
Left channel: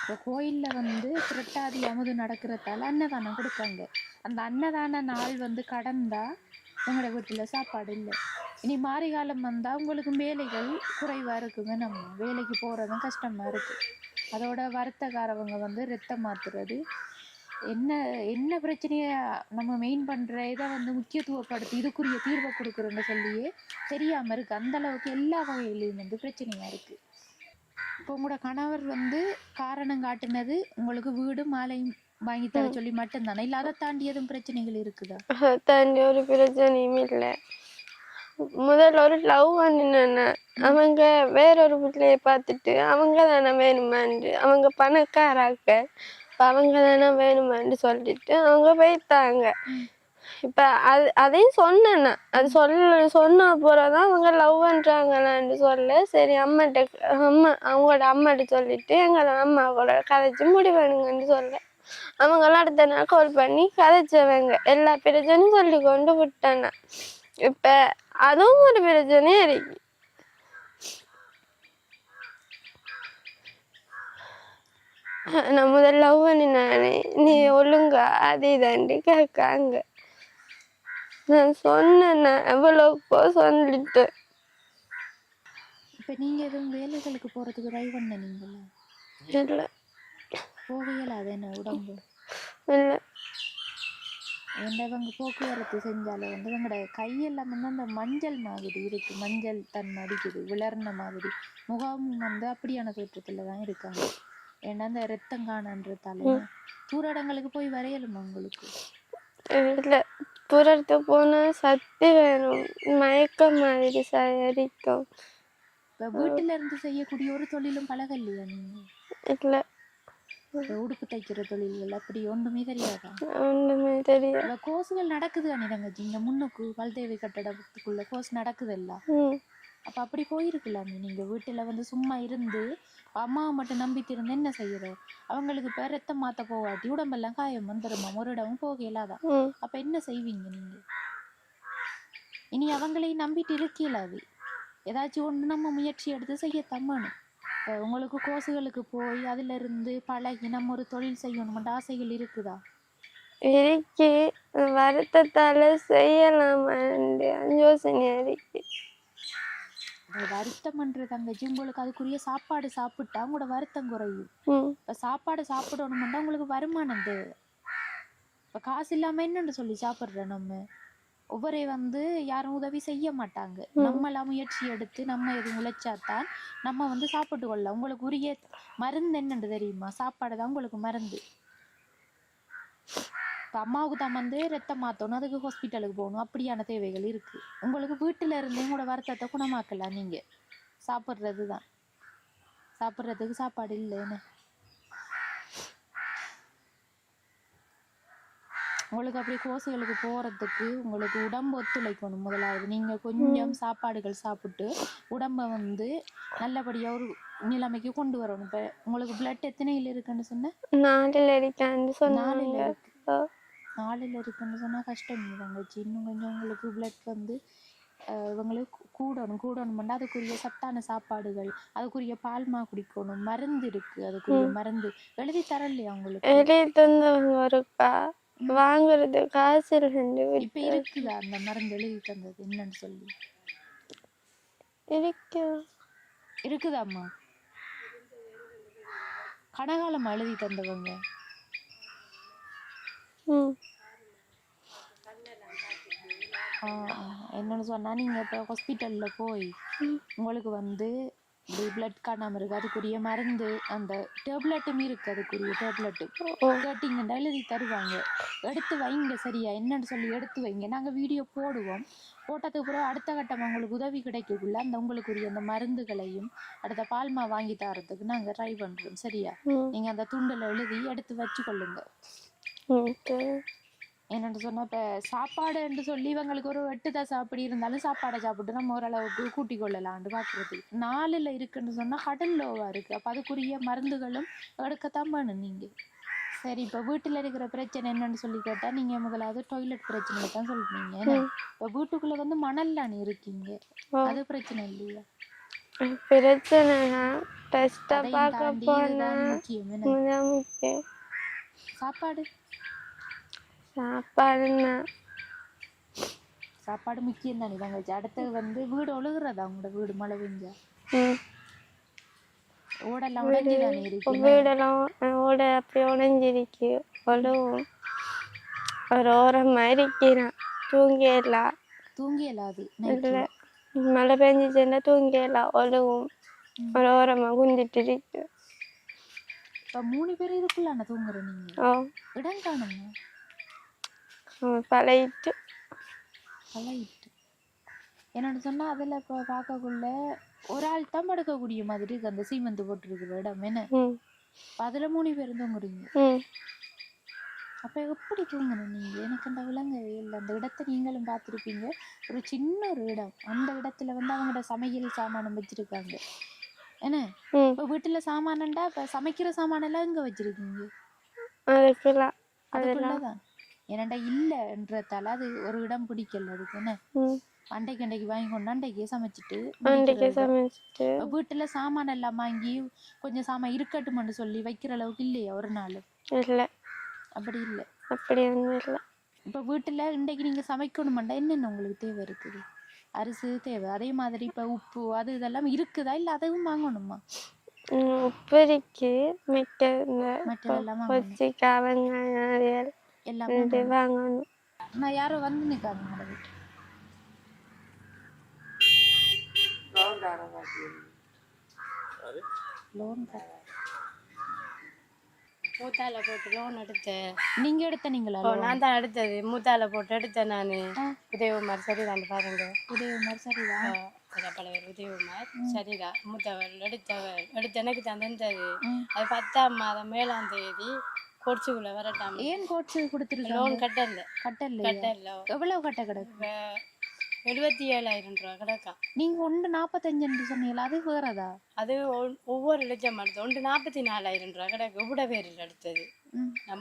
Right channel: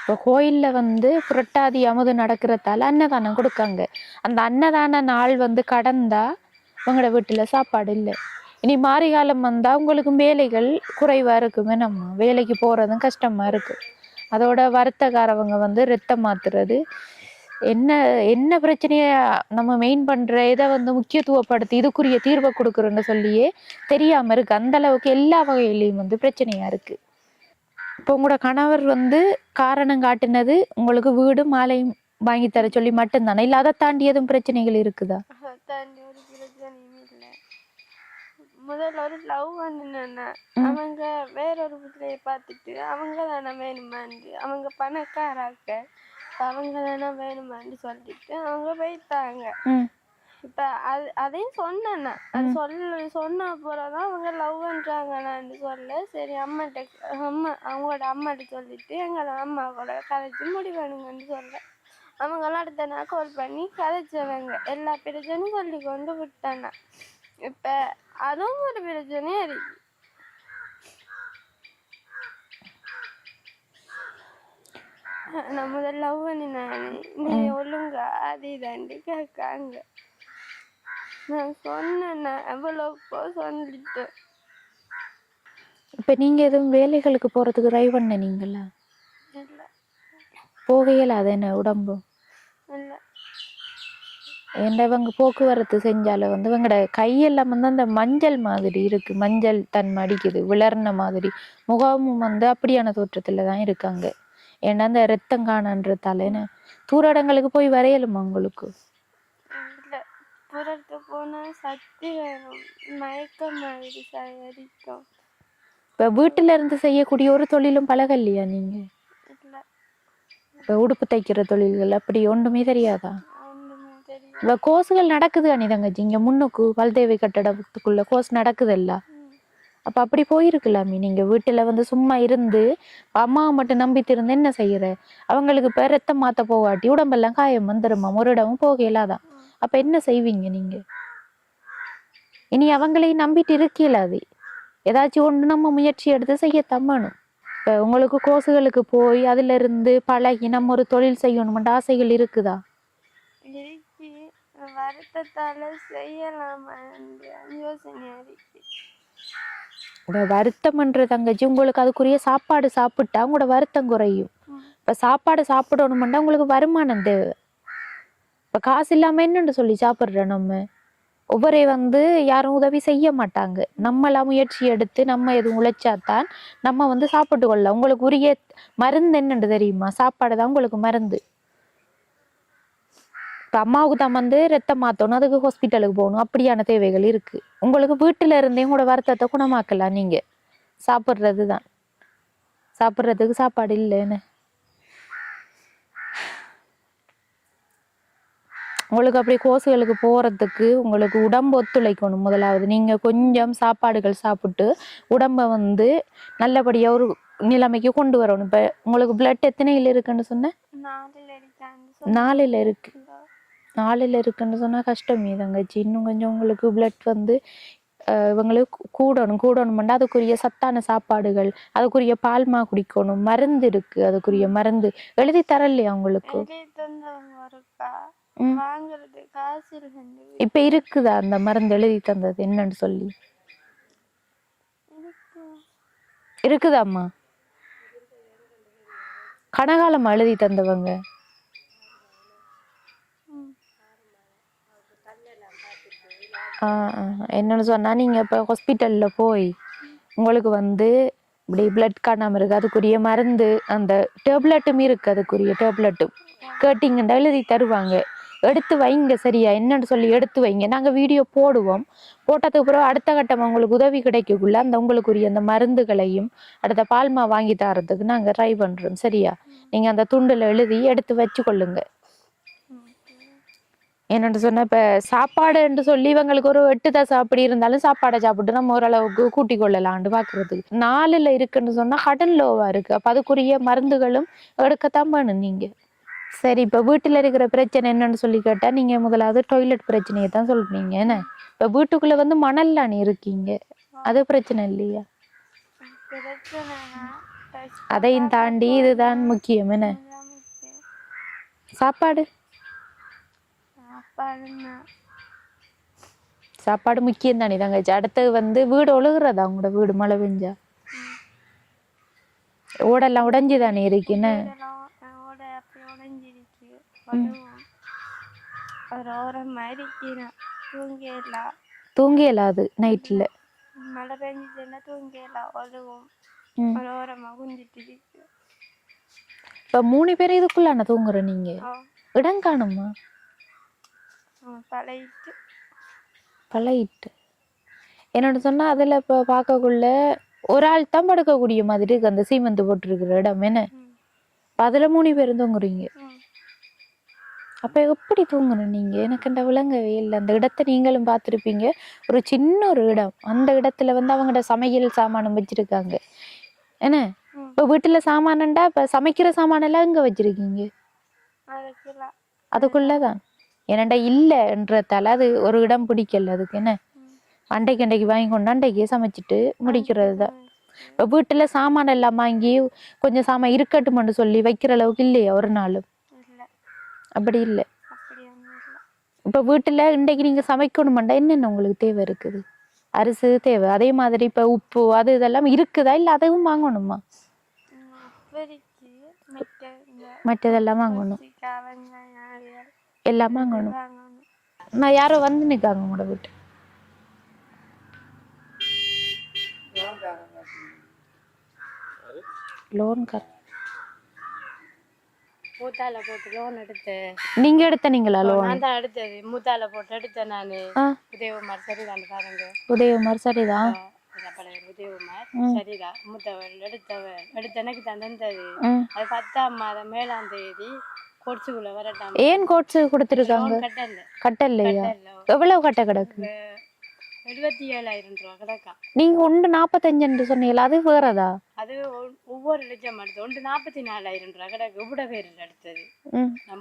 இப்போ கோயில்ல வந்து புரட்டாதி அமுது நடக்கிறதால அன்னதானம் கொடுக்காங்க. அந்த அன்னதான நாள் வந்து கடந்தா உங்களோட வீட்டுல சாப்பாடு இல்லை. இனி மாறி காலம் வந்தா உங்களுக்கு வேலைகள் குறைவா இருக்குமே. நம்ம வேலைக்கு போறதும் கஷ்டமா இருக்கு. அதோட வருத்தக்காரவங்க வந்து ரத்தம் மாத்துறது என்ன என்ன பிரச்சனைய நம்ம மெயின் பண்ற இதை வந்து முக்கியத்துவப்படுத்தி இதுக்குரிய தீர்வை கொடுக்குறோன்னு சொல்லியே தெரியாம இருக்கு. அந்த அளவுக்கு எல்லா வகையிலையும் வந்து பிரச்சனையா இருக்கு. இப்போ உங்களோட கணவர் வந்து காரணம் காட்டினது உங்களுக்கு வீடு மாலையும் வாங்கி தர சொல்லி மட்டும்தானே, இல்லை அதை தாண்டி எதுவும் பிரச்சனைகள் இருக்குதா? தாண்டி ஒரு பிரச்சனையும் இல்லை. முதல்ல ஒரு லவ் பண்ணினேன்னா அவங்க வேறொரு பிள்ளைய பார்த்துட்டு அவங்க தானே வேணுமாண்டு, அவங்க பணக்காராக்க அவங்க தானே வேணுமான்னு சொல்லிட்டு அவங்க போயிட்டாங்க. இப்ப அதையும் சொன்னேன்னா அது சொன்ன போறதான் அவங்க லவ் பண்றாங்களான்னு சொல்ல. சரி அவங்களோட அம்மாட்ட சொல்லிட்டு எங்களோட அம்மா கூட கதைச்சு முடிவேணுங்கன்னு சொல்ல. அவங்களாம் அடுத்த நாள் கால் பண்ணி கதைச்சவங்க எல்லா பிரச்சனையும் சொல்லி கொண்டு விட்டாங்க. இப்ப அதுவும் ஒரு பிரச்சனையே இருக்கு. நான் முதல்ல லவ் பண்ணினானே நீ ஒழுங்கா அதே தாண்டி கேட்காங்க. நான் சொன்னேன் எவ்வளவுக்கோ சொல்லிட்டு. இப்ப நீங்க எதுவும் வேலைகளுக்கு போறதுக்கு ட்ரை பண்ணீங்களா? இல்லை போகையில அது என்ன உடம்பு இல்லை. இவங்க போக்குவரத்து செஞ்சாலும் வந்து இவங்களோட கையெல்லாம் வந்து அந்த மஞ்சள் மாதிரி இருக்கு. மஞ்சள் தன்மை அடிக்குது, விளர்ன மாதிரி. முகமும் வந்து அப்படியான தோற்றத்துல தான் இருக்காங்க. ஏன்னா அந்த ரத்தம் காணன்றதால தூர இடங்களுக்கு போய் வரையலுமா உங்களுக்கு? இல்லை, புறத்து போனா சக்தி வேணும், மயக்கம் மாதிரி சரிக்கும். இப்ப வீட்டுல இருந்து செய்யக்கூடிய ஒரு தொழிலும் பழகலையா நீங்க? இல்லை. இப்ப உடுப்பு தைக்கிற தொழில்கள் அப்படி ஒன்றுமே தெரியாதா? ஒன்றுமே தெரியாது. இப்ப கோர்ஸுகள் நடக்குது அனி தங்கச்சி, இங்க முன்னுக்கு பல்தேவி கட்டடத்துக்குள்ள கோர்ஸ் நடக்குதல்ல, அப்ப அப்படி போயிருக்கலாமே. நீங்க வீட்டுல வந்து சும்மா இருந்து அம்மாவை மட்டும் நம்பிட்டு இருந்து என்ன செய்யற? அவங்களுக்கு இப்ப ரத்தம் மாத்த போகாட்டி உடம்பெல்லாம் காயம் வந்துருமா, ஒரு இடமும் போக இயலாதான். அப்ப என்ன செய்வீங்க நீங்க? இனி அவங்களையும் நம்பிட்டு இருக்கலாது. ஏதாச்சும் ஒன்று நம்ம முயற்சி எடுத்து செய்யத்தான் வேணும். இப்ப உங்களுக்கு கோர்ஸுகளுக்கு போய் அதுல இருந்து பழகி நம்ம ஒரு தொழில் செய்யணும்ன்ற ஆசைகள் இருக்குதா? இருக்கு, வருத்தத்தால செய்யலாமா யோசனையா இருக்கு. வருத்தம்ன்ற தங்கச்சி, உங்களுக்கு அதுக்குரிய சாப்பாடு சாப்பிட்டா உங்களோட வருத்தம் குறையும். இப்ப சாப்பாடு சாப்பிடணும்னா உங்களுக்கு வருமானம் தேவை. இப்ப காசு இல்லாம என்னன்னு சொல்லி சாப்பிடுற? நம்ம ஒவ்வொரு வந்து யாரும் உதவி செய்ய மாட்டாங்க. நம்மளா முயற்சி எடுத்து நம்ம எதுவும் உழைச்சாதான் நம்ம வந்து சாப்பிட்டு கொள்ளலாம். உங்களுக்கு உரிய மருந்து என்னன்னு தெரியுமா? சாப்பாடு தான் உங்களுக்கு மருந்து. இப்ப அம்மாவுக்கு தான் வந்து ரத்தம் மாத்தணும், அதுக்கு ஹாஸ்பிட்டலுக்கு போகணும், அப்படியான தேவைகள் இருக்கு. உங்களுக்கு வீட்டுல இருந்தே உங்களோட வருத்தத்தை குணமாக்கலாம். நீங்க சாப்பிட்றது தான், சாப்பிட்றதுக்கு சாப்பாடு இல்லைன்னு உங்களுக்கு அப்படி கோர்ஸுகளுக்கு போறதுக்கு உங்களுக்கு உடம்பு ஒத்துழைக்கணும். முதலாவது நீங்க கொஞ்சம் சாப்பாடுகள் சாப்பிட்டு உடம்ப வந்து நல்லபடியா ஒரு நிலைமைக்கு கொண்டு வரணும். இப்ப உங்களுக்கு பிளட் எத்தனையில இருக்குன்னு சொன்ன? 4ல் இருக்கு. 4ல் இருக்குன்னு சொன்னா கஷ்டமே தங்கச்சி. இன்னும் கொஞ்சம் உங்களுக்கு பிளட் வந்து இவங்களுக்கு கூடணும்னா அதுக்குரிய சத்தான சாப்பாடுகள், அதுக்குரிய பால்மா குடிக்கணும், மருந்து இருக்கு, அதுக்குரிய மருந்து எழுதி தரலையா உங்களுக்கு? எழுதி தந்தவங்க இருக்கா, வாங்குறது காசு இல்லை. இப்ப இருக்குதா அந்த மருந்து எழுதி தந்தது என்னன்னு சொல்லி? இருக்குதாம்மா? கனகாலம் எழுதி தந்தவங்க என்னன்னு சொன்னா, நீங்க இப்ப ஹாஸ்பிட்டல்ல போய் உங்களுக்கு வந்து இப்படி பிளட் காணாம இருக்கு, அதுக்குரிய மருந்து அந்த டேப்லெட்டும் இருக்கு, அதுக்குரிய டேப்லெட்டும் கேட்டீங்கன்னா எழுதி தருவாங்க. எடுத்து வைங்க சரியா, என்னன்னு சொல்லி எடுத்து வைங்க. நாங்க வீடியோ போடுவோம். போட்டதுக்கு அப்புறம் அடுத்த கட்டம் உங்களுக்கு உதவி கிடைக்கக்குள்ள அந்த உங்களுக்குரிய அந்த மருந்துகளையும் அடுத்த பால்மா வாங்கி தரதுக்கு நாங்க ட்ரை பண்றோம். சரியா? நீங்க அந்த துண்டுல எழுதி எடுத்து வச்சு கொள்ளுங்க. என்னன்னு சொன்னா, இப்ப சாப்பாடு என்று சொல்லி இவங்களுக்கு ஒரு 8 தசை அப்படி இருந்தாலும் சாப்பாடை சாப்பிட்டு நம்ம ஓரளவுக்கு கூட்டிக் கொள்ளலாம்னு பாக்குறதுக்கு. 4ல் இருக்குன்னு சொன்னா கடன் லோவா இருக்கு. அப்ப அதுக்குரிய மருந்துகளும் எடுக்கத்தான் வேணும் நீங்க. சரி, இப்ப வீட்டுல இருக்கிற பிரச்சனை என்னன்னு சொல்லி கேட்டா, நீங்க முதலாவது டாய்லெட் பிரச்சனையை தான் சொல்றீங்க. என்ன இப்ப வீட்டுக்குள்ள வந்து மணல்ல நீ இருக்கீங்க, அது பிரச்சனை இல்லையா? அதையும் தாண்டி இதுதான் முக்கியம். என்ன சாப்பாடு? சாப்பாடு முக்கியம் தானே தங்கச்சி. அடுத்தது வந்து வீடு ஒழுகுறதா? உங்களோட வீடு மழை பெஞ்சா ஓடெல்லாம் உடைஞ்சுதானே இருக்கு? ஓட அப்படி உடைஞ்சிருக்கு. ஒரு ஓரமா இருக்கிறான், தூங்கியலாம் அது நைட்ல. மழை பெஞ்சிச்சுன்னா தூங்கியலாம், ஒழுகும். ஒரு ஓரமா குந்திட்டு இருக்கு. இப்ப 3 பேர் இதுக்குள்ள தூங்குற நீங்க? இடம் காணுமா? பழையிட்டு என்னன்னு சொன்னா, அதுல இப்ப பார்க்கக்குள்ள ஒரு ஆள் தான் படுக்கக்கூடிய மாதிரி இருக்கு அந்த சீமெந்து போட்டிருக்கிற இடம். என்ன அதுல 3 பேரும் தூங்குறீங்க? அப்ப எப்படி தூங்கணும் நீங்க? எனக்கு இந்த விளங்கவே இல்லை. அந்த இடத்த நீங்களும் பார்த்துருப்பீங்க. ஒரு சின்ன ஒரு இடம், அந்த இடத்துல வந்து அவங்களோட சமையல் சாமானம் வச்சிருக்காங்க. என்ன இப்ப வீட்டுல சாமானண்டா, இப்ப சமைக்கிற சாமான எல்லாம் எங்க வச்சிருக்கீங்க? அதுக்குள்ளதான். என்னண்டா இல்லைன்றதால அது ஒரு இடம் பிடிக்கல அதுக்கு. என்ன அண்டைக்கு வாங்கி கொண்டு அண்டைக்கே சமைச்சிட்டு முடிக்கிறது தான். வீட்டுல சாமான எல்லாம் வாங்கி கொஞ்சம் சாமான் இருக்கட்டும்னு சொல்லி வைக்கிற அளவுக்கு இல்லையா ஒரு நாளும்? அப்படி இல்லை. இப்ப வீட்டுல இன்றைக்கு நீங்க சமைக்கணும்டா என்னென்ன உங்களுக்கு தேவை இருக்குது? அரிசி தேவை, அதே மாதிரி இப்ப உப்பு அது இதெல்லாம் இருக்குதா, இல்ல அதுவும் வாங்கணுமா? உப்பு இருக்கு, மற்றதெல்லாம் வாங்கணும், எல்லாம் வாங்கணும். நான் யாரோ வந்து நிக்காங்க உங்களோட வீட்டு லோன் கார் மூத்தால போட்டு லோன் எடுத்தேன். நீங்க எடுத்தீங்களா லோன்? நான் தான் எடுத்தது, மூத்தால போட்டு எடுத்தேன் நானு. உதயகுமார் சரிதான் பாருங்க. உதயகுமார் சரிதான். படையர் உதயகுமார் சரிதா மூத்தவர் எடுத்து எனக்கு தந்தது. அது 10ஆம் மாதம் 7ஆம் தேதி கோட்ஸுக்குள்ள வரட்டாம. ஏன் கோட்ஸு கொடுத்துருக்காங்க? கட்டல்லையா? எவ்வளவு கட்ட கிடக்கு? 77,000 ரூபா கிடக்கா. நீங்க 1,45 சொன்னீங்களா, அது வேறதா? அது ஒவ்வொரு லட்சம் எடுத்து 1,44,000 ரூபா கிடக்கு. உபட பேரில் எடுத்தது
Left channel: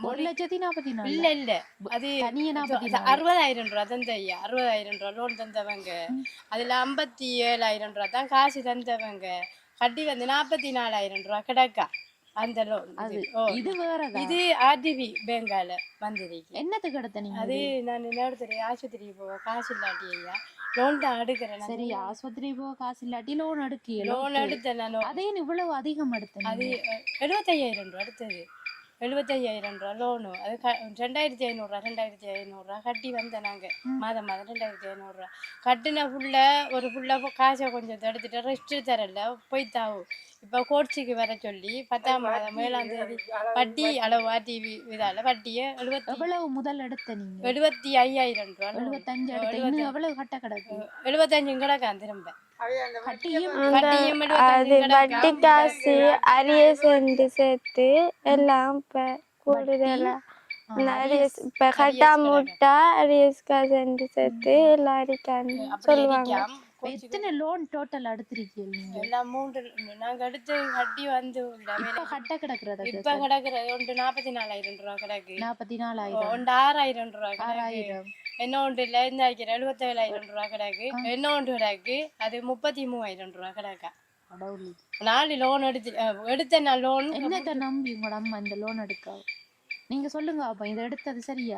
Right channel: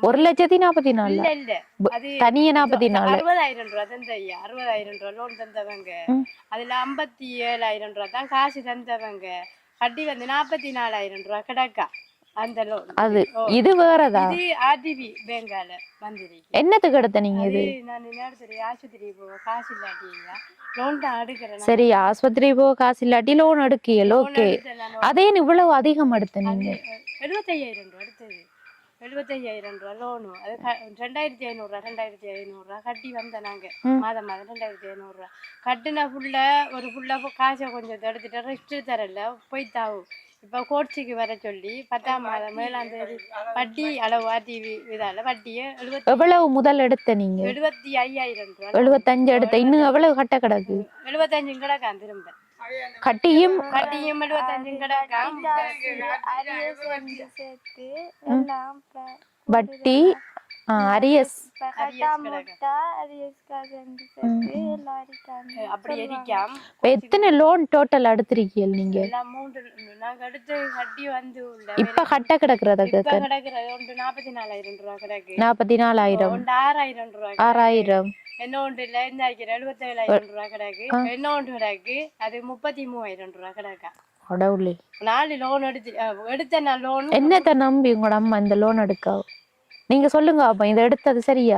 1,44,000 இல்ல, அது தனியே 44. 60,000 ரூபா தந்த ஐயா. 60,000 ரூபா லோன் தந்தவங்க. அதுல 57,000 ரூபா தான் காசு தந்தவங்க. கட்டி வந்து 44,000 ரூபா கிடக்கா அந்த லோன். அது இது வேறதா? இது ஆர்டிபி பேங்கால வந்திருக்கு. என்னத்துக்கு எடுத்த நீங்க? இது நான் நேரத்துல ஆஸ்பத்திரி போக காசு இல்லாட்டி ஐயா லோன் தான் எடுக்கிறேன். சரி, ஆஸ்பத்திரி போக காசு இல்லாட்டி லோன் எடுக்கியல், ஓகே. அதே இவ்வளவு அதிகம் எடுத்த நீங்க? 75,000 ரூபா எடுத்தது. 75,000 ரூபா லோனு. அது 2,500 ரூபா கட்டி வந்த நாங்க. மாதம் 2,500 ரூபா கட்டின ஃபுல்லா காசை கொஞ்சம் எடுத்துட்டு ரெஸ்ட் தரல போய்த்தாவும். இப்போ கோட்ஸுக்கு வர சொல்லி 10ஆம் மாதம் 7ஆம் தேதி வட்டி அளவு டிவி இதால வட்டியை எவ்வளவு முதல் எடுத்த நீங்க? 75,000 ரூபா. 75 எடுத்த. இன்னும் எவ்வளவு கட்ட கிடக்கு? 75 கிடக்கா திரும்ப கட்டியும். அது வட்டி காசு அரியஸ் சேர்த்து எல்லாம் வட்டி அரியஸ் இப்ப கட்டா முட்டா அரியஸ் காசு சேர்த்து எல்லாம் அடிக்காங்க சொல்லுவாங்க. எத்தனை லோன் டோட்டல் எடுத்திருக்கீங்க நீங்க? நாங்க அடுத்து கட்டி வந்து இப்ப கட்ட கிடக்குறது கிடக்குறது ஒன்று 44,000 ரூபா கிடக்கு. 44,000 ஒன்று 6,000 ரூபா. 6,000 என்ன ஒன்று இல்ல இந்த 77,000 ரூபா கிடக்கு. என்ன ஒன்று கிடக்கு அது 33,000 ரூபா கிடக்கா. 4 லோன் எடுத்த நான் லோன். என்னத்தை நம்பி உங்களோட அம்மா இந்த லோன் எடுக்க? நீங்க சொல்லுங்க அப்ப இதை எடுத்தது சரியா?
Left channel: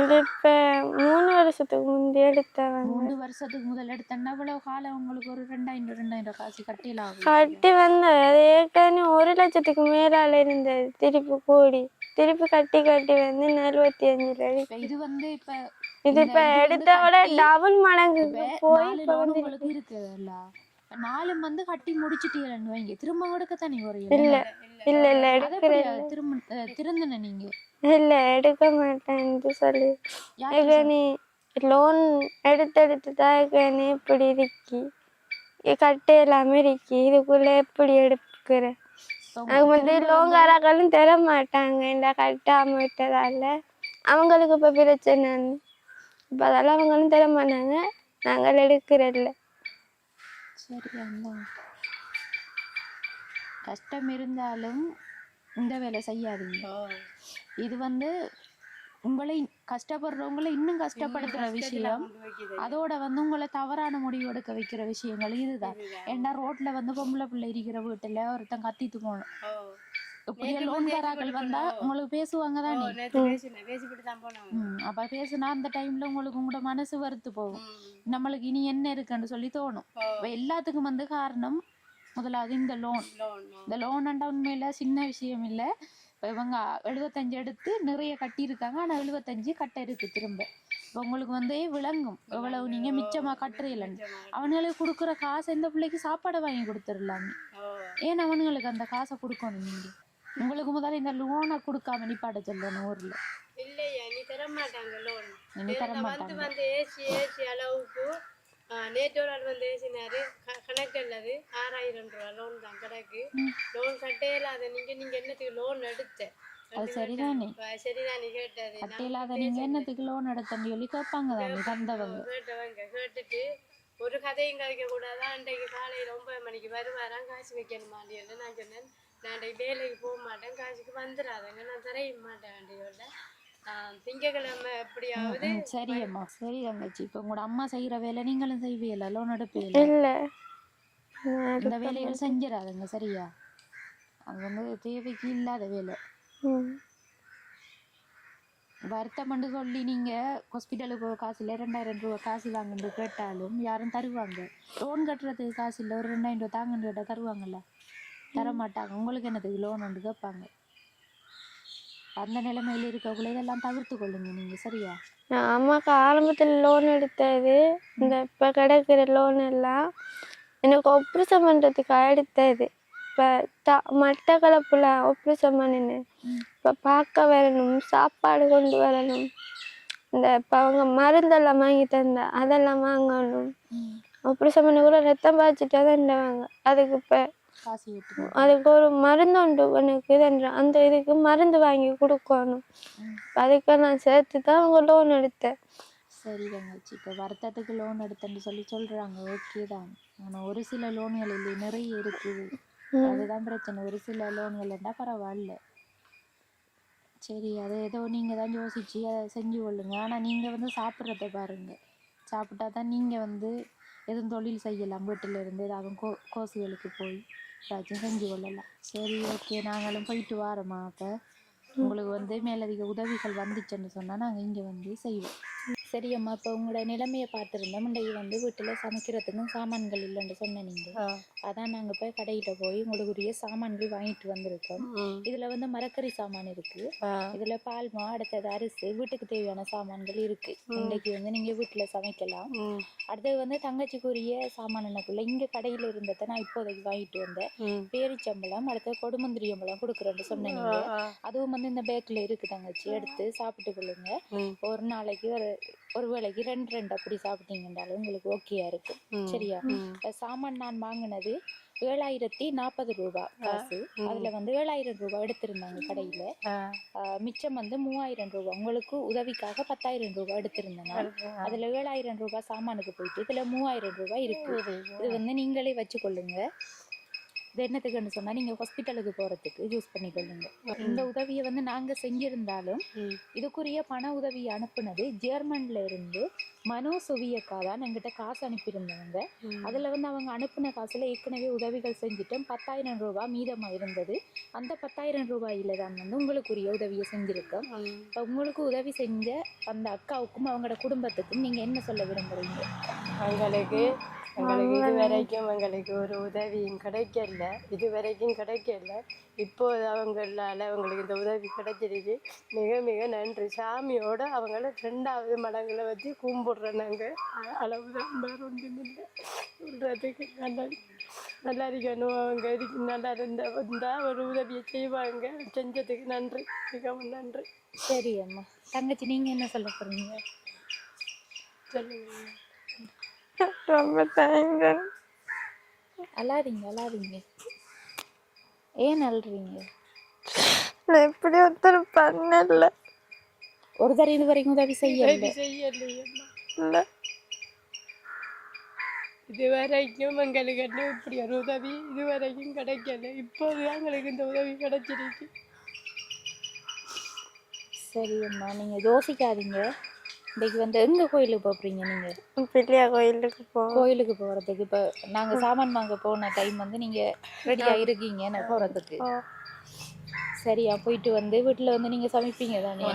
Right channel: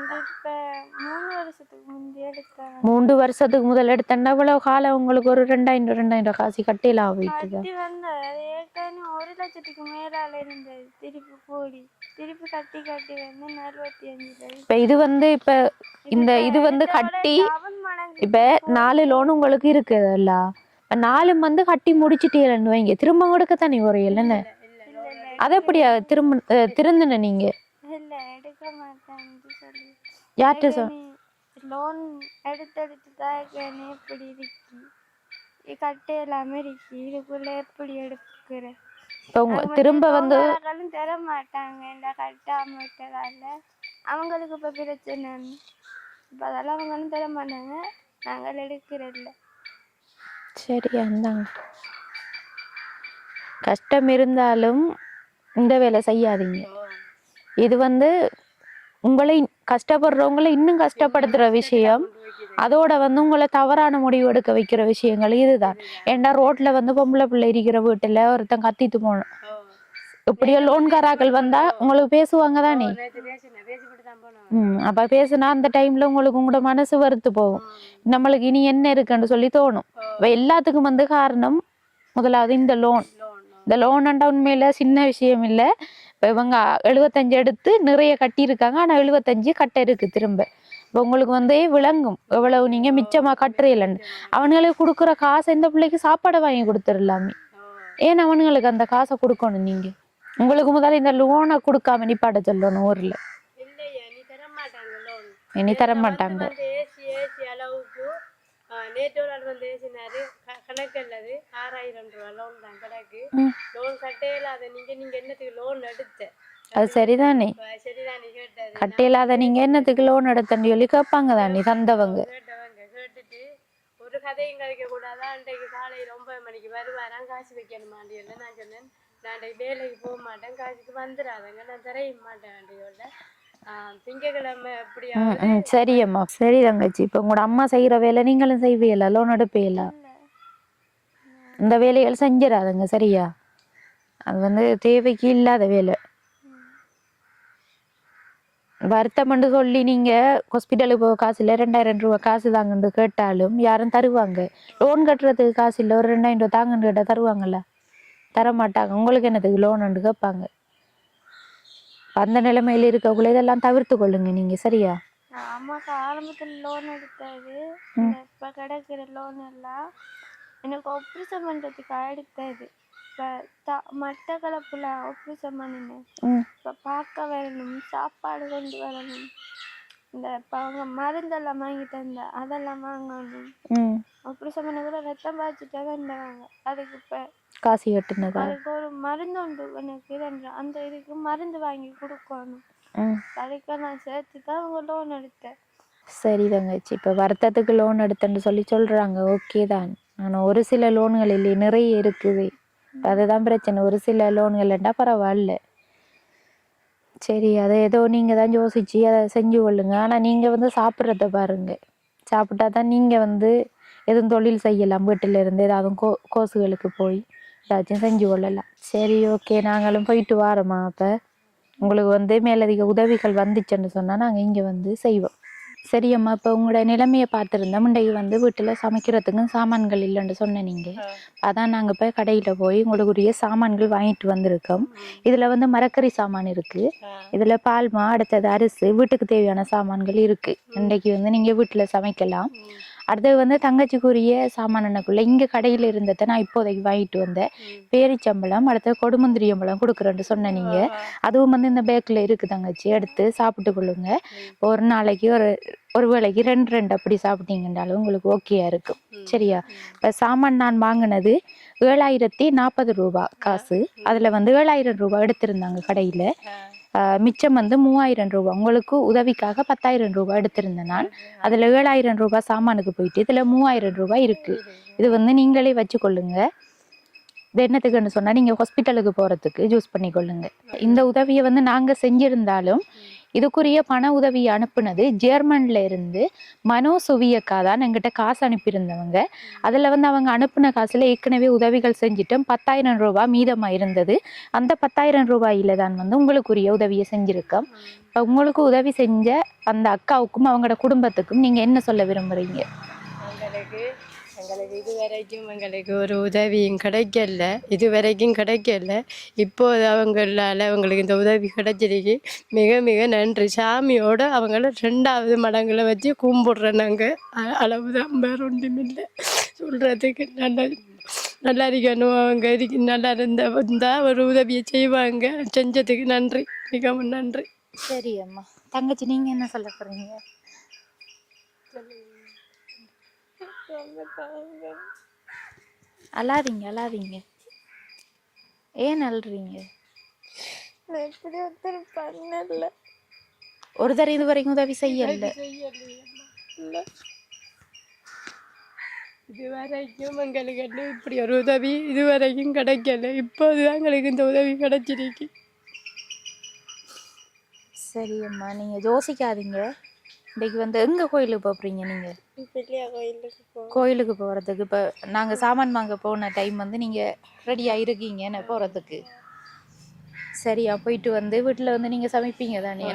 இது இப்ப 3 வருஷத்துக்கு முந்தி எடுத்தேன். 3 வருஷத்துக்கு முதல் எடுத்தா இவ்வளவு காலம் உங்களுக்கு ஒரு 2,000 காசு கட்டிலாம் கட்டி வந்தது. அது ஏற்கனவே 1 லட்சத்துக்கு மேலால இருந்தது. திருப்பி கட்டி வந்து 45. இப்ப இது வந்து இப்ப இந்த இது வந்து கட்டி டபுள் மடங்கு. இப்ப 4 லோன் உங்களுக்கு இருக்குதுல்ல, 4 வந்து கட்டி முடிச்சிட்டீங்கன்னு வைங்க, திரும்ப கொடுக்கத்தானே குறையல? இல்ல அது எப்படியா திருந்தின நீங்க? இல்ல எடுக்க மாட்டேன்னு சொல்லி யார்கிட்ட லோன் எடுத்து தான் இப்படி இருக்கி கட்ட எல்லாமே இருக்கி. இதுக்குள்ள எப்படி எடுக்கிறேன்? திரும்ப வந்து தர மாட்டாங்க இந்த கட்டாம விட்டதால. அவங்களுக்கு இப்ப பிரச்சனை. இப்ப அதெல்லாம் அவங்களும் தர மாட்டாங்க, நாங்கள் எடுக்கிறதில்ல. சரியா இருந்தாங்க. கஷ்டம் இருந்தாலும் இந்த வேலை செய்யாதீங்க. இது வந்து உங்களை கஷ்டப்படுறவங்களை இன்னும் கஷ்டப்படுத்துற விஷயம். அதோட வந்து உங்களை தவறான முடிவு எடுக்க வைக்கிற விஷயங்கள் இதுதான். ஏன்னா ரோட்ல வந்து பொம்பளை பிள்ளை இருக்கிற வீட்டுல ஒருத்தன் கத்திட்டு போனோம். இப்படியோ லோன்காராக்கள் வந்தா உங்களுக்கு பேசுவாங்க தானே. அப்ப பேசுனா அந்த டைம்ல உங்களுக்கு உங்களோட மனசு வெறுத்து போகும். நம்மளுக்கு இனி என்ன இருக்குன்னு சொல்லி தோணும். எல்லாத்துக்கும் வந்து காரணம் முதலாவது இந்த லோன். இந்த லோன்ண்டா உண்மையில சின்ன விஷயம் இல்லை. இப்போ இவங்க 75 எடுத்து நிறைய கட்டியிருக்காங்க, ஆனால் 75 கட்ட இருக்கு திரும்ப. இப்போ உங்களுக்கு வந்து விளங்கும் எவ்வளவு நீங்க மிச்சமா கட்டுறீங்களன்னு. அவனுங்களுக்கு கொடுக்குற காசை இந்த பிள்ளைக்கு சாப்பாடை வாங்கி கொடுத்துடலாமே. ஏன் அவனுங்களுக்கு அந்த காசை கொடுக்கணும்? நீங்க உங்களுக்கு முதல்ல இந்த லோனை கொடுக்காம நிப்பாட்ட சொல்லணும் ஊர்ல. இனி தர மாட்டாங்க. நேற்றோட வந்து பேசினாரு கணக்கு அல்லது 6,000 ரூபா லோன் தான் கிடக்கு. லோன் கட்டையில்லாத நீங்க என்னத்துக்கு லோன் எடுத்த? அது சரிதானே. கேட்டது கட்டையில்லாத நீங்க என்னத்துக்கு லோன் எடுத்தன்னு சொல்லி கேட்பாங்க தானே தந்தவங்க. கேட்டுட்டு ஒரு கதையும் கதைக்க கூடாதான். அன்றைக்கு காலையில 9 மணிக்கு வருவாராம், காசு வைக்கணுமாண்டி. நான் சொன்னேன், நான் வேலைக்கு போக மாட்டேன், காசுக்கு வந்துடாதங்க, நான் தரைய மாட்டேன் வேண்டிய திங்கக்கிழமை எப்படியா. சரியம்மா, சரி தங்கச்சி. இப்ப உங்களோட அம்மா செய்யற வேலை நீங்களும் செய்வீல, லோன் எடுப்பீல? இந்த வேலைகள் செஞ்சிடாதுங்க சரியா? அது வந்து தேவைக்கு இல்லாத வேலை. வருத்தம்னு சொல்லி நீங்க ஹாஸ்பிட்டலுக்கு போக காசு இல்லை, 2,000 ரூபா காசு தாங்கன்னு கேட்டாலும் யாரும் தருவாங்க? லோன் கட்டுறதுக்கு காசு இல்லை, ஒரு 2,000 ரூபா தாங்கன்னு கேட்டா தருவாங்கல்ல? தர மாட்டாங்க. உங்களுக்கு என்னதுக்கு லோன் கேட்பாங்க? அந்த நிலைமையில இருக்கக்குள்ள இதெல்லாம் தவிர்த்து கொள்ளுங்க நீங்க சரியா? அம்மாக்கு ஆரம்பத்தில் லோன் எடுத்தது. இந்த இப்ப கிடைக்கிற லோன் எல்லாம் எனக்கு ஆப்ரேஷன் பண்றதுக்கு எடுத்தது. இப்ப மட்டக்களப்புல ஆப்ரேஷன் பண்ணினேன். இப்ப பார்க்க வரணும், சாப்பாடு கொண்டு வரணும், இந்த இப்ப அவங்க மருந்தெல்லாம் வாங்கி தந்தா அதெல்லாம் வாங்கணும். ஆப்ரேஷன் பண்ணி கூட ரத்தம் பாய்ச்சிட்டா தான் அதுக்கு இப்போ காசு கட்டுனது. அதுக்கு ஒரு மருந்து உண்டு எனக்கு அந்த இதுக்கு மருந்து வாங்கி கொடுக்கணும். அதுக்கு நான் சேர்த்து தான் அவங்க லோன் எடுத்தேன். சரி தங்கச்சி, இப்போ வருத்தத்துக்கு லோன் எடுத்தேன்னு சொல்றாங்க, ஓகே தான். ஆனால் ஒரு சில லோன்கள் இல்லையே, நிறைய இருக்குது. அதுதான் பிரச்சனை. ஒரு சில லோன்கள்ண்டா பரவாயில்ல. சரி, அதை ஏதோ நீங்கள் தான் யோசிச்சு அதை செஞ்சு கொள்ளுங்க. ஆனால் நீங்கள் வந்து சாப்பிட்றத பாருங்க. சாப்பிட்டா தான் நீங்கள் வந்து எதுவும் தொழில் செய்யலாம். வீட்டில் இருந்து ஏதாவது கோர்ஸுகளுக்கு போய் ஏதாச்சும் செஞ்சு கொள்ளலாம். சரி, ஓகே, நாங்களும் போயிட்டு வாரோம்மா. அப்போ உங்களுக்கு வந்து மேலதிக உதவிகள் வந்துச்சுன்னு சொன்னால் நாங்கள் இங்கே வந்து செய்வோம். சரியம்மா, இப்போ உங்களோட நிலைமையை பார்த்துருந்தா முண்டைக்கு வந்து வீட்டில் சமைக்கிறதுக்கும் சாமான்கள் இல்லைன்னு சொன்ன நீங்கள். அதான் நாங்கள் இப்போ கடையில் போய் உங்களுக்குரிய சாமான்கள் வாங்கிட்டு வந்திருக்கோம். இதில் வந்து மரக்கறி சாமான் இருக்குது, இதில் பால்மா, அடுத்தது அரிசி, வீட்டுக்கு தேவையான சாமான்கள் இருக்குது. இன்றைக்கு வந்து நீங்கள் வீட்டில் சமைக்கலாம். அடுத்தது வந்து தங்கச்சிக்குரிய சாமானுக்குள்ள இங்கே கடையில் இருந்ததை நான் இப்போதைக்கு வாங்கிட்டு வந்தேன். பேரிச்சம்பளம், அடுத்தது கொடுமுந்திரியம்பளம் கொடுக்குறேன்னு சொன்ன நீங்கள். அதுவும் வந்து இந்த பேக்கில் இருக்குது தங்கச்சி, எடுத்து சாப்பிட்டு கொள்ளுங்க. ஒரு நாளைக்கு ஒரு வேளைக்கு 2 அப்படி சாப்பிட்டீங்கன்றாலும் உங்களுக்கு ஓகேயா இருக்கும். சரியா? இப்போ சாமான் நான் வாங்கினது 7040 ரூபாய் காசு. அதில் வந்து 7000 ரூபாய் எடுத்திருந்தாங்க கடையில். மிச்சம் வந்து 3000 ரூபாய் உங்களுக்கு உதவிக்காக 10000 ரூபாய் எடுத்திருந்தேன் நான். அதில் 7000 ரூபாய் சாமானுக்கு போயிட்டு இதில் 3000 ரூபாய் இருக்குது. இது வந்து நீங்களே வச்சு கொள்ளுங்க. இது என்னத்துக்குன்னு சொன்னால் நீங்கள் ஹாஸ்பிட்டலுக்கு போகிறதுக்கு யூஸ் பண்ணிக்கொள்ளுங்க. இந்த உதவியை வந்து நாங்கள் செஞ்சிருந்தாலும் இதுக்குரிய பண உதவியை அனுப்புனது ஜெர்மனில் இருந்து மனோசுவியக்கா தான் எங்கிட்ட காசு அனுப்பியிருந்தவங்க. அதில் வந்து அவங்க அனுப்பின காசில் ஏற்கனவே உதவிகள் செஞ்சுட்டோம். 10000 ரூபாய் மீதமாக இருந்தது. அந்த 10000 ரூபாயில் தான் வந்து உங்களுக்குரிய உதவியை செஞ்சுருக்கோம். இப்போ உங்களுக்கு உதவி செஞ்ச அந்த அக்காவுக்கும் அவங்களோட குடும்பத்துக்கும் நீங்கள் என்ன சொல்ல விரும்புகிறீங்க? எங்களுக்கு எங்களுக்கு ஒரு உதவியும் கிடைக்கல, கிடைக்கல. இப்போது அவங்களால அவங்களுக்கு இந்த உதவி கிடைச்சிருக்கு. மிக மிக நன்றி. சாமியோட அவங்கள 2வது மடங்களை வச்சு கும்பிடுறோம் நாங்கள். அளவுதான், வேற ஒன்றும் இல்லை சொல்கிறதுக்கு. நல்லா இருக்கணும். அவங்க நல்லா இருந்தா ஒரு உதவியை செய்வாங்க. செஞ்சதுக்கு நன்றி, மிகவும் நன்றி. சரி அம்மா. தங்கச்சி, நீங்கள் என்ன சொல்ல போகிறீங்க? ரொம்ப தேங்க்ஸ். அழாதீங்க. ஏன் அழுறீங்க? நான் எப்படி ஒருத்தர் பண்ணல. ஒரு தடவை இது வரைக்கும் உதவி செய்யல. இதுவரைக்கும் எங்களுக்கு இப்படி ஒரு உதவி இதுவரைக்கும் கிடைக்கல. இப்போதுதான் எங்களுக்கு இந்த உதவி கிடைச்சிருக்கு. சரி அம்மா, நீங்கள் யோசிக்காதீங்க. இன்றைக்கு வந்து எங்கே கோயிலுக்கு போகிறீங்க நீங்கள்? பிள்ளையா கோயிலுக்கு போகிறதுக்கு. இப்போ நாங்கள் சாமான் வாங்க போன டைம் வந்து நீங்கள் ரெடியாக இருக்கீங்க நான் போகிறதுக்கு. சரியா? போயிட்டு வந்து வீட்டில் வந்து நீங்கள் சமைப்பீங்க தானே?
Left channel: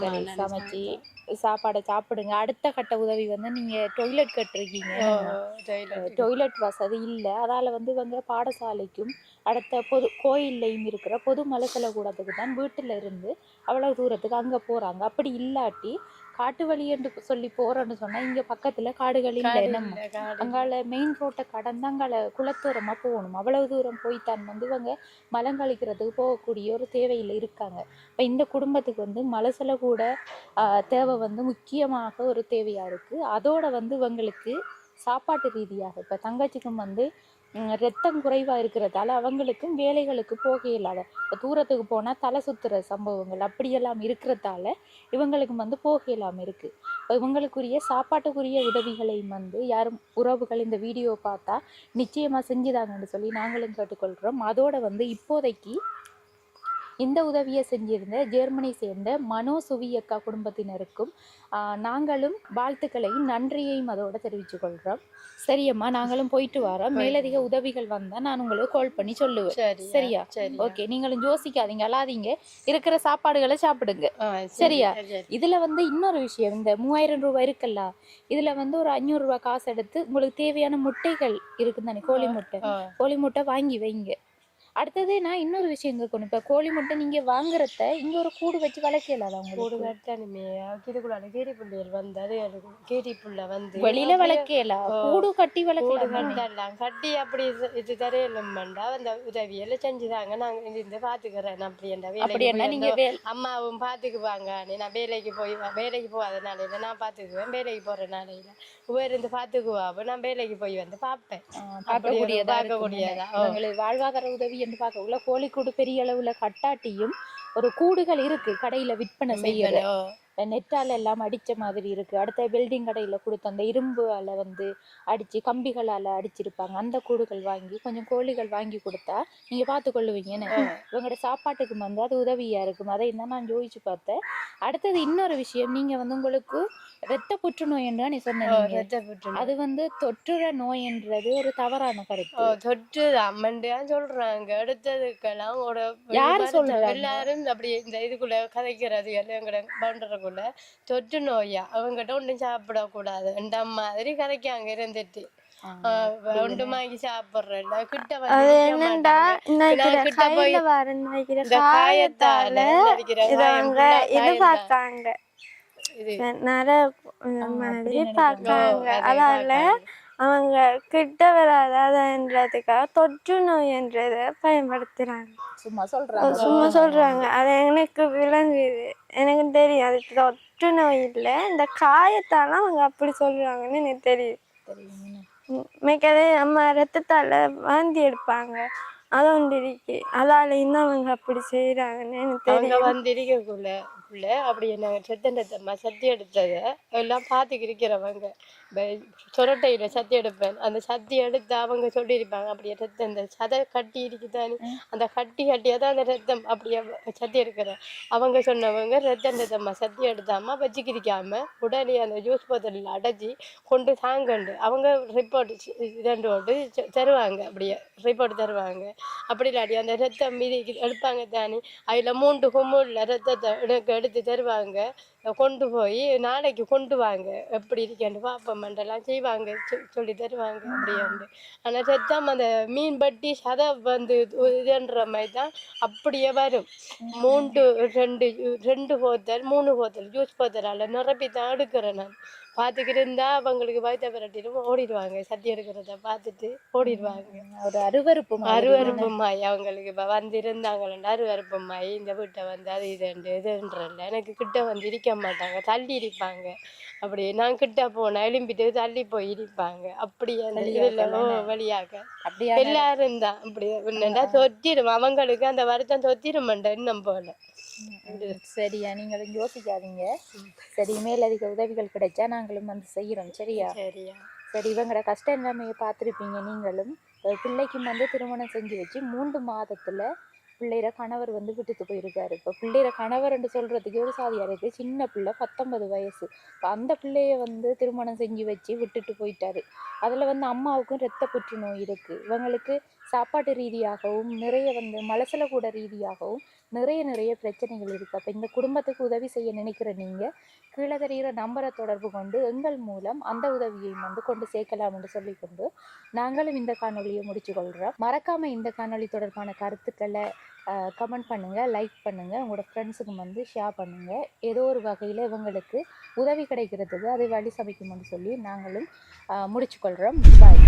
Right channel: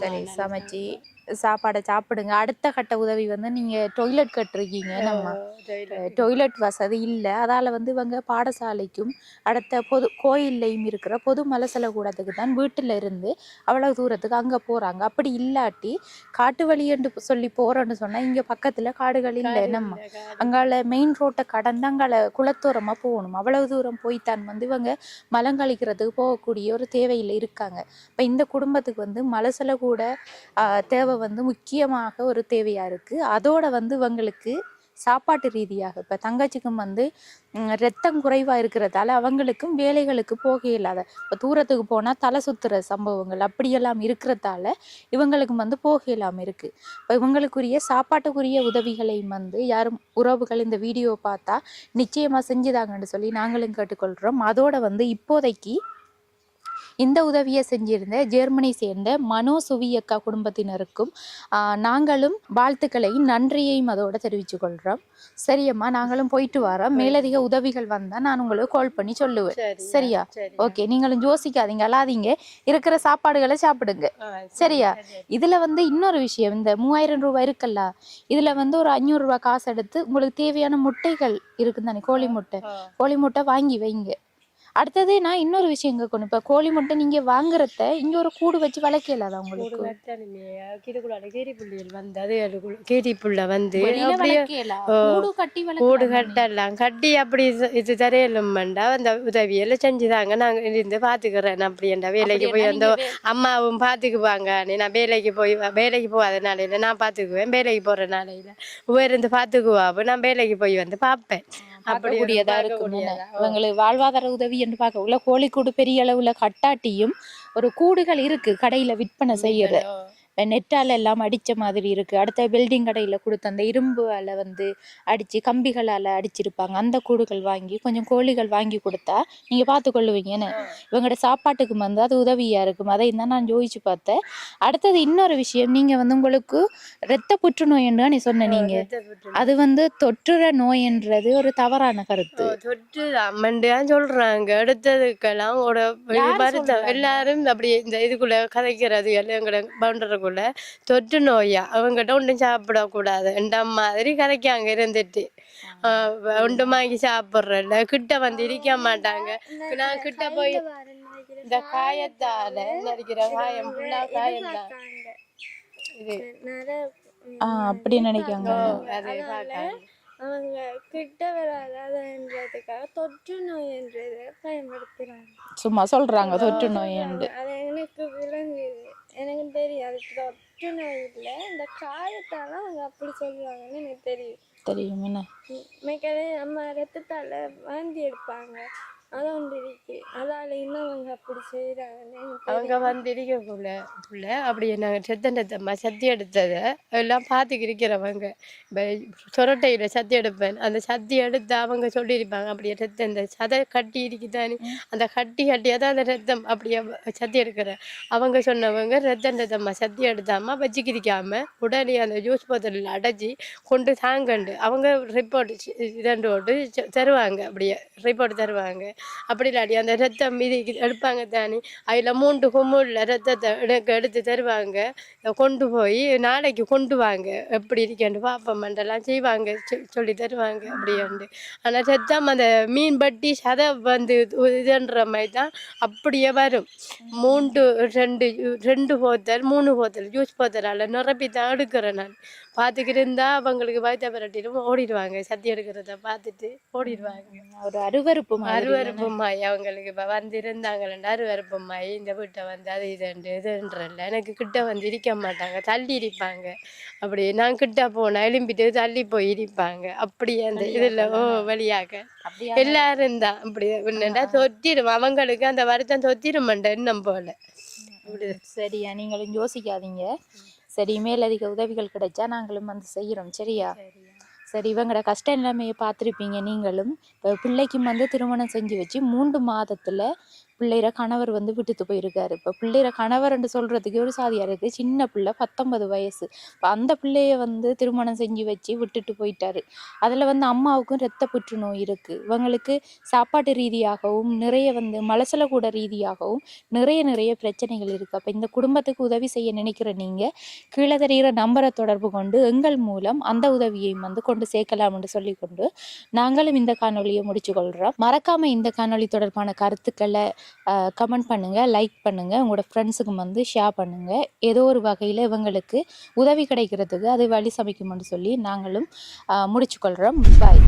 சரி, சமைச்சு சாப்பாடை சாப்பிடுங்க. அடுத்த கட்ட உதவி வந்து நீங்கள் டொய்லெட் கட்டுருக்கீங்க. டொய்லெட் வசதி இல்லை, அதால் வந்து இவங்க பாடசாலைக்கும் அடுத்த கோயில்லையும் இருக்கிற பொது மலசல கூடத்துக்கு தான் வீட்டில் இருந்து அவ்வளோ தூரத்துக்கு அங்கே போகிறாங்க. அப்படி இல்லாட்டி காட்டு வழின்னு சொல்லி போகிறோன்னு சொன்னால் இங்கே பக்கத்தில் காடுகள் இல்லை. நம்ம அங்கால மெயின் ரோட்டை கடந்து அங்கால குளத்தோரமாக போகணும். அவ்வளவு தூரம் போய்த்தான் வந்து இவங்க மலங்கழிக்கிறதுக்கு போகக்கூடிய ஒரு தேவையில் இருக்காங்க. இப்போ இந்த குடும்பத்துக்கு வந்து மலசல கூட தேவை வந்து முக்கியமாக ஒரு தேவையாக இருக்குது. அதோட வந்து இவங்களுக்கு சாப்பாட்டு ரீதியாக இப்போ தங்கச்சிக்கும் வந்து ரத்தம் குறைவாக இருக்கிறதால அவங்களுக்கும் வேலைகளுக்கு போக இல்லாத, இப்போ தூரத்துக்கு போனால் தலை சுற்றுற சம்பவங்கள் அப்படியெல்லாம் இருக்கிறதால இவங்களுக்கும் வந்து போக இல்லாமல் இருக்குது. இப்போ இவங்களுக்குரிய சாப்பாட்டுக்குரிய உதவிகளையும் வந்து யாரும் உறவுகள் இந்த வீடியோ பார்த்தா நிச்சயமாக செஞ்சுதாங்கன்னு சொல்லி நாங்களும் கேட்டுக்கொள்கிறோம். அதோட வந்து இப்போதைக்கு இந்த உதவியை செஞ்சிருந்த ஜெர்மனி சேர்ந்த மனோசுவியக்கா குடும்பத்தினருக்கும் நாங்களும் வாழ்த்துக்களையும் நன்றியையும் அதோட தெரிவித்து கொள்கிறோம். சரியம்மா, நாங்களும் போயிட்டு வரோம். மேலதிக உதவிகள் வந்தால் நான் உங்களுக்கு கால் பண்ணி சொல்லுவேன். சரியா? ஓகே, நீங்களும் யோசிக்காதீங்க, அல்லாதீங்க, இருக்கிற சாப்பாடுகளை சாப்பிடுங்க. சரியா? இதில் வந்து இன்னொரு விஷயம், இந்த 3000 ரூபாய் இருக்குல்ல, இதில் வந்து ஒரு 500 ரூபாய் காசு எடுத்து உங்களுக்கு தேவையான முட்டைகள் இருக்குது தானே, கோழி முட்டை வாங்கி வைங்க. அடுத்தது நான் இன்னொரு விஷயம் கேட்கணும். இப்ப கோழி முட்டை நீங்க வாங்குறத இங்க ஒரு கூடு வச்சு வளர்க்கலாதா கூடு உங்களுக்கு? கட்டணுமே இதுக்குள்ள கீரி புள்ளிகள் வந்து அதே கீரி புள்ள வந்து வெளியில வளர்க்கலாம், கூடு கட்டி கூடு வளர்க்கலாம். கட்டலாம் கட்டி அப்படி இது தரையிலும்ண்டா அந்த உதவியெல்லாம் செஞ்சுதாங்க நாங்க இருந்து பாத்துக்கிறேன் அப்படின்டா வேலைக்கு போய் அந்த அம்மாவும் பாத்துக்குவாங்க நான் வேலைக்கு போகாதனால இல்லை நான் பாத்துக்குவேன் வேலைக்கு போறனால இல்லை இருந்து பாத்துக்குவா நான் வேலைக்கு போய் வந்து பாப்பேன் பார்க்கக்கூடியதா பார்க்கக்கூடியதா அவங்களுக்கு வாழ்வாதார உதவி என்று பார்க்க உள்ள கோழிக்கூடு பெரிய அளவுல கட்டாட்டியும் ஒரு கூடுகள் இருக்கு கடையில விற்பனை செய்யற நெட்டால எல்லாம் அடிச்ச மாதிரி இருக்கு. அடுத்த பில்டிங் கடையில கொடுத்த அந்த இரும்புல வந்து அடிச்சு கம்பிகளால அடிச்சிருப்பாங்க. அந்த கூடுகள் வாங்கி கொஞ்சம் கோழிகள் வாங்கி கொடுத்தா நீங்க பார்த்து கொள்ளுவீங்கன்னு இவங்களோட சாப்பாட்டுக்கு வந்து அது உதவியா இருக்கும். அதை தான் நான் யோசிச்சு பார்த்தேன். அடுத்தது இன்னொரு விஷயம், நீங்க வந்து உங்களுக்கு இரத்த புற்றுநோய்ன்னு நீ சொன்னீங்க. அது வந்து தொற்றுற நோய்ன்றது ஒரு தவறான கருத்து. தொற்று அம்மண்டான்னு சொல்றாங்க. எடுத்ததுக்கெல்லாம் எல்லாரும் அப்படி இந்த இதுக்குள்ள கதைக்கிறது எங்களை பவுண்டருக்குள்ள தொற்று நோயா அவங்ககிட்ட ஒன்றும் சாப்பிடக்கூடாது என்ற மாதிரி கதைக்காங்க இருந்துட்டு ஒன்றும் வாங்கி சாப்பிடுறல கிட்ட வந்து இருக்க மாட்டாங்க. கிட்ட போய் இந்த காயத்தால அப்படி நினைக்கிறாங்க. அதால அவங்க கிட்ட வராதன்றதுக்காக தொற்று நோய் என்றதை பயன்படுத்துறாங்க. சும்மா சொல்றாங்க. அது எனக்கு விளங்குது, எனக்கு தெரியும். அது தொற்று நோய் இல்லை, இந்த காயத்தால அவங்க அப்படி சொல்றாங்கன்னு எனக்கு தெரியும். என்ன மிக்கதே நம்ம ரத்தத்தால வாந்தி எடுப்பாங்க, அது ஒன்று இருக்கு. அதால இன்னும் அவங்க அப்படி செய்யறாங்கன்னு எனக்கு தெரியும். வந்து இருக்கக்குள்ள அப்படி நாங்கள் செத்தண்டத்தம்மா சத்தி எடுத்ததை எல்லாம் பார்த்துக்கு இருக்கிறவங்க சொரட்டையில சத்தி எடுப்பேன். அந்த சத்தி எடுத்து அவங்க சொல்லியிருப்பாங்க அப்படியே ரத்தம் இந்த சதை கட்டி இருக்குதானே அந்த கட்டியாக தான் அந்த ரத்தம் அப்படியே சத்தி எடுக்கிற அவங்க சொன்னவங்க ரத்தண்டத்தம்மா சத்தி எடுத்தாமல் வச்சுக்கிரிக்காம உடனே அந்த ஜூஸ் போத்தலில் அடைச்சி கொண்டு தாங்கண்டு அவங்க ரிப்போர்ட் இரண்டு ஓட்டு தருவாங்க. அப்படியே ரிப்போர்ட் தருவாங்க. அப்படி இல்லாடி அந்த ரத்தம் மீது எடுப்பாங்க தானே அதில் 3 கும்முள்ள ரத்தத்தை எடுத்து தருவாங்க. கொண்டு போய் நாளைக்கு கொண்டு வாங்க எப்படி இருக்கேன்னு பாப்பமெண்டெல்லாம் செய்வாங்க, சொல்லி தருவாங்க அப்படியாண்டு. ஆனால் ரத்தம் அந்த மீன் பட்டி சதை வந்து இதுன்ற மாதிரி தான் அப்படியே வரும். 2 போத்தல் 3 போத்தல் ஜூஸ் போத்தலால் நிரப்பி தான் எடுக்கிறேன் நான். பார்த்துக்கிட்டு இருந்தா அவங்களுக்கு வயத்த விரட்டிடும் ஓடிடுவாங்க. சத்தி எடுக்கிறத பார்த்துட்டு ஓடிடுவாங்க. ஒரு அருவருப்பு மாய் அவங்களுக்கு இப்போ வந்து இருந்தாங்களா அருவருப்பு மாய் இந்த வீட்டை வந்து அது இதுன்றல எனக்கு கிட்ட வந்து இருக்க மாட்டாங்க, தள்ளி இருப்பாங்க. அப்படி நான் கிட்ட போனா எலும்பிட்டு தள்ளி போய் இருப்பாங்க. அப்படியே அந்த இதுல வழியாக எல்லாரும் தான் அப்படி என்னண்டா தொத்திரும் அவங்களுக்கு அந்த வருத்தம் தொத்திருமண்ட இன்னும் போல. சரியா, நீங்களும் யோசிக்காதீங்க. சரி, மேலதிக உதவிகள் கிடைச்சா நாங்களும் வந்து செய்யறோம். சரியா? சரி, இவங்களோட கஷ்டம் எல்லாமே பார்த்துருப்பீங்க நீங்களும். பிள்ளைக்கும் வந்து திருமணம் செஞ்சு வச்சு 3 மாதத்துல பிள்ளைற கணவர் வந்து விட்டுட்டு போயிருக்காரு. இப்போ பிள்ளைற கணவர்ன்னு சொல்றதுக்கு ஒரு சாதியா இருக்கு. சின்ன பிள்ளை 19 வயசு. இப்போ அந்த பிள்ளைய வந்து திருமணம் செஞ்சு வச்சு விட்டுட்டு போயிட்டாரு. அதுல வந்து அம்மாவுக்கும் இரத்த புற்றுநோய் இருக்கு. இவங்களுக்கு சாப்பாட்டு ரீதியாகவும் நிறைய வந்து மலசல கூட ரீதியாகவும் நிறைய பிரச்சனைகள் இருக்கு. அப்ப இந்த குடும்பத்துக்கு உதவி செய்ய நினைக்கிற நீங்க கீழே தெரிகிற நம்பரை தொடர்பு கொண்டு எங்கள் மூலம் அந்த உதவியையும் வந்து கொண்டு சேர்க்கலாம் என்று சொல்லிக்கொண்டு நாங்களும் இந்த காணொலியை முடிச்சு கொள்றோம். மறக்காம இந்த காணொலி தொடர்பான கருத்துக்களை கமெண்ட் பண்ணுங்க, லைக் பண்ணுங்க, உங்களோட ஃப்ரெண்ட்ஸுக்கு வந்து ஷேர் பண்ணுங்க. ஏதோ ஒரு வகையில் இவங்களுக்கு உதவி கிடைக்கிறதுக்கு அதை வழி சமைக்கும்னு சொல்லி நாங்களும் முடிச்சு கொள்றோம். பாய்.